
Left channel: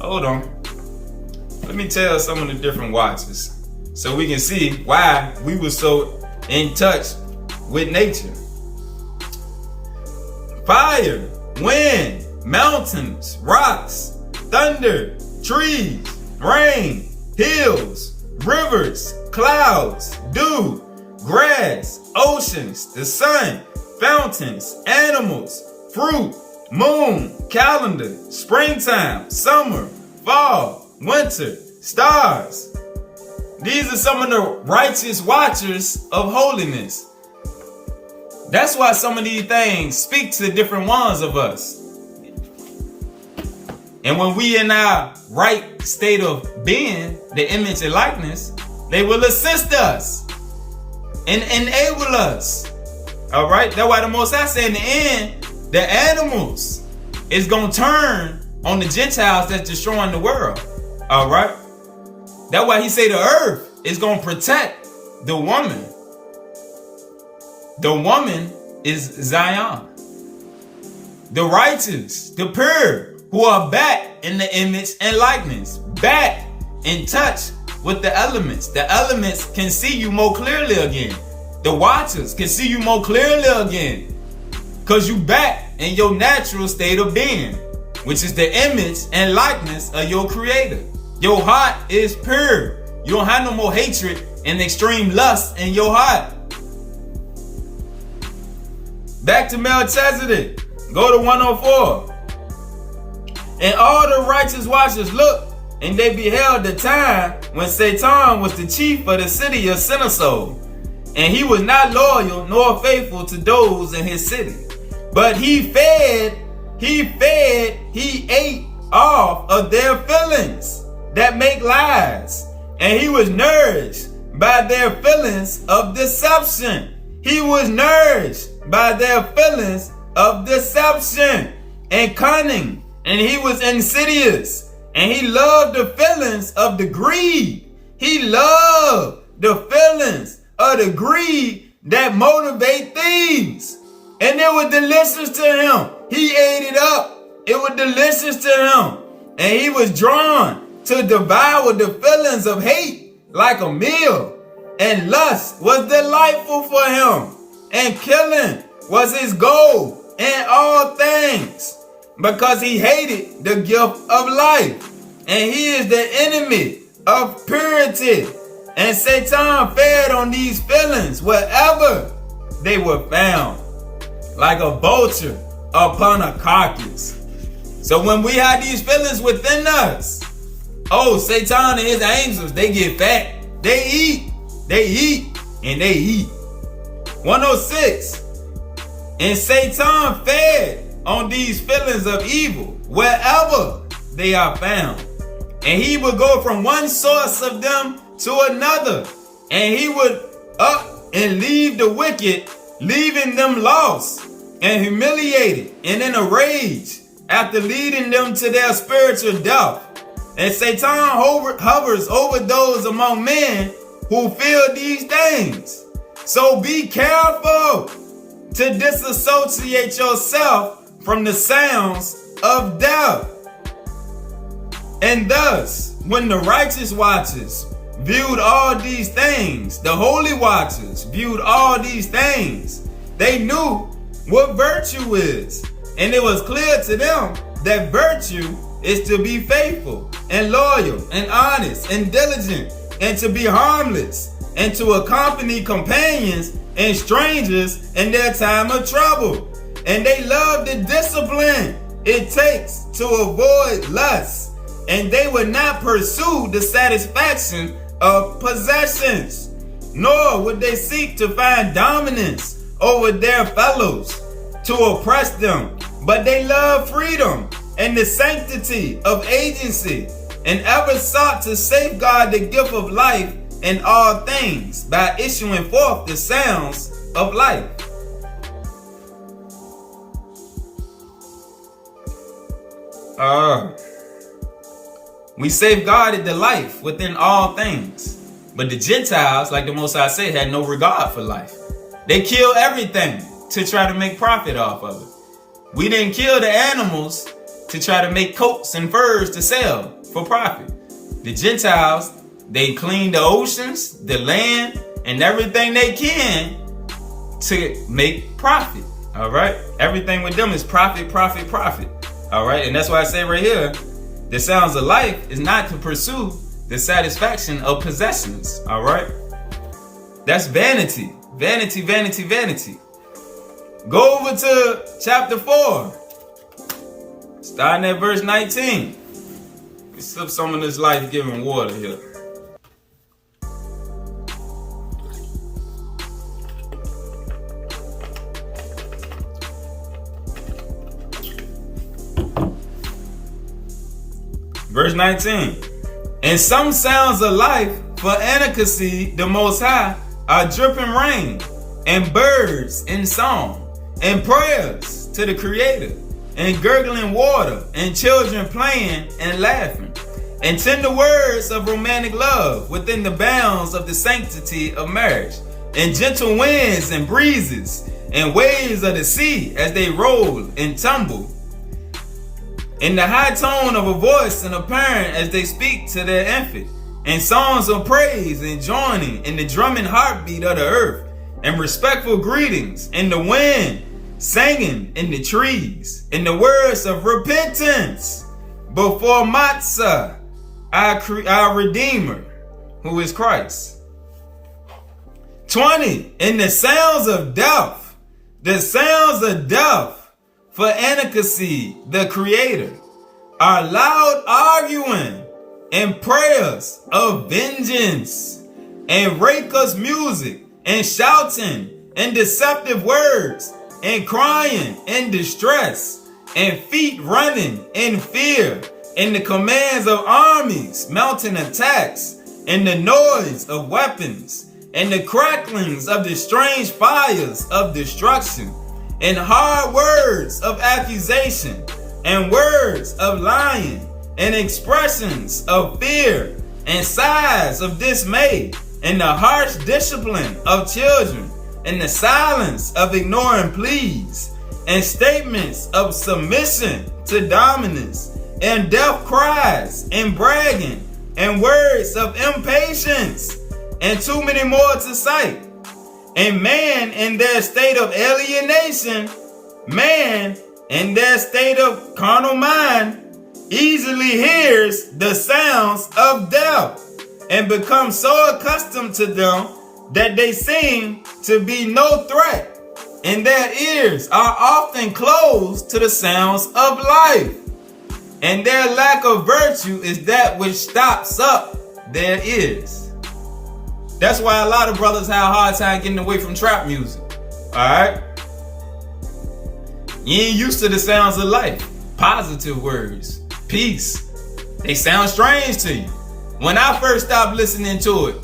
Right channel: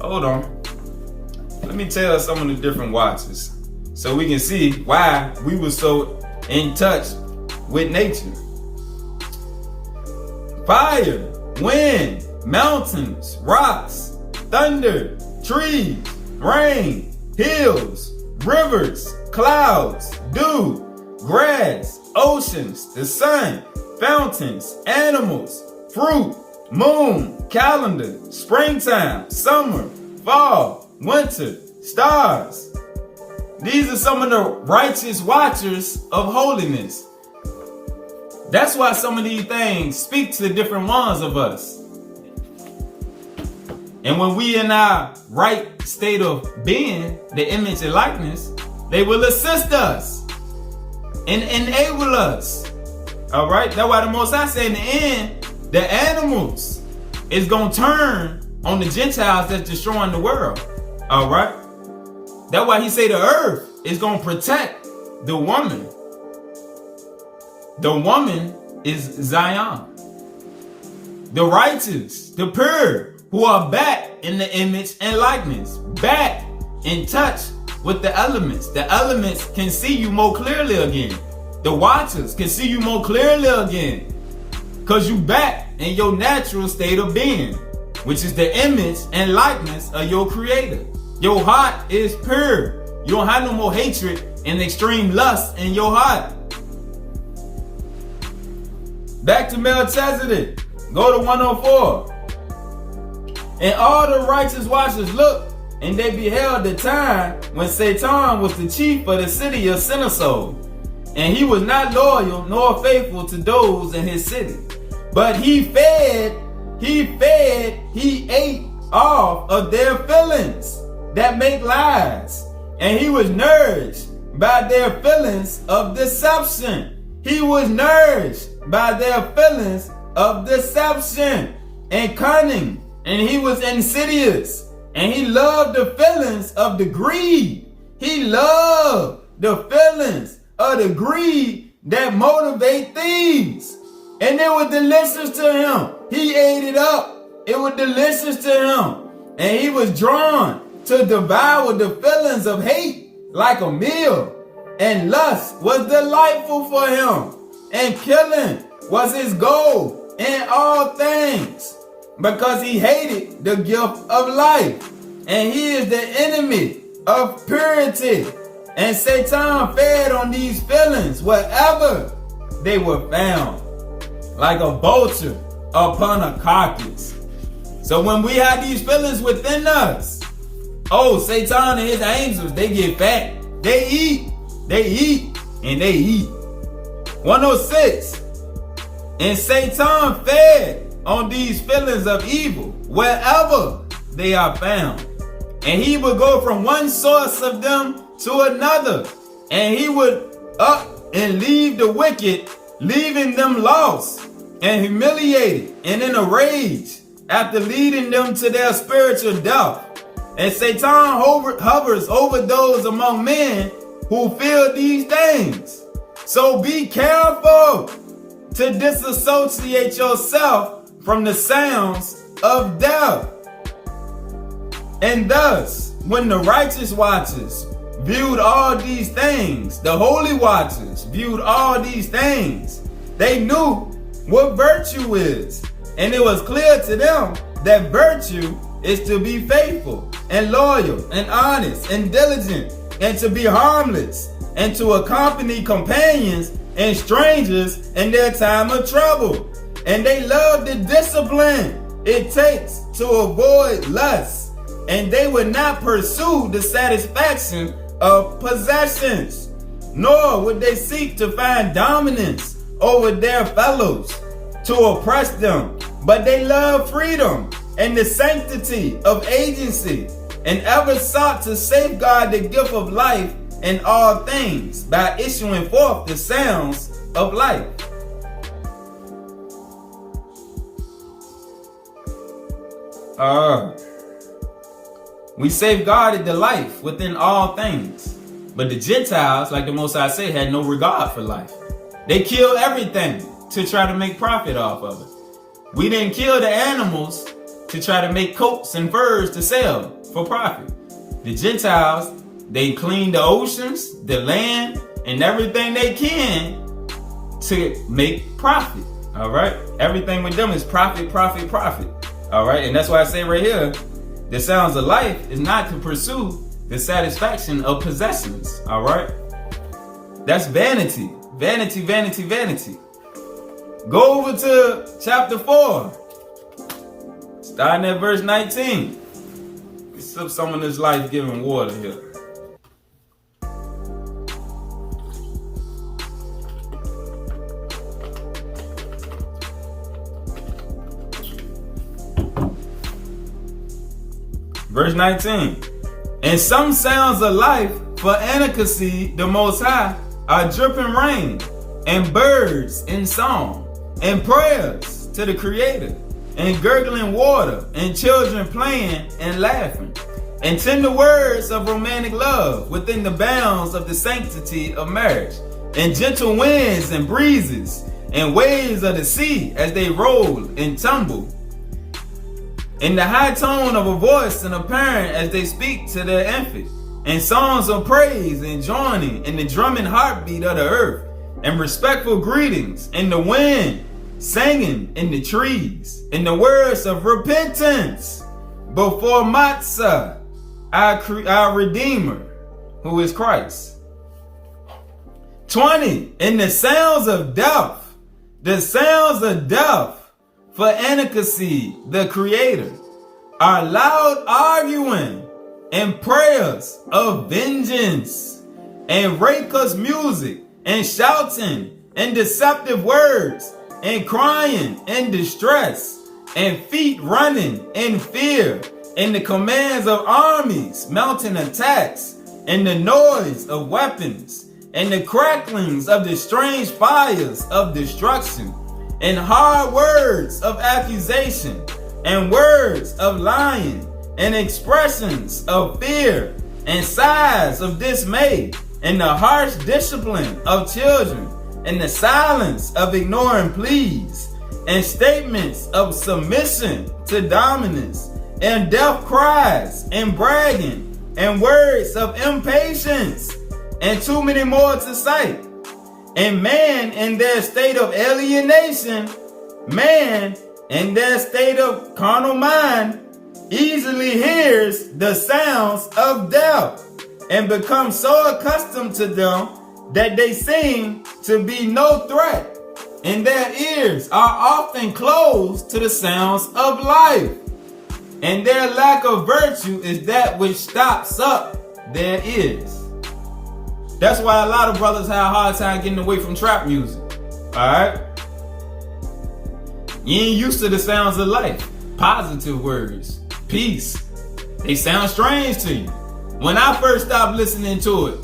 Hold on. Let me tell some of the different watchers so we can see why we were so in touch with nature. Fire, wind, mountains, rocks, thunder, trees, rain, hills, rivers, clouds, dew, grass, oceans, the sun, fountains, animals, fruit, moon, calendar, springtime, summer, fall, winter, stars. These are some of the righteous watchers of holiness. That's why some of these things speak to different ones of us. And when we in our right state of being, the image and likeness, they will assist us and enable us. All right. That's why the Most High said in the end, the animals is going to turn on the Gentiles that's destroying the world. All right. That's why he say the earth is going to protect the woman. The woman is Zion. The righteous, the pure, who are back in the image and likeness, back in touch with the elements. The elements can see you more clearly again. The watchers can see you more clearly again. Because you back in your natural state of being, which is the image and likeness of your creator. Your heart is pure. You don't have no more hatred and extreme lust in your heart. Back to Melchizedek. Go to 104. And all the righteous watchers looked, and they beheld the time when Satan was the chief of the city of Sinesoul. And he was not loyal nor faithful to those in his city. But he ate off of their feelings that make lies. And he was nourished by their feelings of deception. He was nourished by their feelings of deception and cunning. And he was insidious. And he loved the feelings of the greed. He loved the feelings of the greed that motivate thieves. And it was delicious to him. He ate it up. It was delicious to him. And he was drawn to devour the feelings of hate like a meal. And lust was delightful for him. And killing was his goal in all things. Because he hated the gift of life. And he is the enemy of purity. And Satan fed on these feelings wherever they were found, like a vulture upon a carcass. So when we have these feelings within us, oh, Satan and his angels, they get fat. They eat, and they eat. 106. And Satan fed on these feelings of evil wherever they are found. And he would go from one source of them to another. And he would up and leave the wicked, leaving them lost and humiliated and in a rage after leading them to their spiritual death. And Satan hovers over those among men who feel these things. So be careful to disassociate yourself from the sounds of death. And thus, when the righteous watchers viewed all these things, the holy watchers viewed all these things, they knew what virtue is. And it was clear to them that virtue is to be faithful and loyal and honest and diligent and to be harmless and to accompany companions and strangers in their time of trouble. And they love the discipline it takes to avoid lust. And they would not pursue the satisfaction of possessions, nor would they seek to find dominance over their fellows to oppress them. But they love freedom and the sanctity of agency, and ever sought to safeguard the gift of life in all things by issuing forth the sounds of life. We safeguarded the life within all things. But the Gentiles, like the Most High said, had no regard for life. They killed everything to try to make profit off of it. We didn't kill the animals to try to make coats and furs to sell for profit. The Gentiles, they clean the oceans, the land, and everything they can to make profit. All right? Everything with them is profit, profit, profit. All right? And that's why I say right here, the sounds of life is not to pursue the satisfaction of possessions. All right? That's vanity. Vanity, vanity, vanity. Go over to chapter 4. Starting at verse 19. We sip some of this life-giving water here. Verse 19. And some sounds of life for anarchy, the Most High, are dripping rain, and birds in song, and prayers to the Creator, and gurgling water, and children playing and laughing, and tender words of romantic love within the bounds of the sanctity of marriage, and gentle winds and breezes, and waves of the sea as they roll and tumble, in the high tone of a voice and a parent as they speak to their infant, and songs of praise and joining in the drumming heartbeat of the earth, and respectful greetings in the wind, singing in the trees, in the words of repentance before Matzah, our Redeemer, who is Christ. 20, in the sounds of death, for Enoch, the Creator, are loud arguing and prayers of vengeance, and raucous music, and shouting, and deceptive words, and crying in distress, and feet running in fear, and the commands of armies mounting attacks, and the noise of weapons, and the cracklings of the strange fires of destruction, and hard words of accusation, and words of lying, and expressions of fear, and sighs of dismay, and the harsh discipline of children, and the silence of ignoring pleas, and statements of submission to dominance, and death cries, and bragging, and words of impatience, and too many more to cite. And man in their state of alienation, man in their state of carnal mind, easily hears the sounds of death, and becomes so accustomed to them that they seem to be no threat, and their ears are often closed to the sounds of life, and their lack of virtue is that which stops up their ears. That's why a lot of brothers have a hard time getting away from trap music. Alright? You ain't used to the sounds of life. Positive words. Peace. They sound strange to you. When I first stopped listening to it,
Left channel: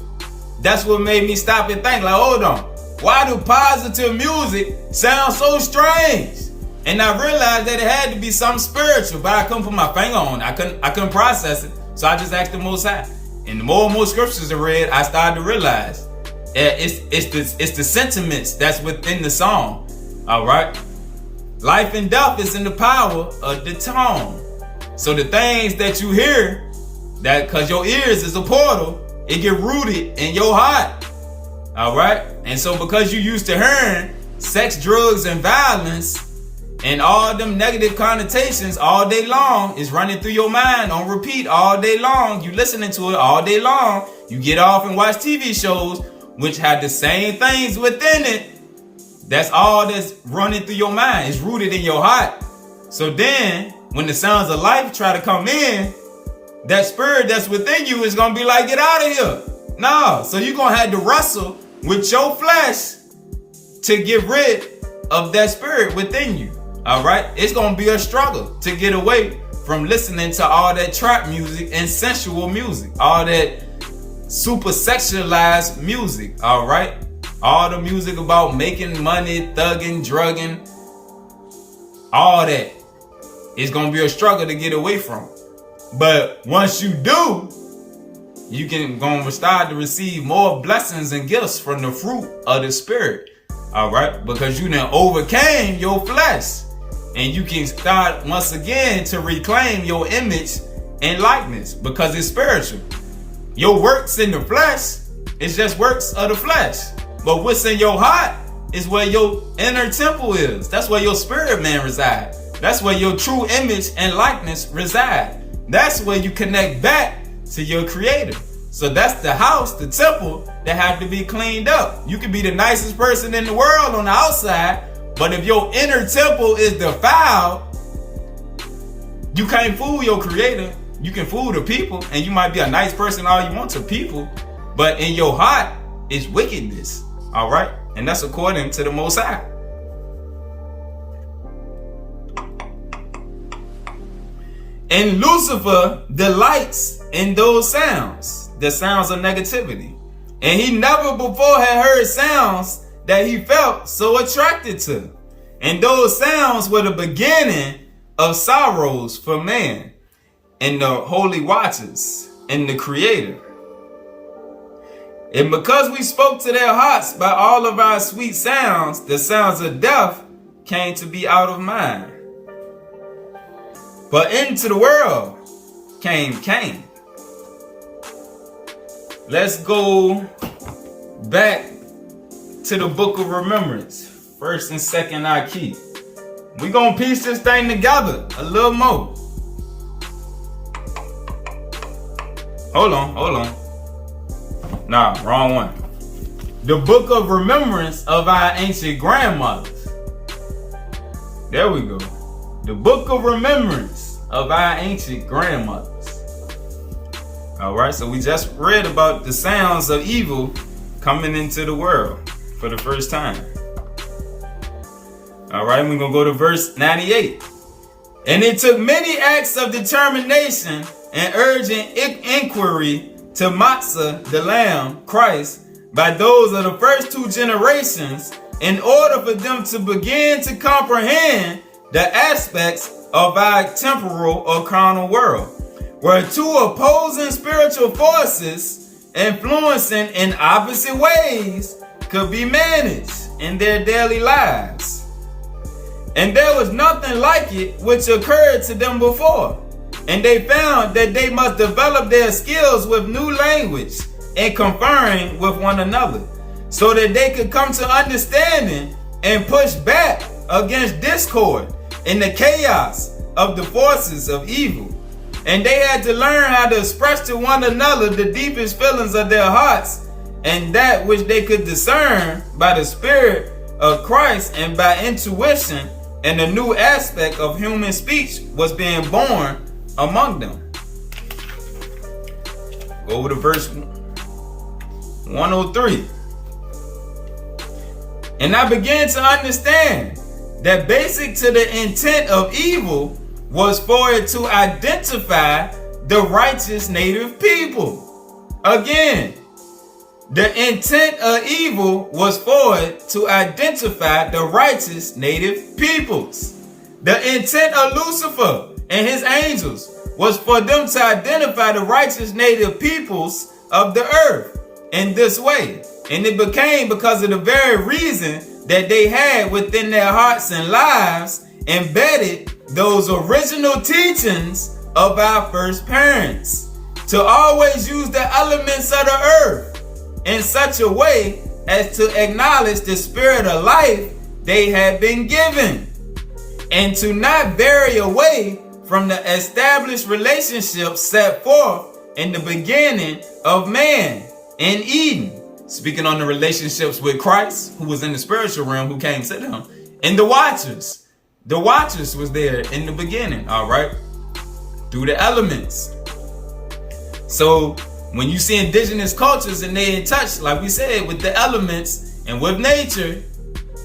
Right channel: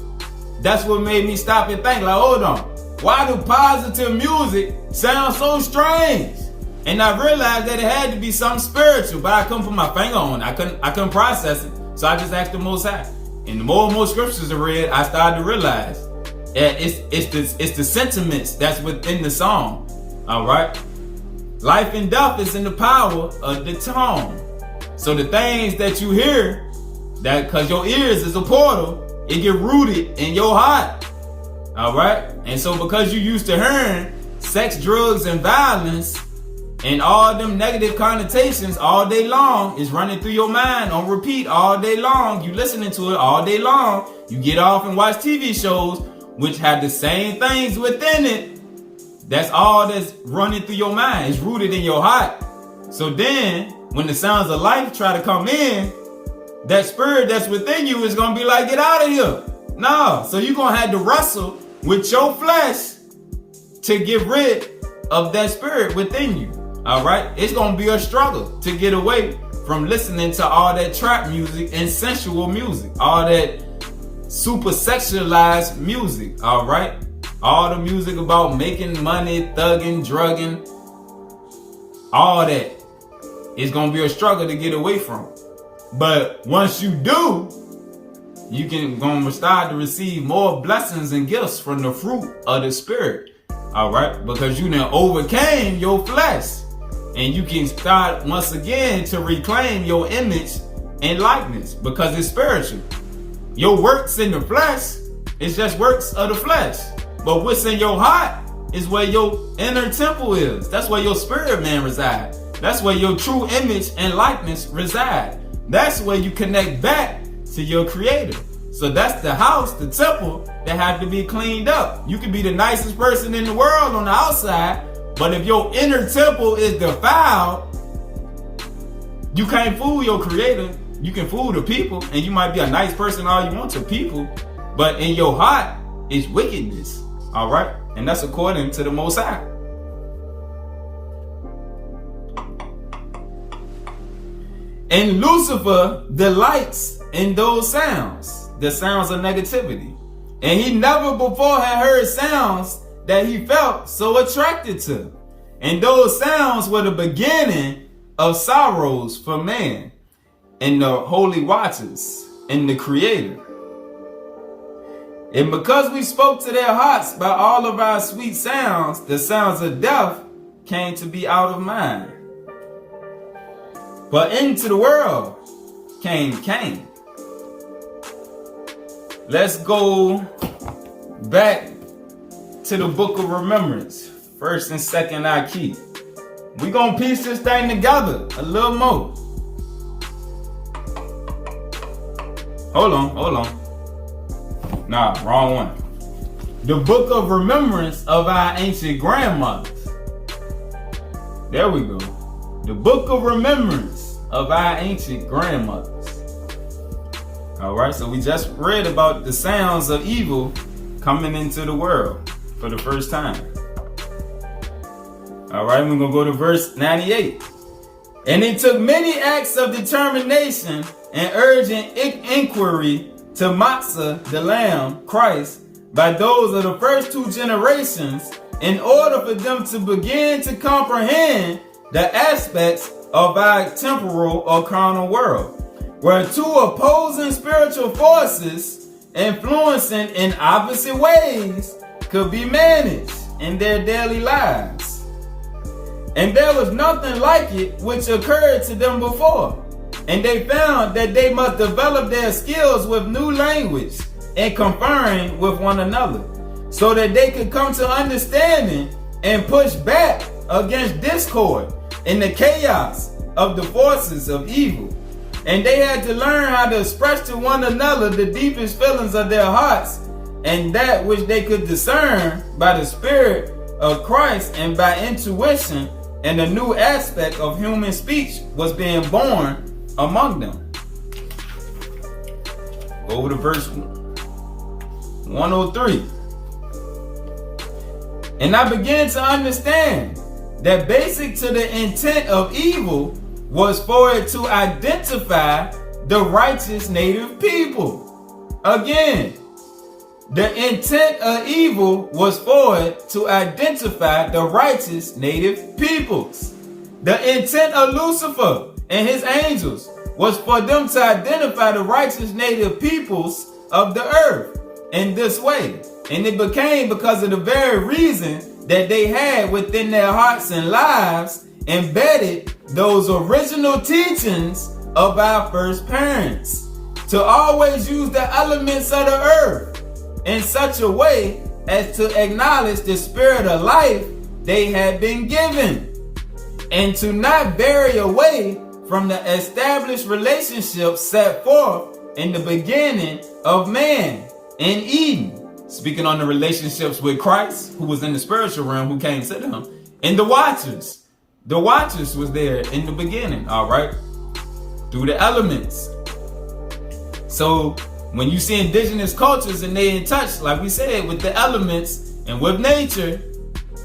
that's what made me stop and think, like, hold on. Why do positive music sound so strange? And I realized that it had to be something spiritual, but I couldn't put my finger on it. I couldn't process it. So I just asked the Most High. And the more and more scriptures I read, I started to realize it's the sentiments that's within the song. All right. Life and death is in the power of the tongue. So the things that you hear, that because your ears is a portal, it get rooted in your heart. All right. And so because you used to hearing sex, drugs, and violence, and all them negative connotations all day long is running through your mind on repeat all day long. You listening to it all day long. You get off and watch TV shows which have the same things within it. That's all that's running through your mind. It's rooted in your heart. So then when the sounds of life try to come in, that spirit that's within you is going to be like, get out of here. No. So you're going to have to wrestle with your flesh to get rid of that spirit within you. All right, it's gonna be a struggle to get away from listening to all that trap music and sensual music, all that super sexualized music. All right, all the music about making money, thugging, drugging, all that. It's gonna be a struggle to get away from. But once you do, you can gonna start to receive more blessings and gifts from the fruit of the spirit. All right, because you done overcame your flesh. And you can start once again to reclaim your image and likeness because it's spiritual. Your works in the flesh is just works of the flesh. But what's in your heart is where your inner temple is. That's where your spirit man resides. That's where your true image and likeness reside. That's where you connect back to your creator. So that's the house, the temple that have to be cleaned up. You can be the nicest person in the world on the outside, but if your inner temple is defiled, you can't fool your creator. You can fool the people, and you might be a nice person all you want to people, but in your heart is wickedness. All right? And that's according to the Most High. And Lucifer delights in those sounds, the sounds of negativity. And he never before had heard sounds that he felt so attracted to. And those sounds were the beginning of sorrows for man and the holy watchers and the Creator. And because we spoke to their hearts by all of our sweet sounds, the sounds of death came to be out of mind. But into the world came Cain. Let's go back to the book of remembrance. First and second I keep. We're going to piece this thing together a little more. Hold on. Nah, wrong one. The book of remembrance of our ancient grandmothers. There we go. The book of remembrance of our ancient grandmothers. All right, so we just read about the sounds of evil coming into the world for the first time. All right, we're going to go to verse 98. And it took many acts of determination and urgent inquiry to Matzah, the Lamb, Christ, by those of the first two generations, in order for them to begin to comprehend the aspects of our temporal or carnal world, where two opposing spiritual forces influencing in opposite ways could be managed in their daily lives. And there was nothing like it which occurred to them before. And they found that they must develop their skills with new language and conferring with one another, so that they could come to understanding and push back against discord and the chaos of the forces of evil. And they had to learn how to express to one another the deepest feelings of their hearts, and that which they could discern by the Spirit of Christ and by intuition, and a new aspect of human speech was being born among them. Go over to verse 103. And I began to understand that basic to the intent of evil was for it to identify the righteous native people. Again, the intent of evil was for it to identify the righteous native peoples. The intent of Lucifer and his angels was for them to identify the righteous native peoples of the earth in this way. And it became because of the very reason that they had within their hearts and lives embedded those original teachings of our first parents, to always use the elements of the earth in such a way as to acknowledge the spirit of life they had been given, and to not vary away from the established relationship set forth in the beginning of man in Eden. Speaking on the relationships with Christ, who was in the spiritual realm, who came to them, and the Watchers. The Watchers was there in the beginning, all right, through the elements. So when you see indigenous cultures and they in touch, like we said, with the elements and with nature,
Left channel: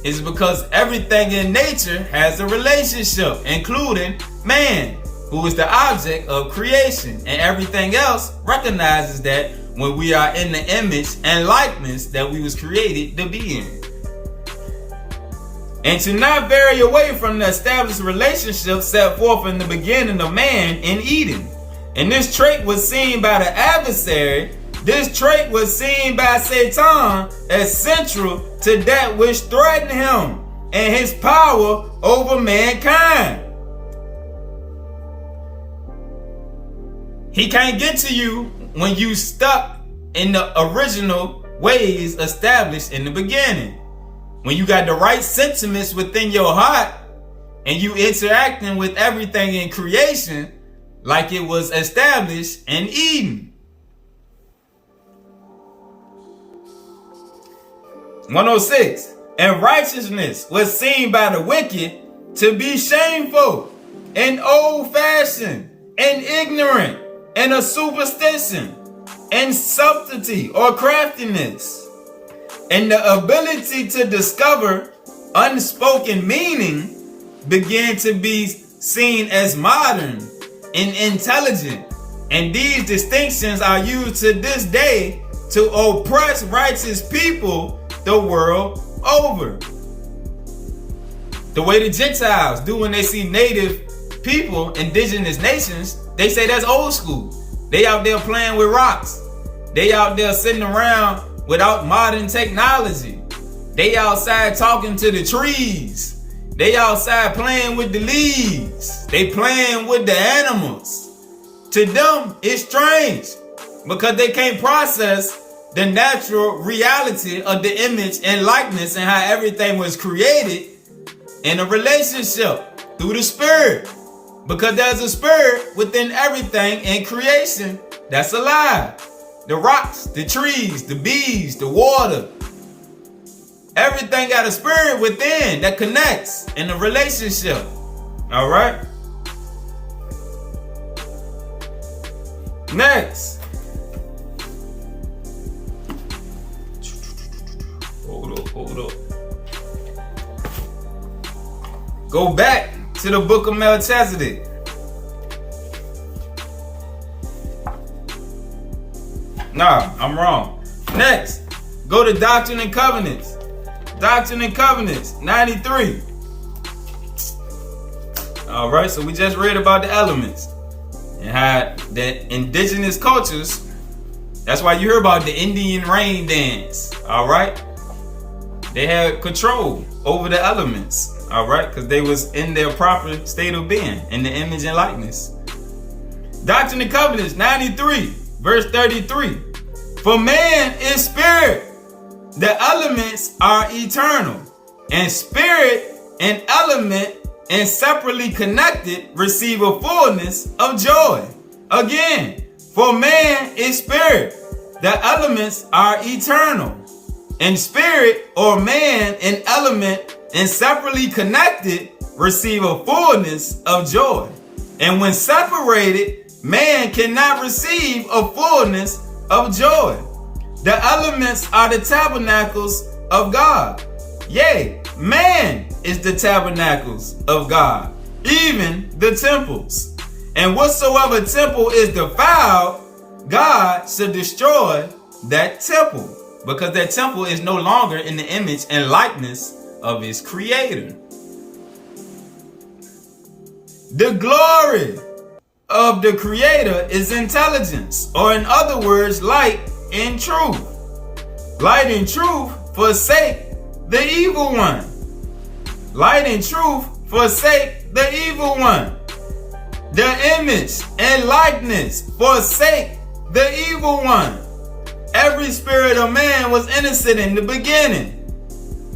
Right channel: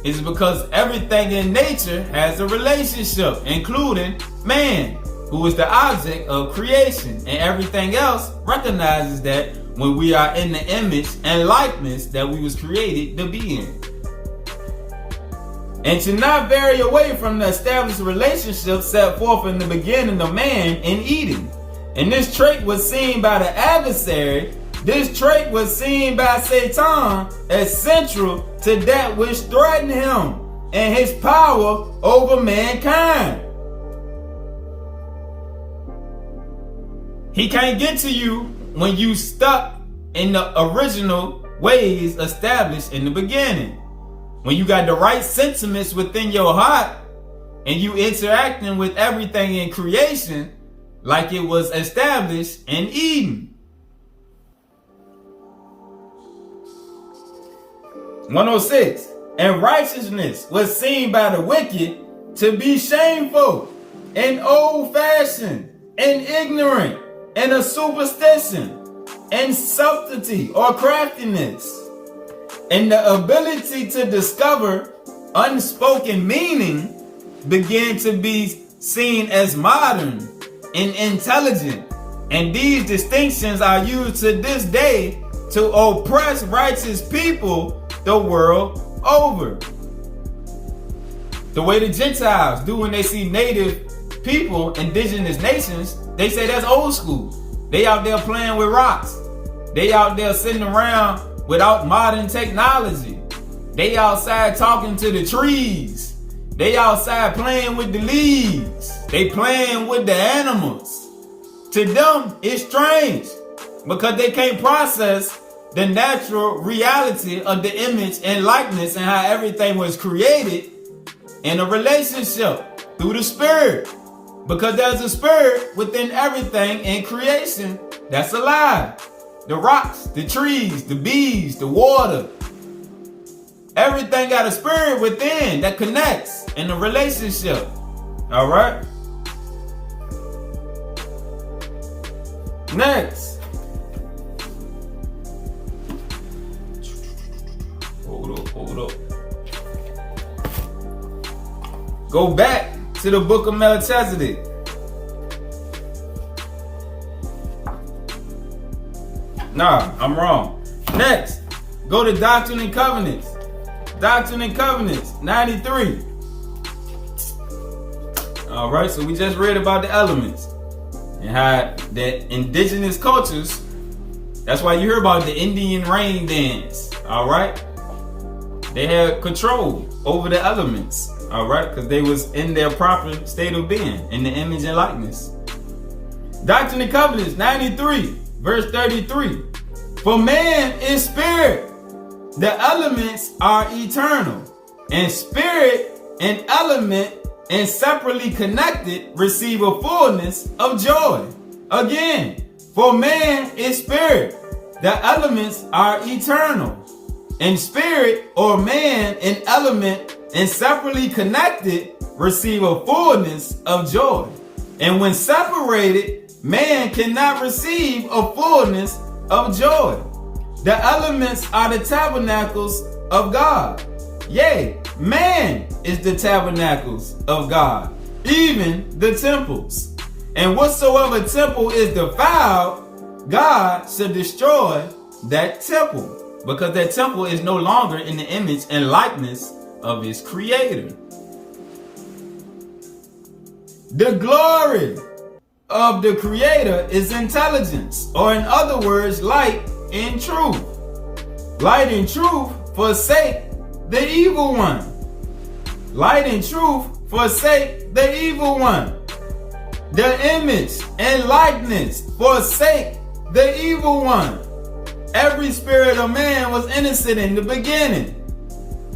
it's because everything in nature has a relationship, including man, who is the object of creation, and everything else recognizes that when we are in the image and likeness that we was created to be in. And to not vary away from the established relationship set forth in the beginning of man in Eden. And this trait was seen by the adversary. This trait was seen by Satan as central to that which threatened him and his power over mankind. He can't get to you when you stuck in the original ways established in the beginning. When you got the right sentiments within your heart and you interacting with everything in creation like it was established in Eden. 106. And righteousness was seen by the wicked to be shameful and old-fashioned and ignorant and a superstition and subtlety or craftiness. And the ability to discover unspoken meaning began to be seen as modern and intelligent. And these distinctions are used to this day to oppress righteous people the world over. The way the Gentiles do when they see native people, indigenous nations, they say that's old school. They out there playing with rocks. They out there sitting around without modern technology. They outside talking to the trees. They outside playing with the leaves. They playing with the animals. To them, it's strange because they can't process the natural reality of the image and likeness and how everything was created in a relationship through the spirit. Because there's a spirit within everything in creation that's alive. The rocks, the trees, the bees, the water. Everything got a spirit within that connects in a relationship. All right? Next. Hold up. Go back to the book of Melchizedek. Nah, I'm wrong. Next, go to Doctrine and Covenants. Doctrine and Covenants, 93. All right, so we just read about the elements and how the indigenous cultures, that's why you hear about the Indian rain dance, all right? They had control over the elements, all right? Because they was in their proper state of being, in the image and likeness. Doctrine and Covenants, 93, verse 33. For man is spirit. The elements are eternal, and spirit and element and separately connected receive a fullness of joy. Again, for man is spirit. The elements are eternal, and spirit or man and element and separately connected receive a fullness of joy. And when separated, man cannot receive a fullness of joy. The elements are the tabernacles of God. Yea, man is the tabernacles of God, even the temples. And whatsoever temple is defiled, God should destroy that temple, because that temple is no longer in the image and likeness of his creator. The glory of the creator is intelligence, or in other words, light and truth. Light and truth forsake the evil one. Light and truth forsake the evil one. The image and likeness forsake the evil one. Every spirit of man was innocent in the beginning.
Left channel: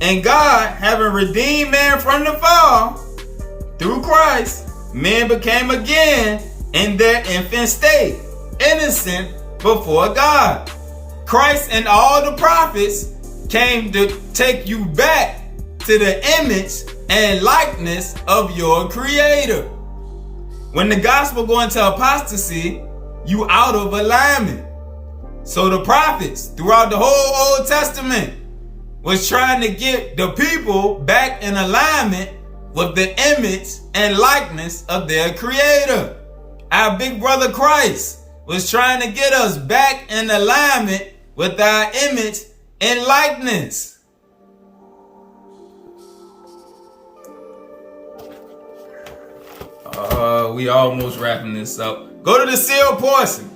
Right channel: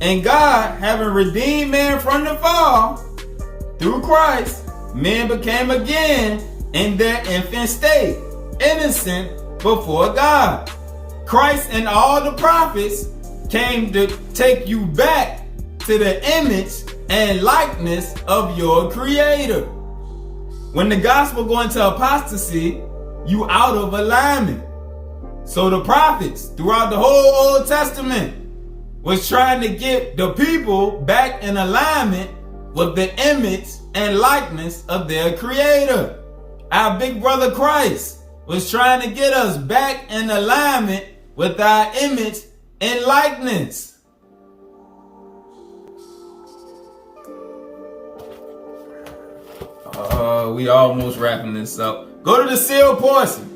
And God, having redeemed man from the fall, through Christ, men became again in their infant state, innocent before God. Christ and all the prophets came to take you back to the image and likeness of your creator. When the gospel go into apostasy, you out of alignment. So the prophets throughout the whole Old Testament was trying to get the people back in alignment with the image and likeness of their creator. Our big brother Christ was trying to get us back in alignment with our image and likeness. We almost wrapping this up. Go to the sealed portion.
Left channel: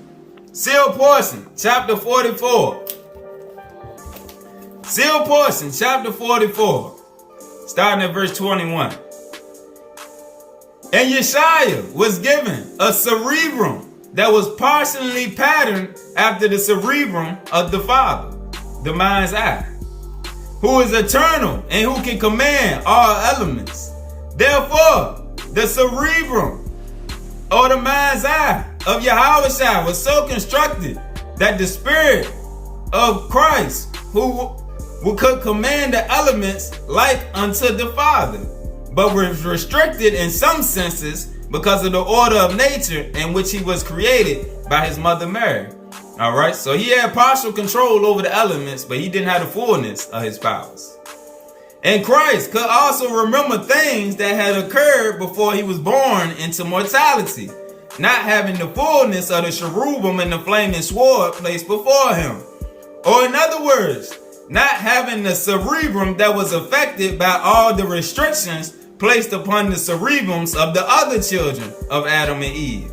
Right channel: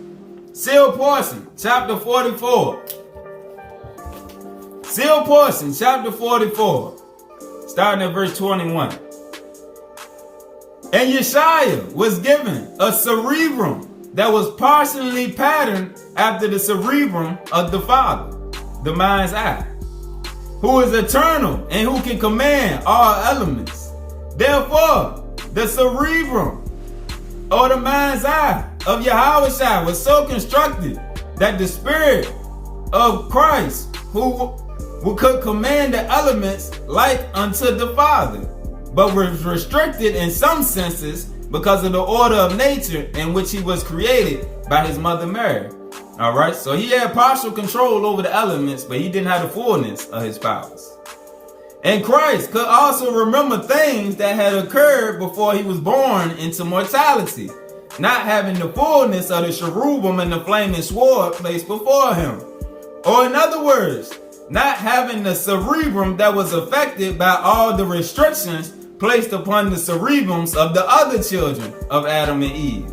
Sealed portion, chapter 44. Sealed portion, chapter 44. Starting at verse 21. And Yeshua was given a cerebrum that was partially patterned after the cerebrum of the Father, the mind's eye, who is eternal and who can command all elements. Therefore, the cerebrum, or the mind's eye of Yahushua, was so constructed that the spirit of Christ, who could command the elements like unto the Father, but was restricted in some senses because of the order of nature in which he was created by his mother Mary. All right, so he had partial control over the elements, but he didn't have the fullness of his powers. And Christ could also remember things that had occurred before he was born into mortality, not having the fullness of the cherubim and the flaming sword placed before him. Or in other words, not having the cerebrum that was affected by all the restrictions placed upon the cerebrums of the other children of Adam and Eve.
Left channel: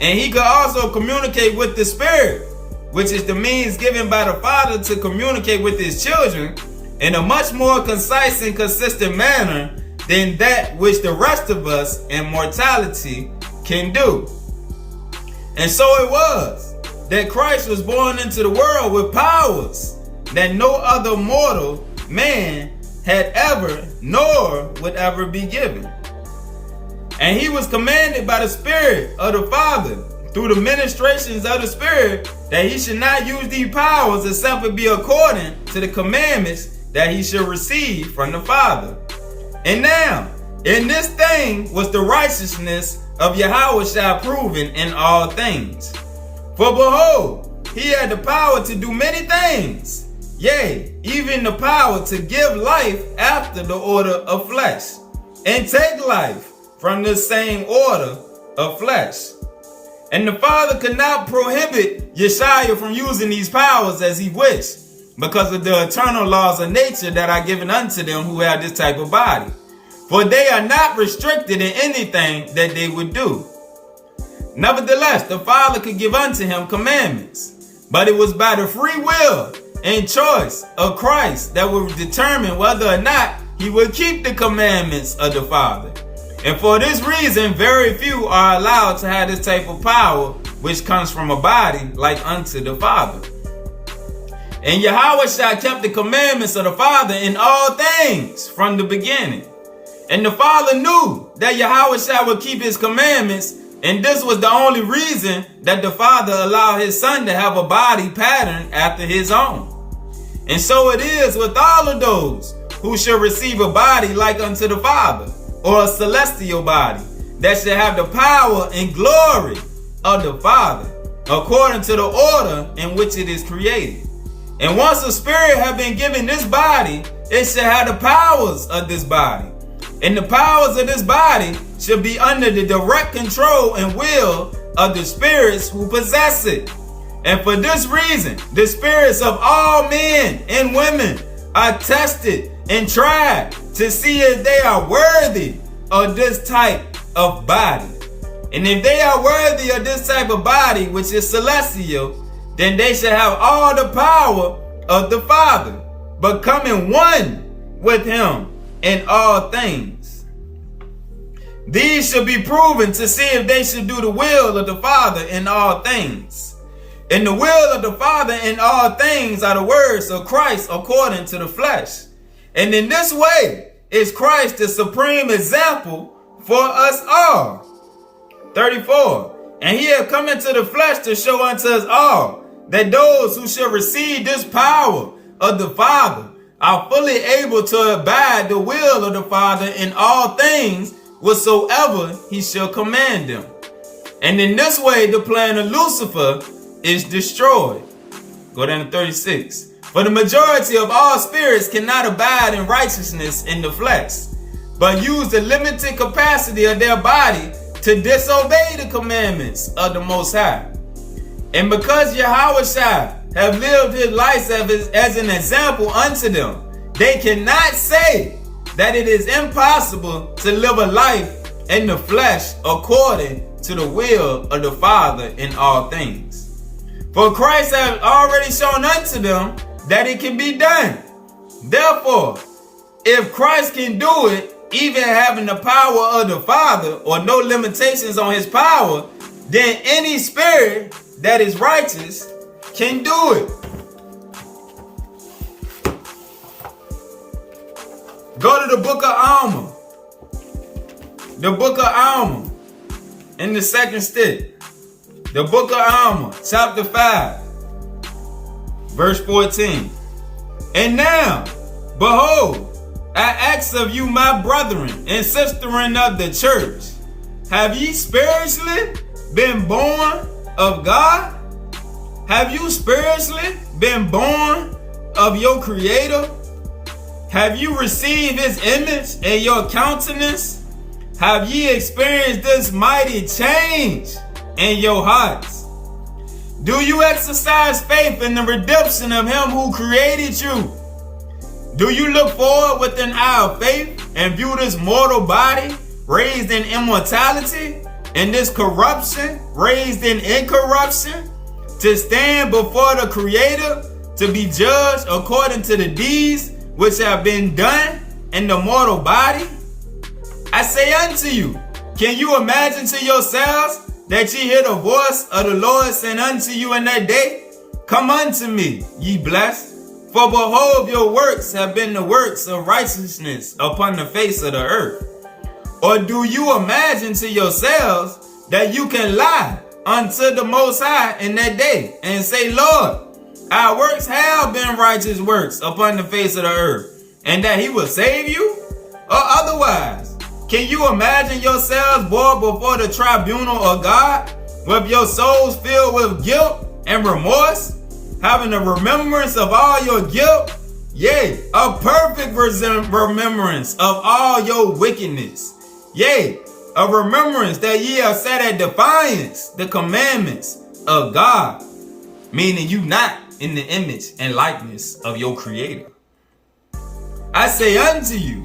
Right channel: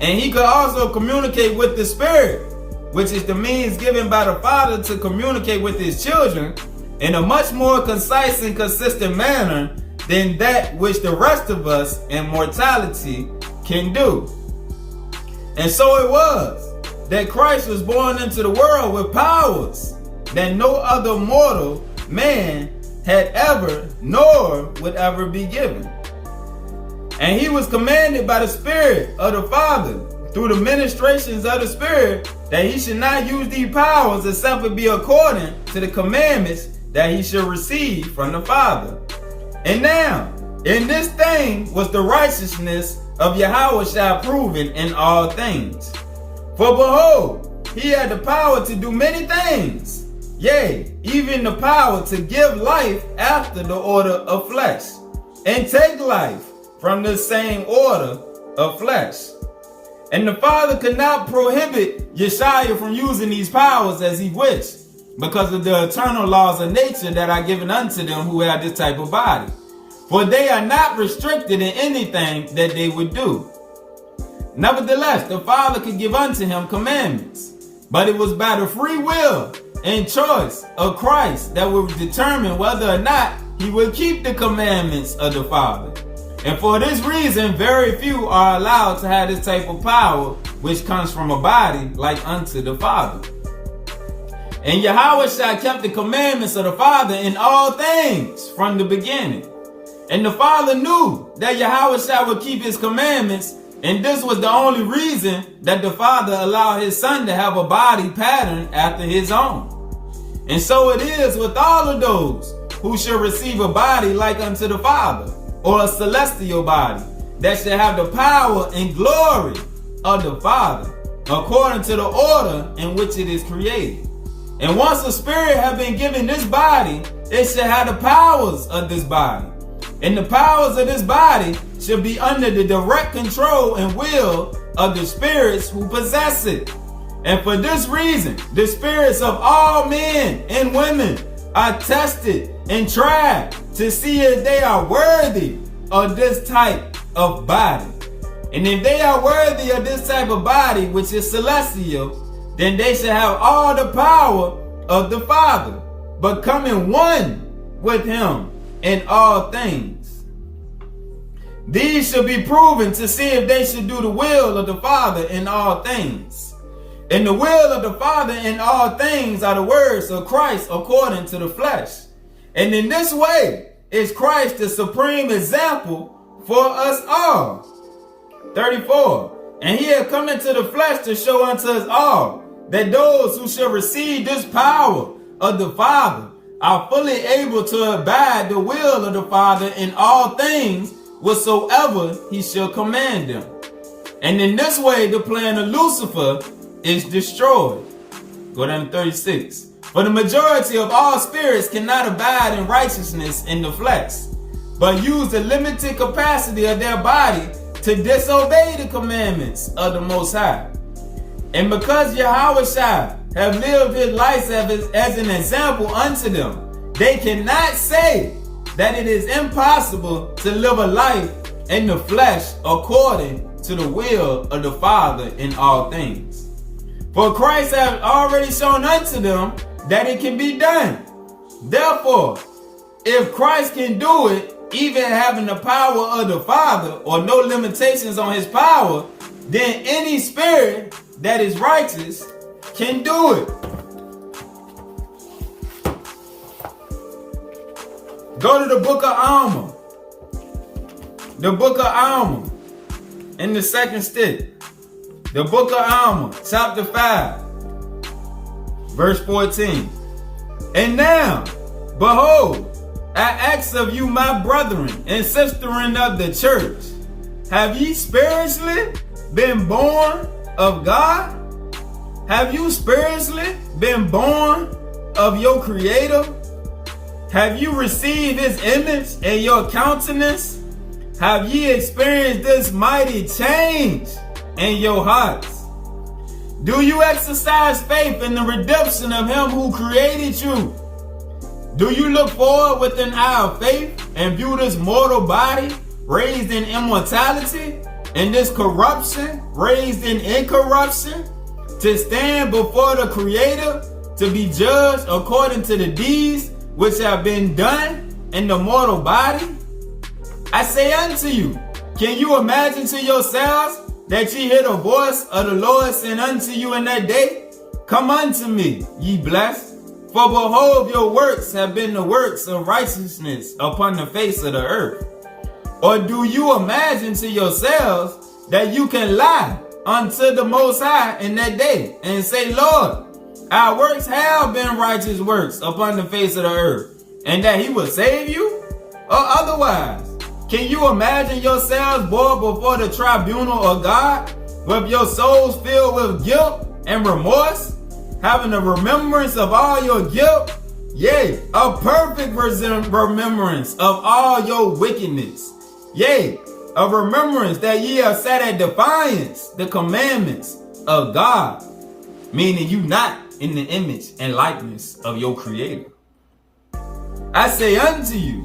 And he could also communicate with the spirit, which is the means given by the Father to communicate with his children in a much more concise and consistent manner than that which the rest of us in mortality can do. And so it was that Christ was born into the world with powers that no other mortal man had ever nor would ever be given. And he was commanded by the Spirit of the Father through the ministrations of the Spirit that he should not use these powers except it be according to the commandments that he should receive from the Father. And now, in this thing was the righteousness of Yahushua proven in all things. For behold, he had the power to do many things, yea, even the power to give life after the order of flesh, and take life from the same order of flesh. And the Father could not prohibit Yeshua from using these powers as he wished, because of the eternal laws of nature that are given unto them who have this type of body. For they are not restricted in anything that they would do. Nevertheless, the Father could give unto him commandments, but it was by the free will and choice of Christ that would determine whether or not he would keep the commandments of the Father. And for this reason, very few are allowed to have this type of power which comes from a body like unto the Father. And Yahushua kept the commandments of the Father in all things from the beginning. And the Father knew that Yahushua would keep his commandments, and this was the only reason that the Father allowed his Son to have a body patterned after his own. And so it is with all of those who shall receive a body like unto the Father, or a celestial body, that shall have the power and glory of the Father, according to the order in which it is created. And once a spirit have been given this body, it shall have the powers of this body. And the powers of this body shall be under the direct control and will of the spirits who possess it. And for this reason, the spirits of all men and women are tested and tried to see if they are worthy of this type of body. And if they are worthy of this type of body, which is celestial, then they shall have all the power of the Father, becoming one with him in all things. These shall be proven to see if they should do the will of the Father in all things. And the will of the Father in all things are the words of Christ according to the flesh. And in this way is Christ the supreme example for us all. 34. And he had come into the flesh to show unto us all that those who shall receive this power of the Father are fully able to abide the will of the Father in all things whatsoever he shall command them. And in this way the plan of Lucifer is destroyed. Go down to 36. For the majority of all spirits cannot abide in righteousness in the flesh, but use the limited capacity of their body to disobey the commandments of the Most High. And because Yahushua have lived his life as an example unto them, they cannot say that it is impossible to live a life in the flesh according to the will of the Father in all things. For Christ has already shown unto them that it can be done. Therefore, if Christ can do it, even having the power of the Father or no limitations on his power, then any spirit that is righteous can do it. Go to the book of Alma. The book of Alma in the second stick. The book of Alma, chapter 5, verse 14. And now, behold, I ask of you, my brethren and sisterin of the church, have ye spiritually been born of God? Have you spiritually been born of your Creator? Have you received his image in your countenance? Have ye experienced this mighty change in your hearts? Do you exercise faith in the redemption of him who created you? Do you look forward with an eye of faith and view this mortal body raised in immortality and this corruption raised in incorruption to stand before the Creator to be judged according to the deeds which have been done in the mortal body? I say unto you, can you imagine to yourselves that ye hear the voice of the Lord saying unto you in that day, come unto me, ye blessed, for behold, your works have been the works of righteousness upon the face of the earth. Or do you imagine to yourselves that you can lie unto the Most High in that day and say, Lord, our works have been righteous works upon the face of the earth, and that he will save you? Or otherwise, can you imagine yourselves brought before the tribunal of God with your souls filled with guilt and remorse, having a remembrance of all your guilt, yea, a perfect remembrance of all your wickedness, yea, a remembrance that ye have set at defiance the commandments of God, meaning you not in the image and likeness of your Creator? I say unto you,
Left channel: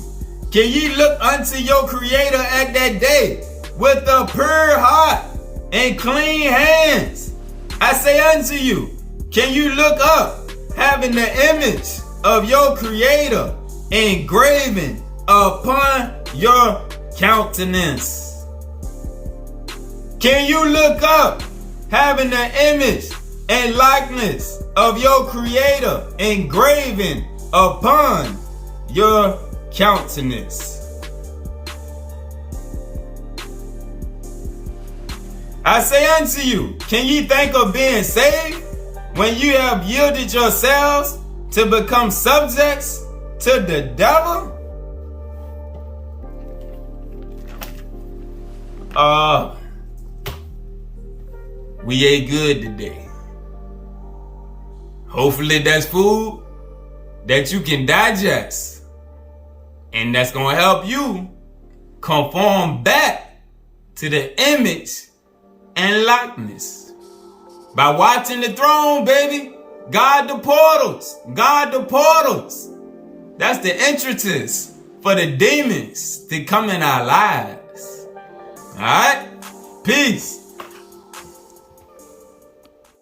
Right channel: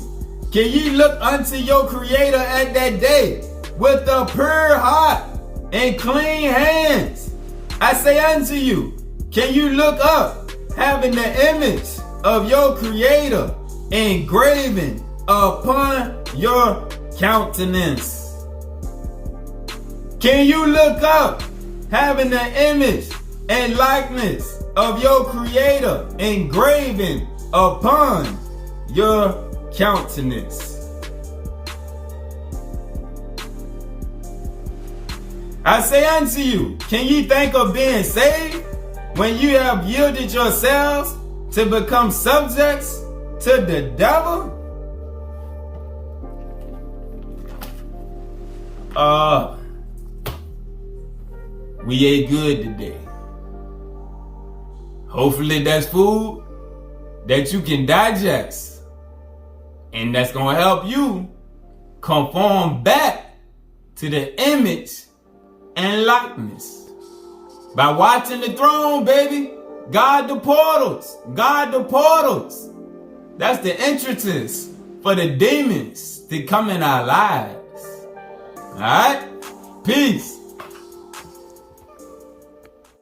can ye look unto your Creator at that day with a pure heart and clean hands? I say unto you, can you look up having the image of your Creator engraven upon your countenance? Can you look up having the image and likeness of your Creator engraven upon your countenance? I say unto you, can ye think of being saved when you have yielded yourselves to become subjects to the devil? We ate good today. Hopefully that's food that you can digest, and that's gonna help you conform back to the image and likeness. By watching the throne, baby, guard the portals, guard the portals. That's the entrances for the demons to come in our lives. All right? Peace.